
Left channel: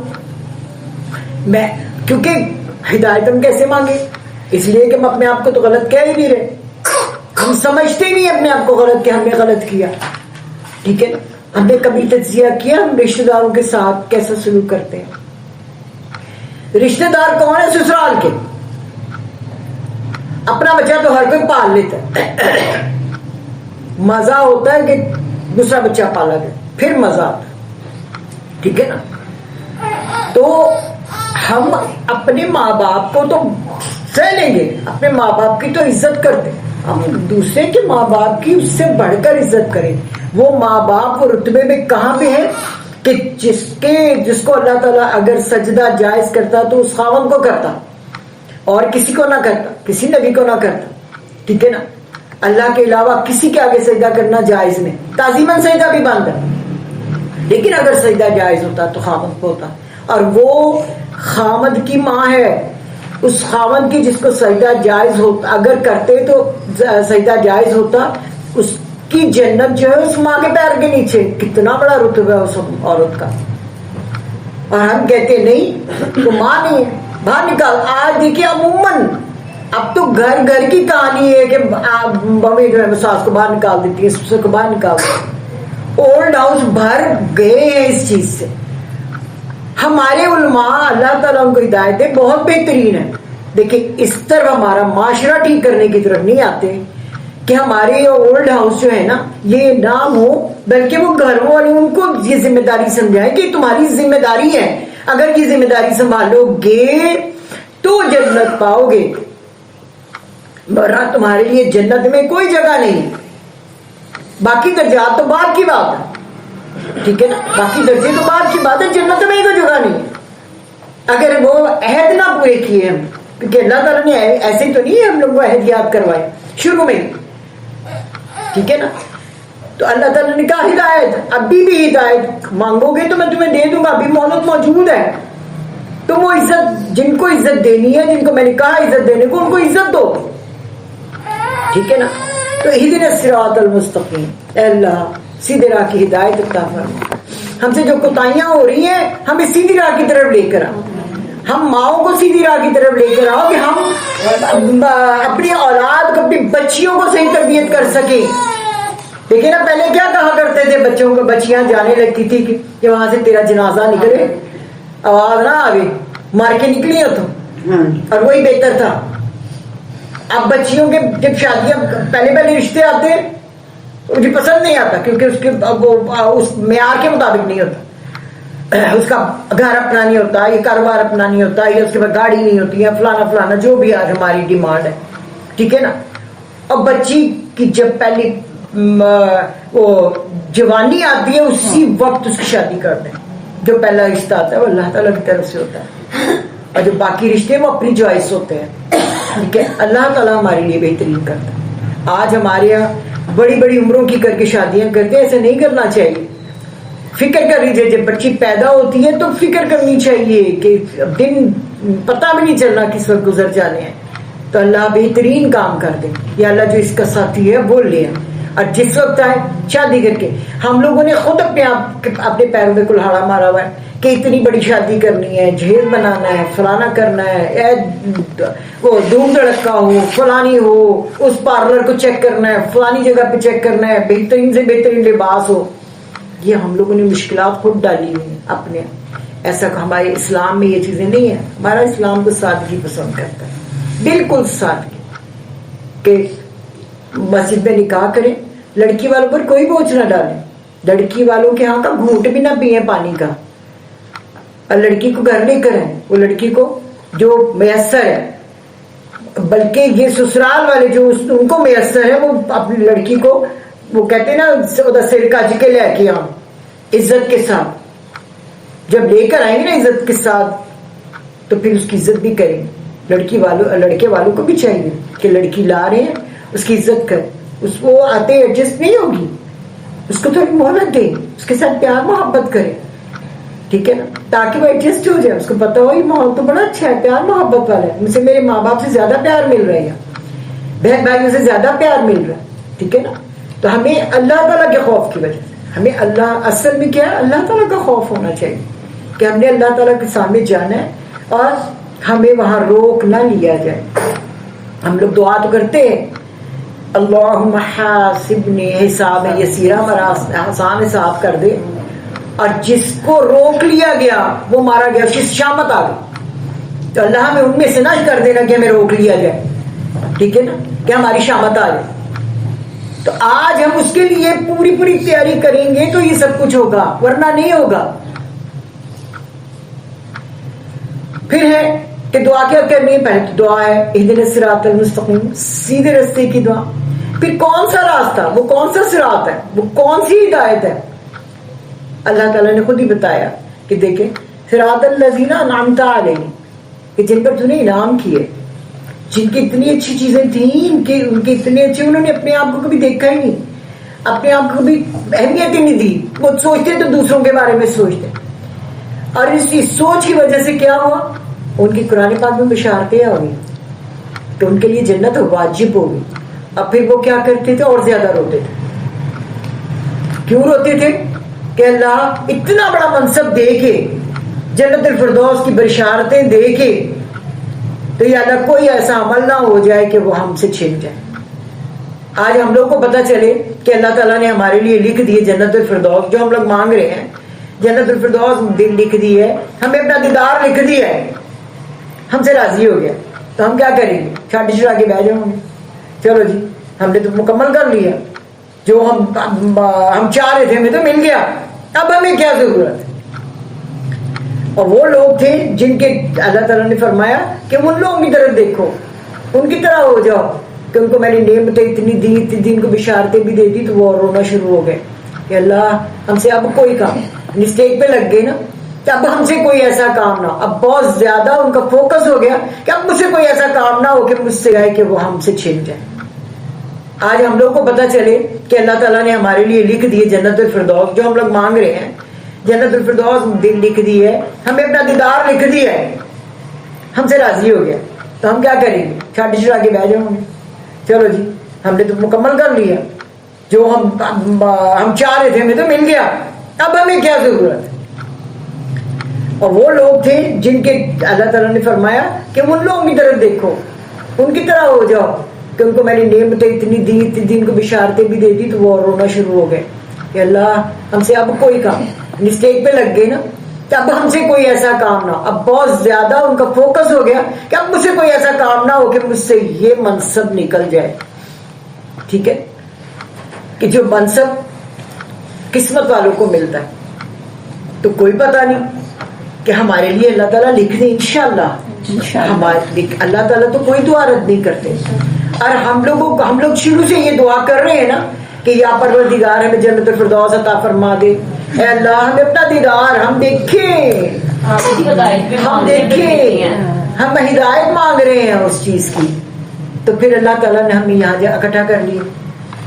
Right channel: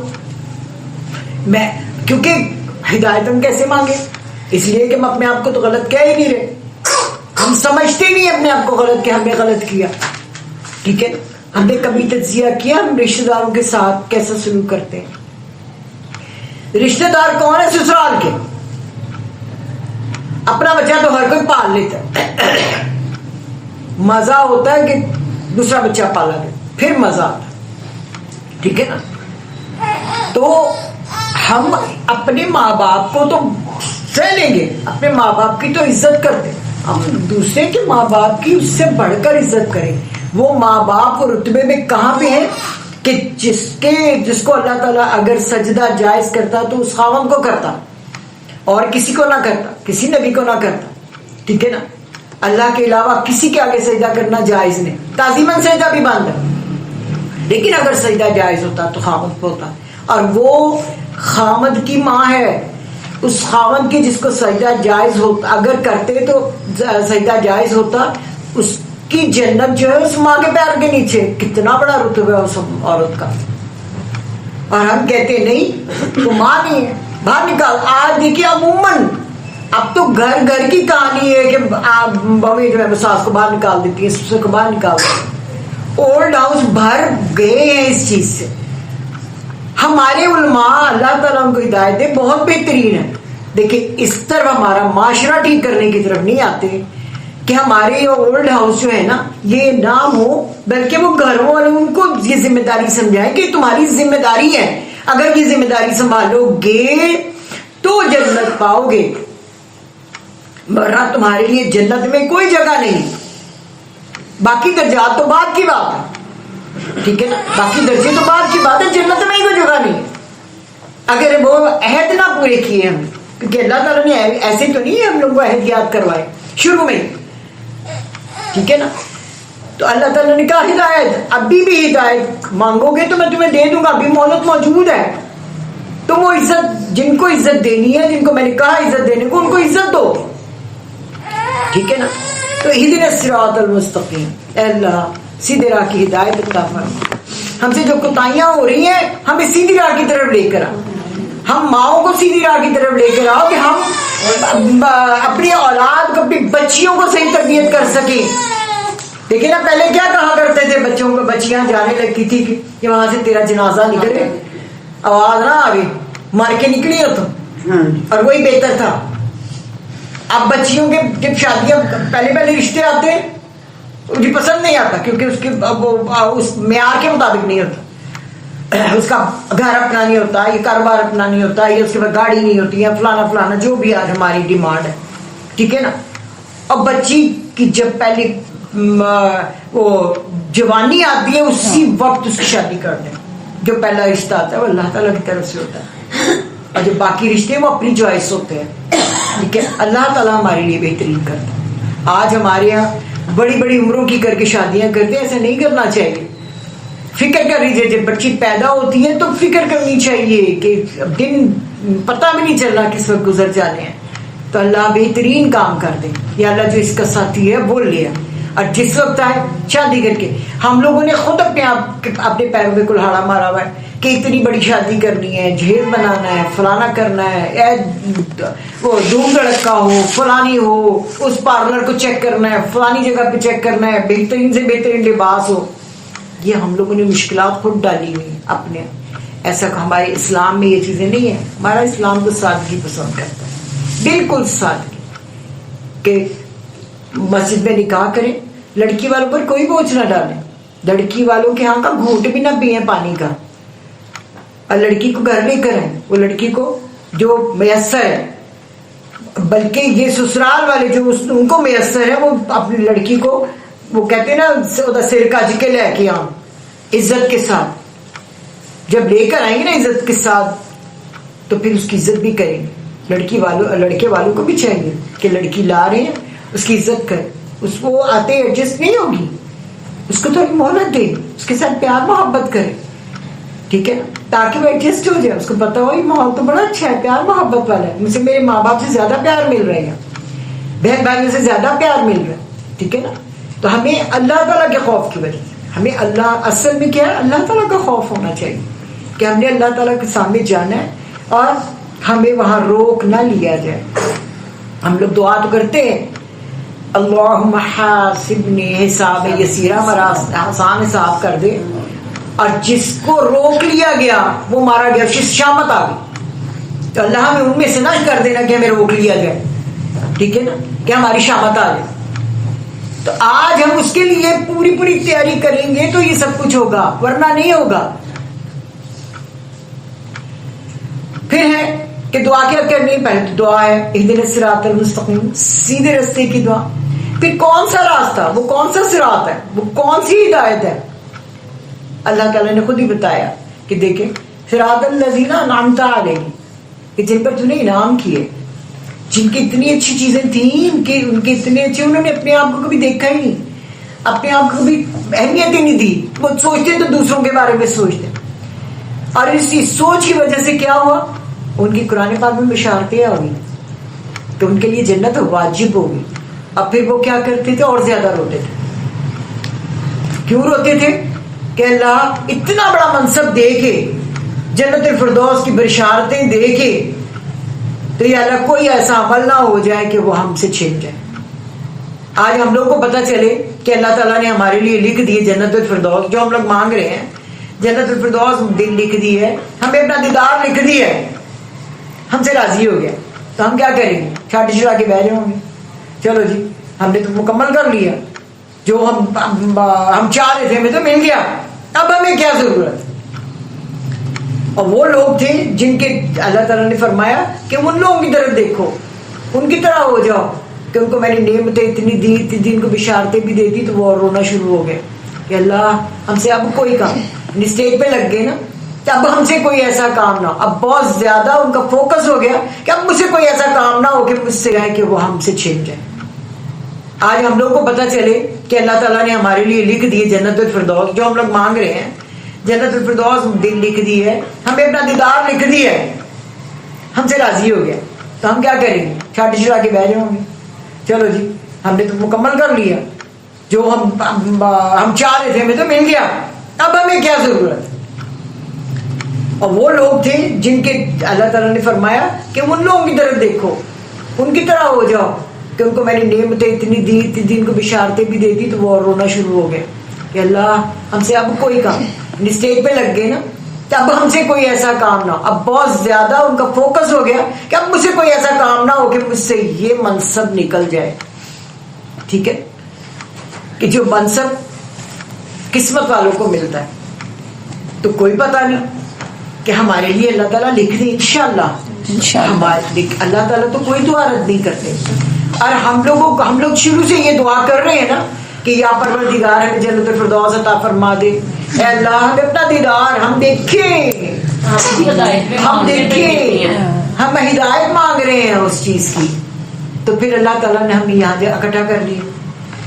میں کیونکہ ہدایت ہم کیسے مانگے, اس لیے کہ ہم اپنے آپ کو تو غلط کہہ ہی نہیں رہے, ہم سمجھتے نہیں اپنے آپ کو غلط کہ ہم نے غلط کیا. ٹھیک ہے, ہم نے کبھی تجزیہ کیا ہم رشتہ داروں کے ساتھ کیسا سلوک کرتے ہیں. رشتہ دار کون ہے؟ سسرال کے. اپنا بچہ تو ہر کوئی پال لیتا ہے, مزہ ہوتا ہے کہ دوسرا بچہ پالا گیا, پھر مزہ آتا ہے. ٹھیک ہے نا. تو ہم اپنے ماں باپ کو تو سہ لیں گے, اپنے ماں باپ کی تو عزت کرتے ہیں, ہم دوسرے کے ماں باپ کی اس سے بڑھ کر عزت کریں. وہ ماں باپ وہ رتبے میں کہاں پہ ہیں کہ جس کو اللہ تعالیٰ اگر سجدہ جائز کرتا تو اس خاوند کو کرتا, اور کسی کو نہ کرتا, کسی نبی کو نہ کرتا. ٹھیک ہے نا. اللہ کے علاوہ کسی کے آگے سجدہ کرنا جائز نہیں, تعظیماً سجدہ بھی بند ہے, لیکن اگر سجدہ جائز ہوتا تو خاوند کو ہوتا. اور وہ خاوند کی ماں ہے, اس خاوند کی جس کو سجدہ جائز ہوتا, اگر کرتے تو سجدہ جائز ہوتا, اس کی جنت جو ہے اس ماں کے پیر کے نیچے. کتنا بڑا رتبہ ہے اس عورت کا. اور ہم کہتے نہیں تو ماں نہیں ہے, باہر نکال. آج دیکھیے عموماً اب تو گھر گھر کی کہانی ہے کہ ممی جو ہے ساس کو باہر نکال دیتی ہے, سسر کو باہر نکال دیتی ہے. اولڈ ہاؤس بھر گئے ہیں اس چیز سے. ہمارے علماء اللہ تعالیٰ ان کو ہدایت دے بہت بہترین ہے. دیکھیں اس طرح ہمارا معاشرہ ٹھیک کرنے کی طرف نہیں آتے کہ ہمارے یہ اولڈ ہاؤس جو ہے نا یہ نام ہو, بلکہ وہ گھر والے ان کو یہ ذمہ داری سمجھائیں کہ تمہاری ذمہ داری ہے, اگر یہ ذمہ داری سنبھالو گے تو جنت پاؤ گے, ورنہ تمہارے لیے جنت میں کوئی جگہ نہیں. باقی درجات تو بعد کی بات ہے. ٹھیک ہے نا, باقی درجے تو بعد کی بات ہے, جنت میں کوئی جگہ نہیں ہے اگر وہ عہد نہ پورے کیے ہم. کیونکہ اللہ تعالیٰ نے ایسے تو نہیں ہم لوگ کو عہد یاد کروائے شروع میں. ٹھیک ہے نا. تو اللہ تعالیٰ نے کہا ہدایت, ابھی بھی ہدایت مانگو گے تو میں تمہیں دے دوں گا, ابھی مہلت موجود ہے. تو وہ عزت, جن کو عزت دینی ہے, جن کو میں نے کہا عزت دینے کو, ان کو عزت دو. ٹھیک ہے نا. تو اہدنا الصراط المستقیم, اے اللہ سیدھے راہ کی ہدایت عطا فرما. ہم سے جو کوتاہیاں ہو رہی ہیں ہمیں سیدھی راہ کی طرف لے کر آ. ہم ماؤں کو سیدھی راہ کی طرف لے کر آؤ کہ ہم اپنی اولاد کو, اپنی بچیوں کو صحیح تربیت کر سکیں. دیکھیں نا پہلے کیا کہا کرتے تھے بچوں کو, بچیاں جانے لگتی تھی کہ وہاں سے تیرا جنازہ نکلے, آواز نہ آگے مار کے نکلی ہو تو, اور وہی بہتر تھا. اب بچیوں کے جب شادیاں پہلے رشتے آتے ہیں مجھے پسند نہیں آتا, کیونکہ اس کے اس معیار کے مطابق نہیں ہوتا. اس کا گھر اپنا نہیں ہوتا, یہ کاروبار اپنا نہیں ہوتا, یا اس کے بعد گاڑی نہیں ہوتی, یا فلانا فلانا جو بھی آج ہماری ڈیمانڈ ہے. ٹھیک ہے نا. اور بچی کی جب پہلی وہ جوانی آتی ہے اسی وقت اس کی شادی کر دیں. جو پہلا رشتہ آتا ہے وہ اللہ تعالیٰ کی طرف سے ہوتا ہے, اور جو باقی رشتے ہیں وہ اپنی چوائس ہوتے ہیں. ٹھیک ہے. اللہ تعالیٰ ہمارے لیے بہترین کرتا ہے. آج ہمارے یہاں بڑی بڑی عمروں کی کر کے شادیاں کرتے ہیں, ایسا نہیں کرنا چاہیے. فکر کر لیجیے, جب بچی پیدا ہوتی ہے تو فکر کرنی چاہیے کہ دن پتہ بھی نہیں چلنا کس وقت گزر جانے ہیں. تو اللہ بہترین کام کر دے, یا اللہ جو اس کا ساتھی ہے وہ لے, اور جس وقت آئے شادی کر کے. ہم لوگوں نے خود اپنے پیروں میں کلہاڑا مارا ہوا ہے کہ اتنی بڑی شادی کرنی ہے, جہیز بنانا ہے, فلانا کرنا ہے, وہ دھوم دھڑکا ہو, فلانی ہو, اس پارلر کو چیک کرنا ہے, فلانی جگہ پہ چیک کرنا ہے, بہترین سے بہترین لباس ہو. یہ ہم لوگوں نے مشکلات خود ڈالی ہوئی اپنے. ایسا ہمارے اسلام میں یہ چیزیں نہیں ہیں. ہمارا اسلام تو سادگی پسند کرتا ہے, بالکل سادگی. کہ مسجد میں نکاح کریں, لڑکی والوں پر کوئی بوجھ نہ ڈالیں, لڑکی والوں کے ہاں کا گھونٹ بھی نہ پیئیں پانی کا, اور لڑکی کو گھر لے کر آئیں وہ لڑکی کو جو میسر ہے. بلکہ یہ سسرال والے جو ان کو میسر ہے وہ اپنی لڑکی کو وہ کہتے ہیں نا سر کج کے لے کے آؤ عزت کے ساتھ. جب لے کر آئیں گے نا عزت کے ساتھ تو پھر اس کی عزت بھی کریں گے. لڑکے والوں کو بھی چاہیے کہ لڑکی لا رہے ہیں اس کی عزت کریں, اس کو آتے ایڈجسٹ نہیں ہوگی, اس کو تھوڑی مہلت دیں, اس کے ساتھ پیار محبت کریں, ٹھیک ہے نا, تاکہ وہ ایڈجسٹ ہو جائے, اس کو پتا ہو یہ ماحول تو بڑا اچھا ہے, پیار محبت والا ہے, مجھے میرے ماں باپ سے زیادہ پیار مل رہا ہے, بہن بھائیوں سے زیادہ پیار مل رہا ہے, ٹھیک ہے نا. تو ہمیں اللہ تعالیٰ کے خوف کی وجہ سے ہمیں اللہ اصل میں کیا ہے, اللہ تعالیٰ کا خوف ہونا چاہیے کہ ہم نے اللہ تعالیٰ کے سامنے جانا ہے اور ہمیں وہاں روک نہ لیا جائے. ہم لوگ دعا تو کرتے ہیں اللہم حاسبنی حساب یسیرا, آسان حساب کر دے, اور جس کو روک لیا گیا وہ مارا گیا, اس کی شامت آ گئی, تو اللہ ہمیں ان میں سے نہ کر دینا کہ ہمیں روک لیا جائے, ٹھیک ہے نا, کہ ہماری شامت آ جائے. تو آج ہم اس کے لیے پوری تیاری کریں گے تو یہ سب کچھ ہوگا, ورنہ نہیں ہوگا. پھر ہے کہ دعا کیا کرنی ہے, پہلے تو دعا ہے اہدنا الصراط المستقیم, سیدھے راستے کی دعا. پھر کون سا راستہ, وہ کون سا صراط ہے, وہ کون سی ہدایت ہے, اللہ تعالیٰ نے خود ہی بتایا کہ دیکھیں صراط الذین انعمت علیہم, کہ جن پر تو نے انعام کیے, جن کی اتنی اچھی چیزیں تھیں, ان کے اتنے اچھے, انہوں نے اپنے آپ کو کبھی دیکھا ہی نہیں, اپنے آپ کو بھی اہمیت ہی نہیں دی, وہ سوچتے تو دوسروں کے بارے میں سوچتے, اور اس سوچ کی وجہ سے کیا ہوا, ان کی قرآن پاک میں بشارتیں ہوئی کہ ان کے لیے جنت واجب ہوگی. اب پھر وہ کیا کرتے تھے, اور زیادہ روتے تھے. کیوں روتے تھے کہ اللہ اتنا بڑا منصب دے کے, جنت الفردوس کی بشارتیں دے کے, تو یا اللہ کوئی ایسا عمل نہ ہو جائے کہ وہ ہم سے چھن جائے. آج ہم لوگ کو پتہ چلے کہ اللہ تعالیٰ نے ہمارے لیے لکھ دی جنت الفردوس, جو ہم لوگ مانگ رہے ہیں, جنت الفردوس لکھ دی ہے, ہمیں اپنا دیدار لکھ دی ہے, ہم سے راضی ہو گیا, تو ہم کیا کریں گے, چھاٹی چھڑا کے بیٹھ جاؤں گے, چلو جی ہم نے تو مکمل کر لیا, جو ہم چاہ رہے تھے ہمیں تو مل گیا, اب ہمیں کیا ضرورت ہے. اور وہ لوگ تھے جن کے اللہ تعالیٰ نے فرمایا کہ ان لوگوں کی طرف دیکھو, ان کی طرح ہو جاؤ, کہ ان کو میں نے نعمتیں اتنی دی, ان کو بشارتیں بھی دے دی, تو وہ رونا شروع ہو گئے کہ اللہ ہم سے اب کوئی کام, اسٹیج پہ لگ گئے نا, کہ اب ہم سے کوئی ایسا کام نہ ہو. اب بہت زیادہ ان کا فوکس ہو گیا کہ اب مجھ سے کوئی ایسا کام نہ ہو کہ مجھ سے آئے کہ وہ ہم سے چھن جائے. آج ہم لوگ کو پتہ چلے کہ اللہ تعالیٰ نے ہمارے لیے لکھ دی جنت الفردوس, جو ہم لوگ مانگ رہے ہیں, جنت الفردوس لکھ دی ہے, ہمیں اپنا دیدار لکھ دی ہے, ہم سے راضی ہو گیا, تو ہم کیا کریں گے, چھاٹی چھڑا کے بیٹھ جاؤں گے, چلو جی ہم نے تو مکمل کر لیا, جو ہم چاہ رہے تھے ہمیں تو مل گیا, اب ہمیں کیا ضرورت ہے. اور وہ لوگ تھے جن کے اللہ تعالیٰ نے فرمایا کہ ان لوگوں کی طرف دیکھو, ان کی طرح ہو جاؤ, کہ ان کو میں نے نعمتیں اتنی دی, ان کو بشارتیں بھی دے دی, تو وہ رونا شروع ہو گئے کہ اللہ ہم سے اب کوئی کام, اسٹیج پہ لگ گئے نا, کہ اب ہم سے کوئی ایسا کام نہ ہو. اب بہت زیادہ ان کا فوکس ہو گیا کہ اب مجھ سے کوئی ایسا کام نہ ہو کہ مجھ سے یہ منصب نکل جائے, ٹھیک ہے, کہ جو منصب قسمت والوں کو ملتا ہے, تو کوئی پتہ نہیں کہ ہمارے لیے اللہ تعالیٰ لکھ دیں انشاءاللہ. اللہ تعالیٰ تو کوئی دعا رد نہیں کرتے, اور ہم لوگ شروع سے یہ دعا کر رہے ہیں نا کہ یا پروردگار ہمیں جنت الفردوس عطا فرما دے, اے اللہ ہمیں اپنا دیدار ہم دیکھیں, ہم ہدایت مانگ رہے ہیں اس چیز کی. تو پھر اللہ تعالیٰ نے ہمیں یہاں اکٹھا کر لیا,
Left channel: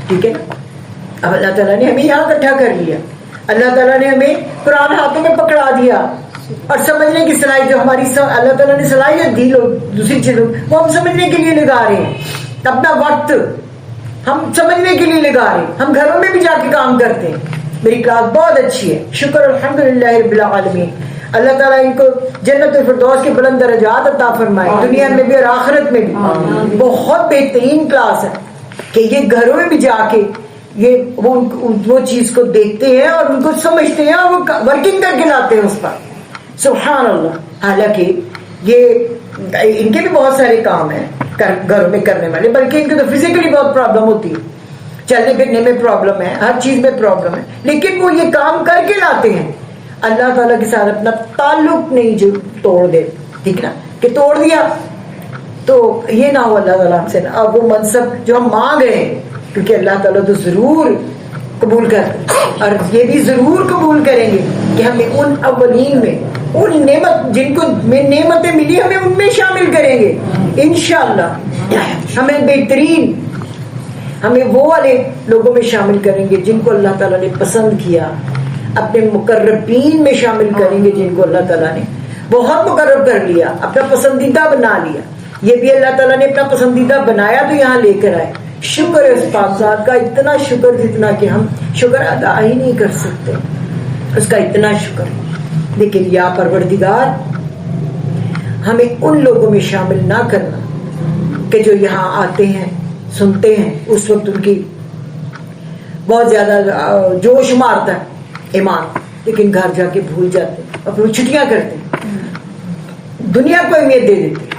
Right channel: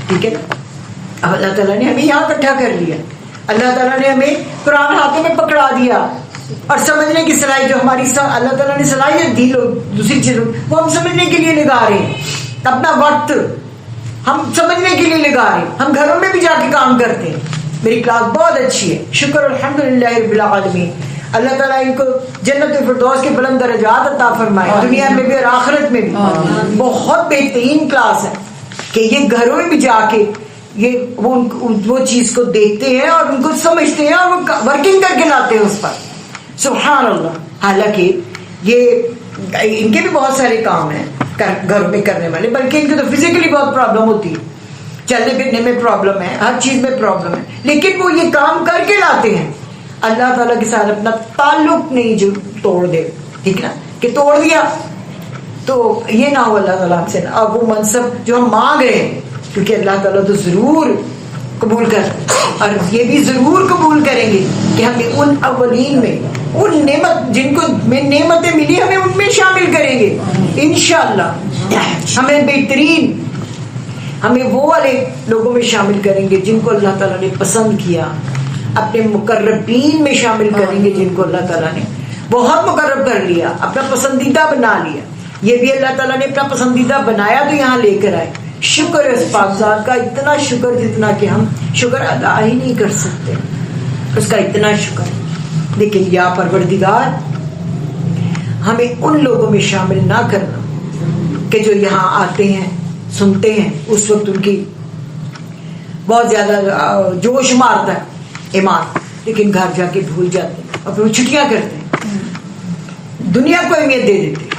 ٹھیک ہے نا, اب اللہ تعالیٰ نے ہمیں یہاں اکٹھا کر لیا, اللہ تعالیٰ نے ہمیں قرآن ہاتھوں میں پکڑا دیا, اور سمجھنے کی صلاحیت جو ہماری اللہ تعالیٰ نے صلاحیت دی دوسری چیزوں, وہ ہم سمجھنے کے لیے لگا رہے ہیں, اپنا وقت ہم سمجھنے کے لیے لگا رہے ہیں, ہم گھروں میں بھی جا کے کام کرتے ہیں. میری کلاس بہت اچھی ہے, شکر الحمدللہ رب العالمین. اللہ تعالیٰ ان کو جنت الفردوس کے بلند درجات عطا فرمائے, دنیا میں بھی اور آخرت میں بھی. بہت بہترین کلاس ہے کہ یہ گھروں میں بھی جا کے یہ وہ چیز کو دیکھتے ہیں اور ان کو سمجھتے ہیں, اور وہ ورکنگ کر کے لاتے ہیں اس پر. سبحان اللہ. حالانکہ یہ ان کے بھی بہت سارے کام ہیں گھروں میں کرنے والے, بلکہ ان کو تو فزیکلی بہت پرابلم ہوتی ہے, چلنے پھرنے میں پرابلم ہے, ہر چیز میں پرابلم ہے, لیکن وہ یہ کام کر کے لاتے ہیں. اللہ تعالیٰ کے ساتھ اپنا تعلق نہیں جو توڑ دے, ٹھیک ہے نا, کہ توڑ دیا تو یہ نہ ہو اللہ تعالیٰ ہم سے, اور وہ منصب جو ہم مانگ رہے ہیں, کیونکہ اللہ تعالیٰ تو ضرور قبول کر اور یہ بھی ضرور قبول کریں گے کہ ہمیں ان اولین میں ان نعمت جن کو نعمتیں ملی ہمیں ان میں شامل کریں گے انشاءاللہ. ہمیں بہترین ہمیں وہ والے لوگوں میں شامل کریں گے جن کو اللہ تعالیٰ نے پسند کیا, اپنے مقربین میں شامل کریں گے جن کو اللہ تعالیٰ نے بہت مقرب کر لیا, اپنا پسندیدہ بنا لیا. یہ بھی اللہ تعالیٰ نے اپنا پسندیدہ بنایا تو یہاں لے کر آئے. شکر ہے اس پاک ذات کا, اتنا شکر جتنا کہ ہم شکر ادا ہی نہیں کر سکتے, اس کا اتنا شکر. لیکن یا پروردگار ہمیں ان لوگوں میں شامل نہ کرنا کہ جو یہاں آتے ہیں سنتے ہیں, اس وقت ان کی بہت زیادہ جوش مارتا ہے ایمان, لیکن گھر جا کے بھول جاتے ہیں, اپنی چھٹیاں کرتے ہیں, دنیا کو اہمیت دے دیتے ہیں.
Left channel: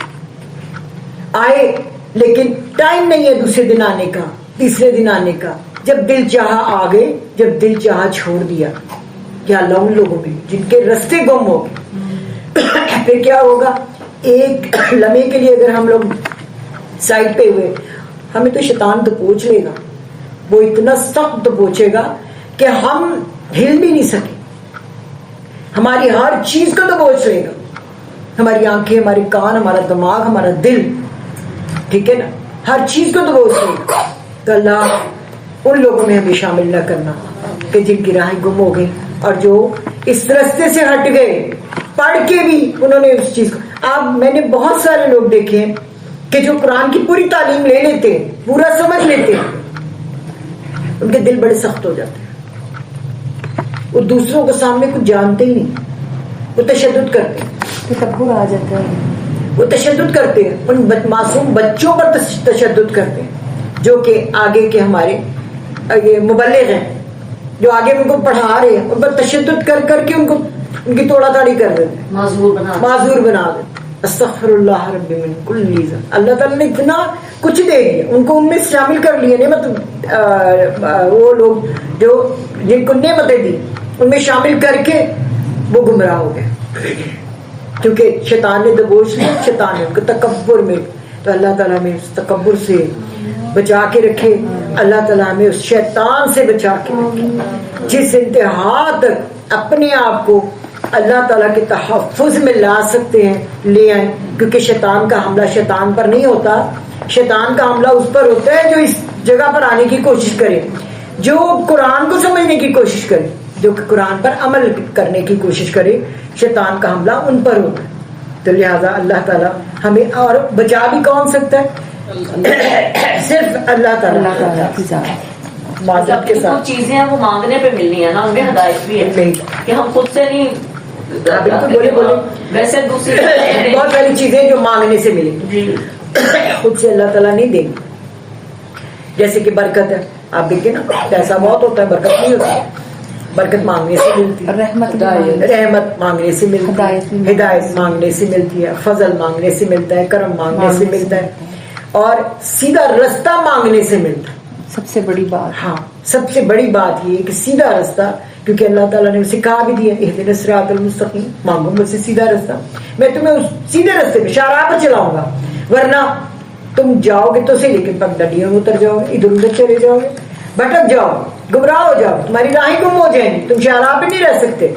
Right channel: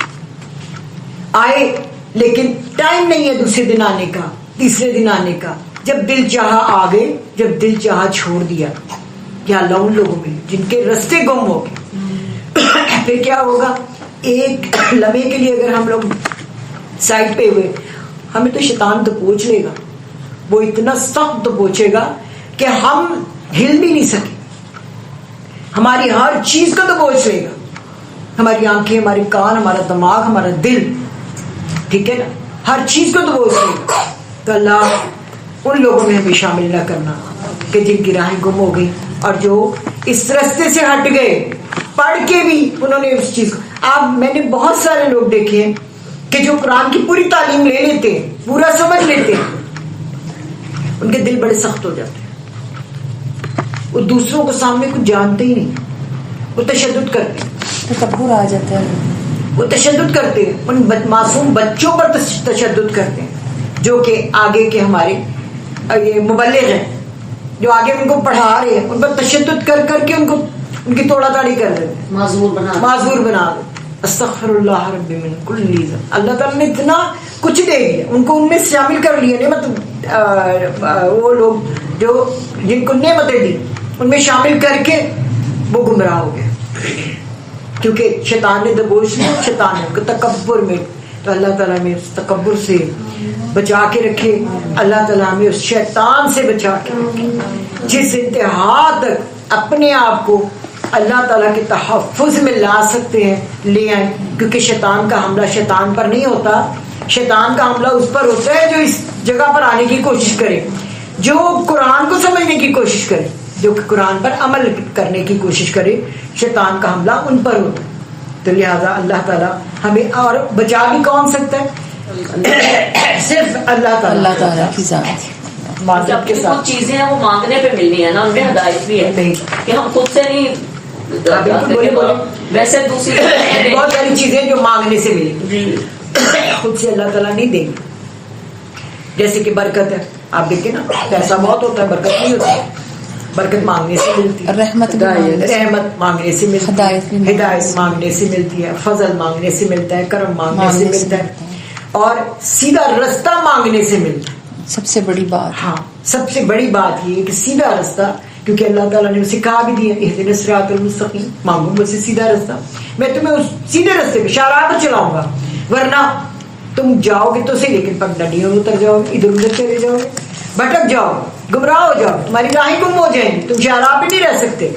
آئے لیکن ٹائم نہیں ہے دوسرے دن آنے کا, تیسرے دن آنے کا. جب دل چاہا آ گئے, جب دل چاہا چھوڑ دیا. یا اللہ ان لوگوں میں جن کے رستے گم ہو گئے, پھر کیا ہوگا؟ ایک لمحے کے لیے اگر ہم لوگ سائڈ پہ ہوئے, ہمیں تو شیطان تو پوچھ لے گا, وہ اتنا سخت تو پوچھے گا کہ ہم ہل بھی نہیں سکے. ہماری ہر چیز کو تو پوچھ لے گا, ہماری آنکھیں, ہمارے کان, ہمارا دماغ, ہمارا دل, ٹھیک ہے نا, ہر چیز کو تو پوچھ لے گا. تو اللہ ان لوگوں میں ہمیں شامل نہ کرنا کہ جن کی راہیں گم ہو گئی اور جو اس رستے سے ہٹ گئے, پڑھ کے بھی انہوں نے اس چیز کو. اب میں نے بہت سارے لوگ دیکھے ہیں کہ جو قرآن کی پوری تعلیم لے لیتے ہیں, پورا سمجھ لیتے ہیں, ان کے دل بڑے سخت ہو جاتے ہیں. وہ دوسروں کو سامنے کچھ جانتے ہی نہیں, وہ تشدد کرتے ہیں, تکبر آ جاتا ہے, وہ تشدد کرتے ہیں, ان معصوم بچوں پر تشدد کرتے ہیں جو کہ آگے کے ہمارے یہ مبلغ ہیں, جو آگے ان کو پڑھا رہے ہیں, ان پر تشدد کر کر کے ان کی توڑا تاڑی کر رہے ہیں, معذور بنا رہے. استغفر اللہ رب من کل ذنب. اللہ تعالیٰ نے اتنا کچھ دے دیا, ان کو ان میں شامل کر لیے. نعمت وہ لوگ جو جن کو نعمتیں دی ان میں شامل کر کے وہ گمراہ ہو گئے, کیونکہ شیطان نے دبوچ لیا, شیطان نے تکبر میں. تو اللہ تعالیٰ ہمیں اس تکبر سے بچا کے رکھے, اللہ تعالیٰ ہمیں اس شیطان سے بچا کے رکھے جس انتہا تک اپنے آپ کو اللہ تعالیٰ کے تحفظ میں لا سکتے ہیں لے آئیں. کیونکہ شیطان کا حملہ شیطان پر نہیں ہوتا, شیطان کا حملہ اس پر ہوتا ہے جو اس جگہ پر آنے کی کوشش کرے, جو قرآن کو سمجھنے کی کوشش کرے, جو قرآن پر عمل کرنے کی کوشش کرے. شیطان کا حملہ ان پر ہوتا ہے. تو لہذا اللہ تعالیٰ ہمیں, اور بچا بھی کون سکتا ہے؟ صرف اللہ تعالیٰ کی ذات. جب کچھ چیزیں ہیں وہ مانگنے پہ ملنی ہے نا, ان میں ہدایت بھی ہے کہ ہم خود سے نہیں, ویسے دوسری بہت ساری چیزیں جو مانگنے سے ملی خود سے اللہ تعالیٰ نہیں دیں گے. جیسے کہ برکت ہے, آپ دیکھیں نا, پیسہ بہت ہوتا ہے, برکت نہیں ہوتی. برکت مانگنے سے ملتی ہے, رحمت مانگنے سے ملتی ہے, ہدایت مانگنے سے ملتی ہے, فضل مانگنے سے ملتا ہے, کرم مانگنے سے ملتا ہے, اور سیدھا رستہ مانگنے سے ملتا ہے. سب سے بڑی بات, ہاں سب سے بڑی بات یہ کہ سیدھا رستہ, کیونکہ اللہ تعالیٰ نے اسے کہا بھی دیا اہدنا الصراط المستقیم, مانگو مجھ سے سیدھا رستہ, میں تمہیں اس سیدھے رستے پہ شاہراہ پہ چلاؤں گا. ورنہ تم جاؤ گے تو صحیح, لیکن پگڈنڈیوں میں اتر جاؤ گے, ادھر ادھر چلے جاؤ گے, بھٹک جاؤ, گمراہ ہو جاؤ, تمہاری راہیں گم ہو جائیں گی, تم شاہراہ پہ نہیں رہ سکتے.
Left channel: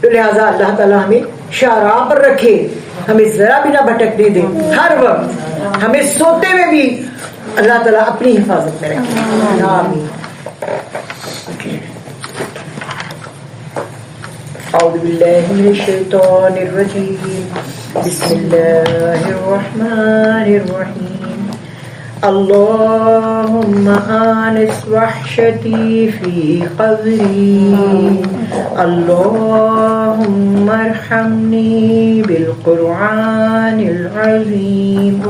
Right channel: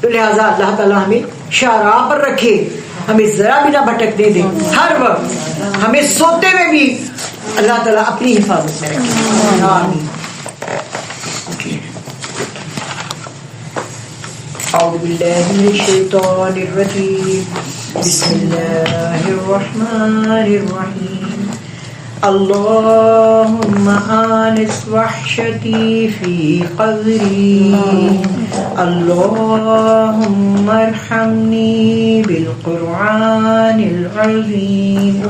تو لہٰذا اللہ تعالیٰ ہمیں شاہراہ پر رکھے, ہمیں ذرا بھی نہ بھٹکنے دے, ہر وقت ہمیں سوتے میں بھی اللہ تعالیٰ اپنی حفاظت میں رکھے. آمین. اعوذ باللہ من الشیطان الرجیم, بسم اللہ الرحمن الرحیم. اللہم آنس وحشتی فی قبری, اللہم ارحمنی بالقرآن العظیم,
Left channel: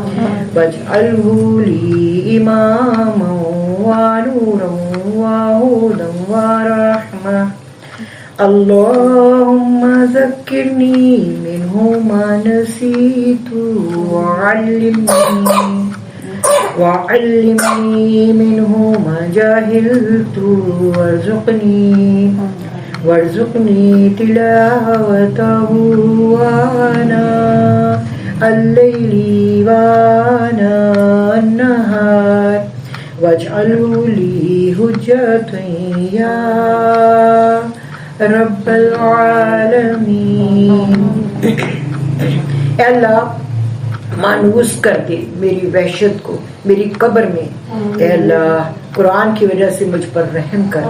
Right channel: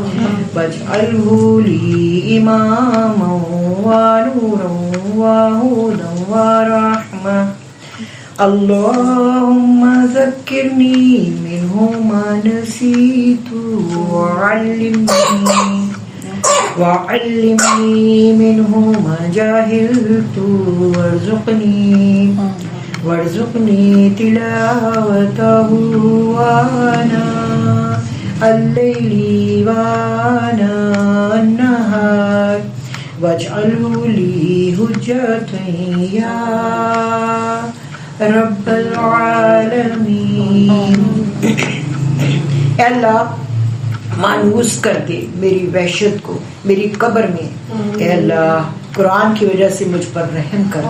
واجعلہ لی اماما ونورا وہدا ورحمہ. اللہم ذکرنی منہ ما نسیت وعلمنی منہ ما جہلت وارزقنی تلاوتہ آناء اللیل وآناء النہار واجعله لي حجة يا رب العالمین. اے اللہ مانوس کر کے میری وحشت کو میری قبر میں، اے اللہ قرآن کی وجہ سے مجھ پر رحم کر،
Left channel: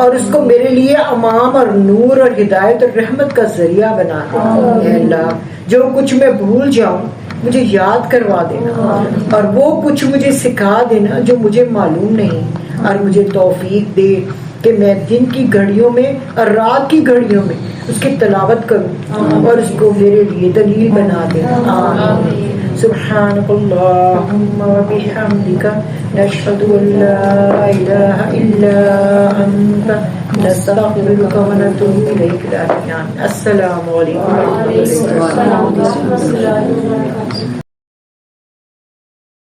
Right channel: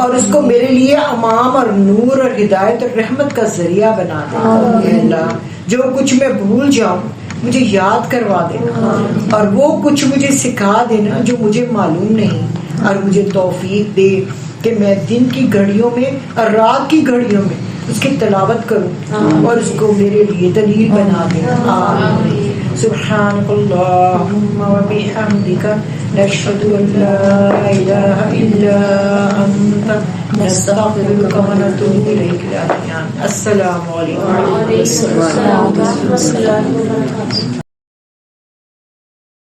اور اس کو میرے لیے امام اور نور اور ہدایت اور رحمت کا ذریعہ بنا دے. اے اللہ جو کچھ میں بھول جاؤں مجھے یاد کروا دینا، اور وہ کچھ مجھے سکھا دینا جو مجھے معلوم نہیں، اور مجھے توفیق دے کہ میں دن کی گھڑیوں میں اور رات کی گھڑیوں میں اس کی تلاوت کروں اور اس کو میرے لیے دلیل بنا دے. سبحانک اللہم وبحمدک نشہد ان لا الہ الا انت نستغفرک ونتوب الیک. السلام علیکم.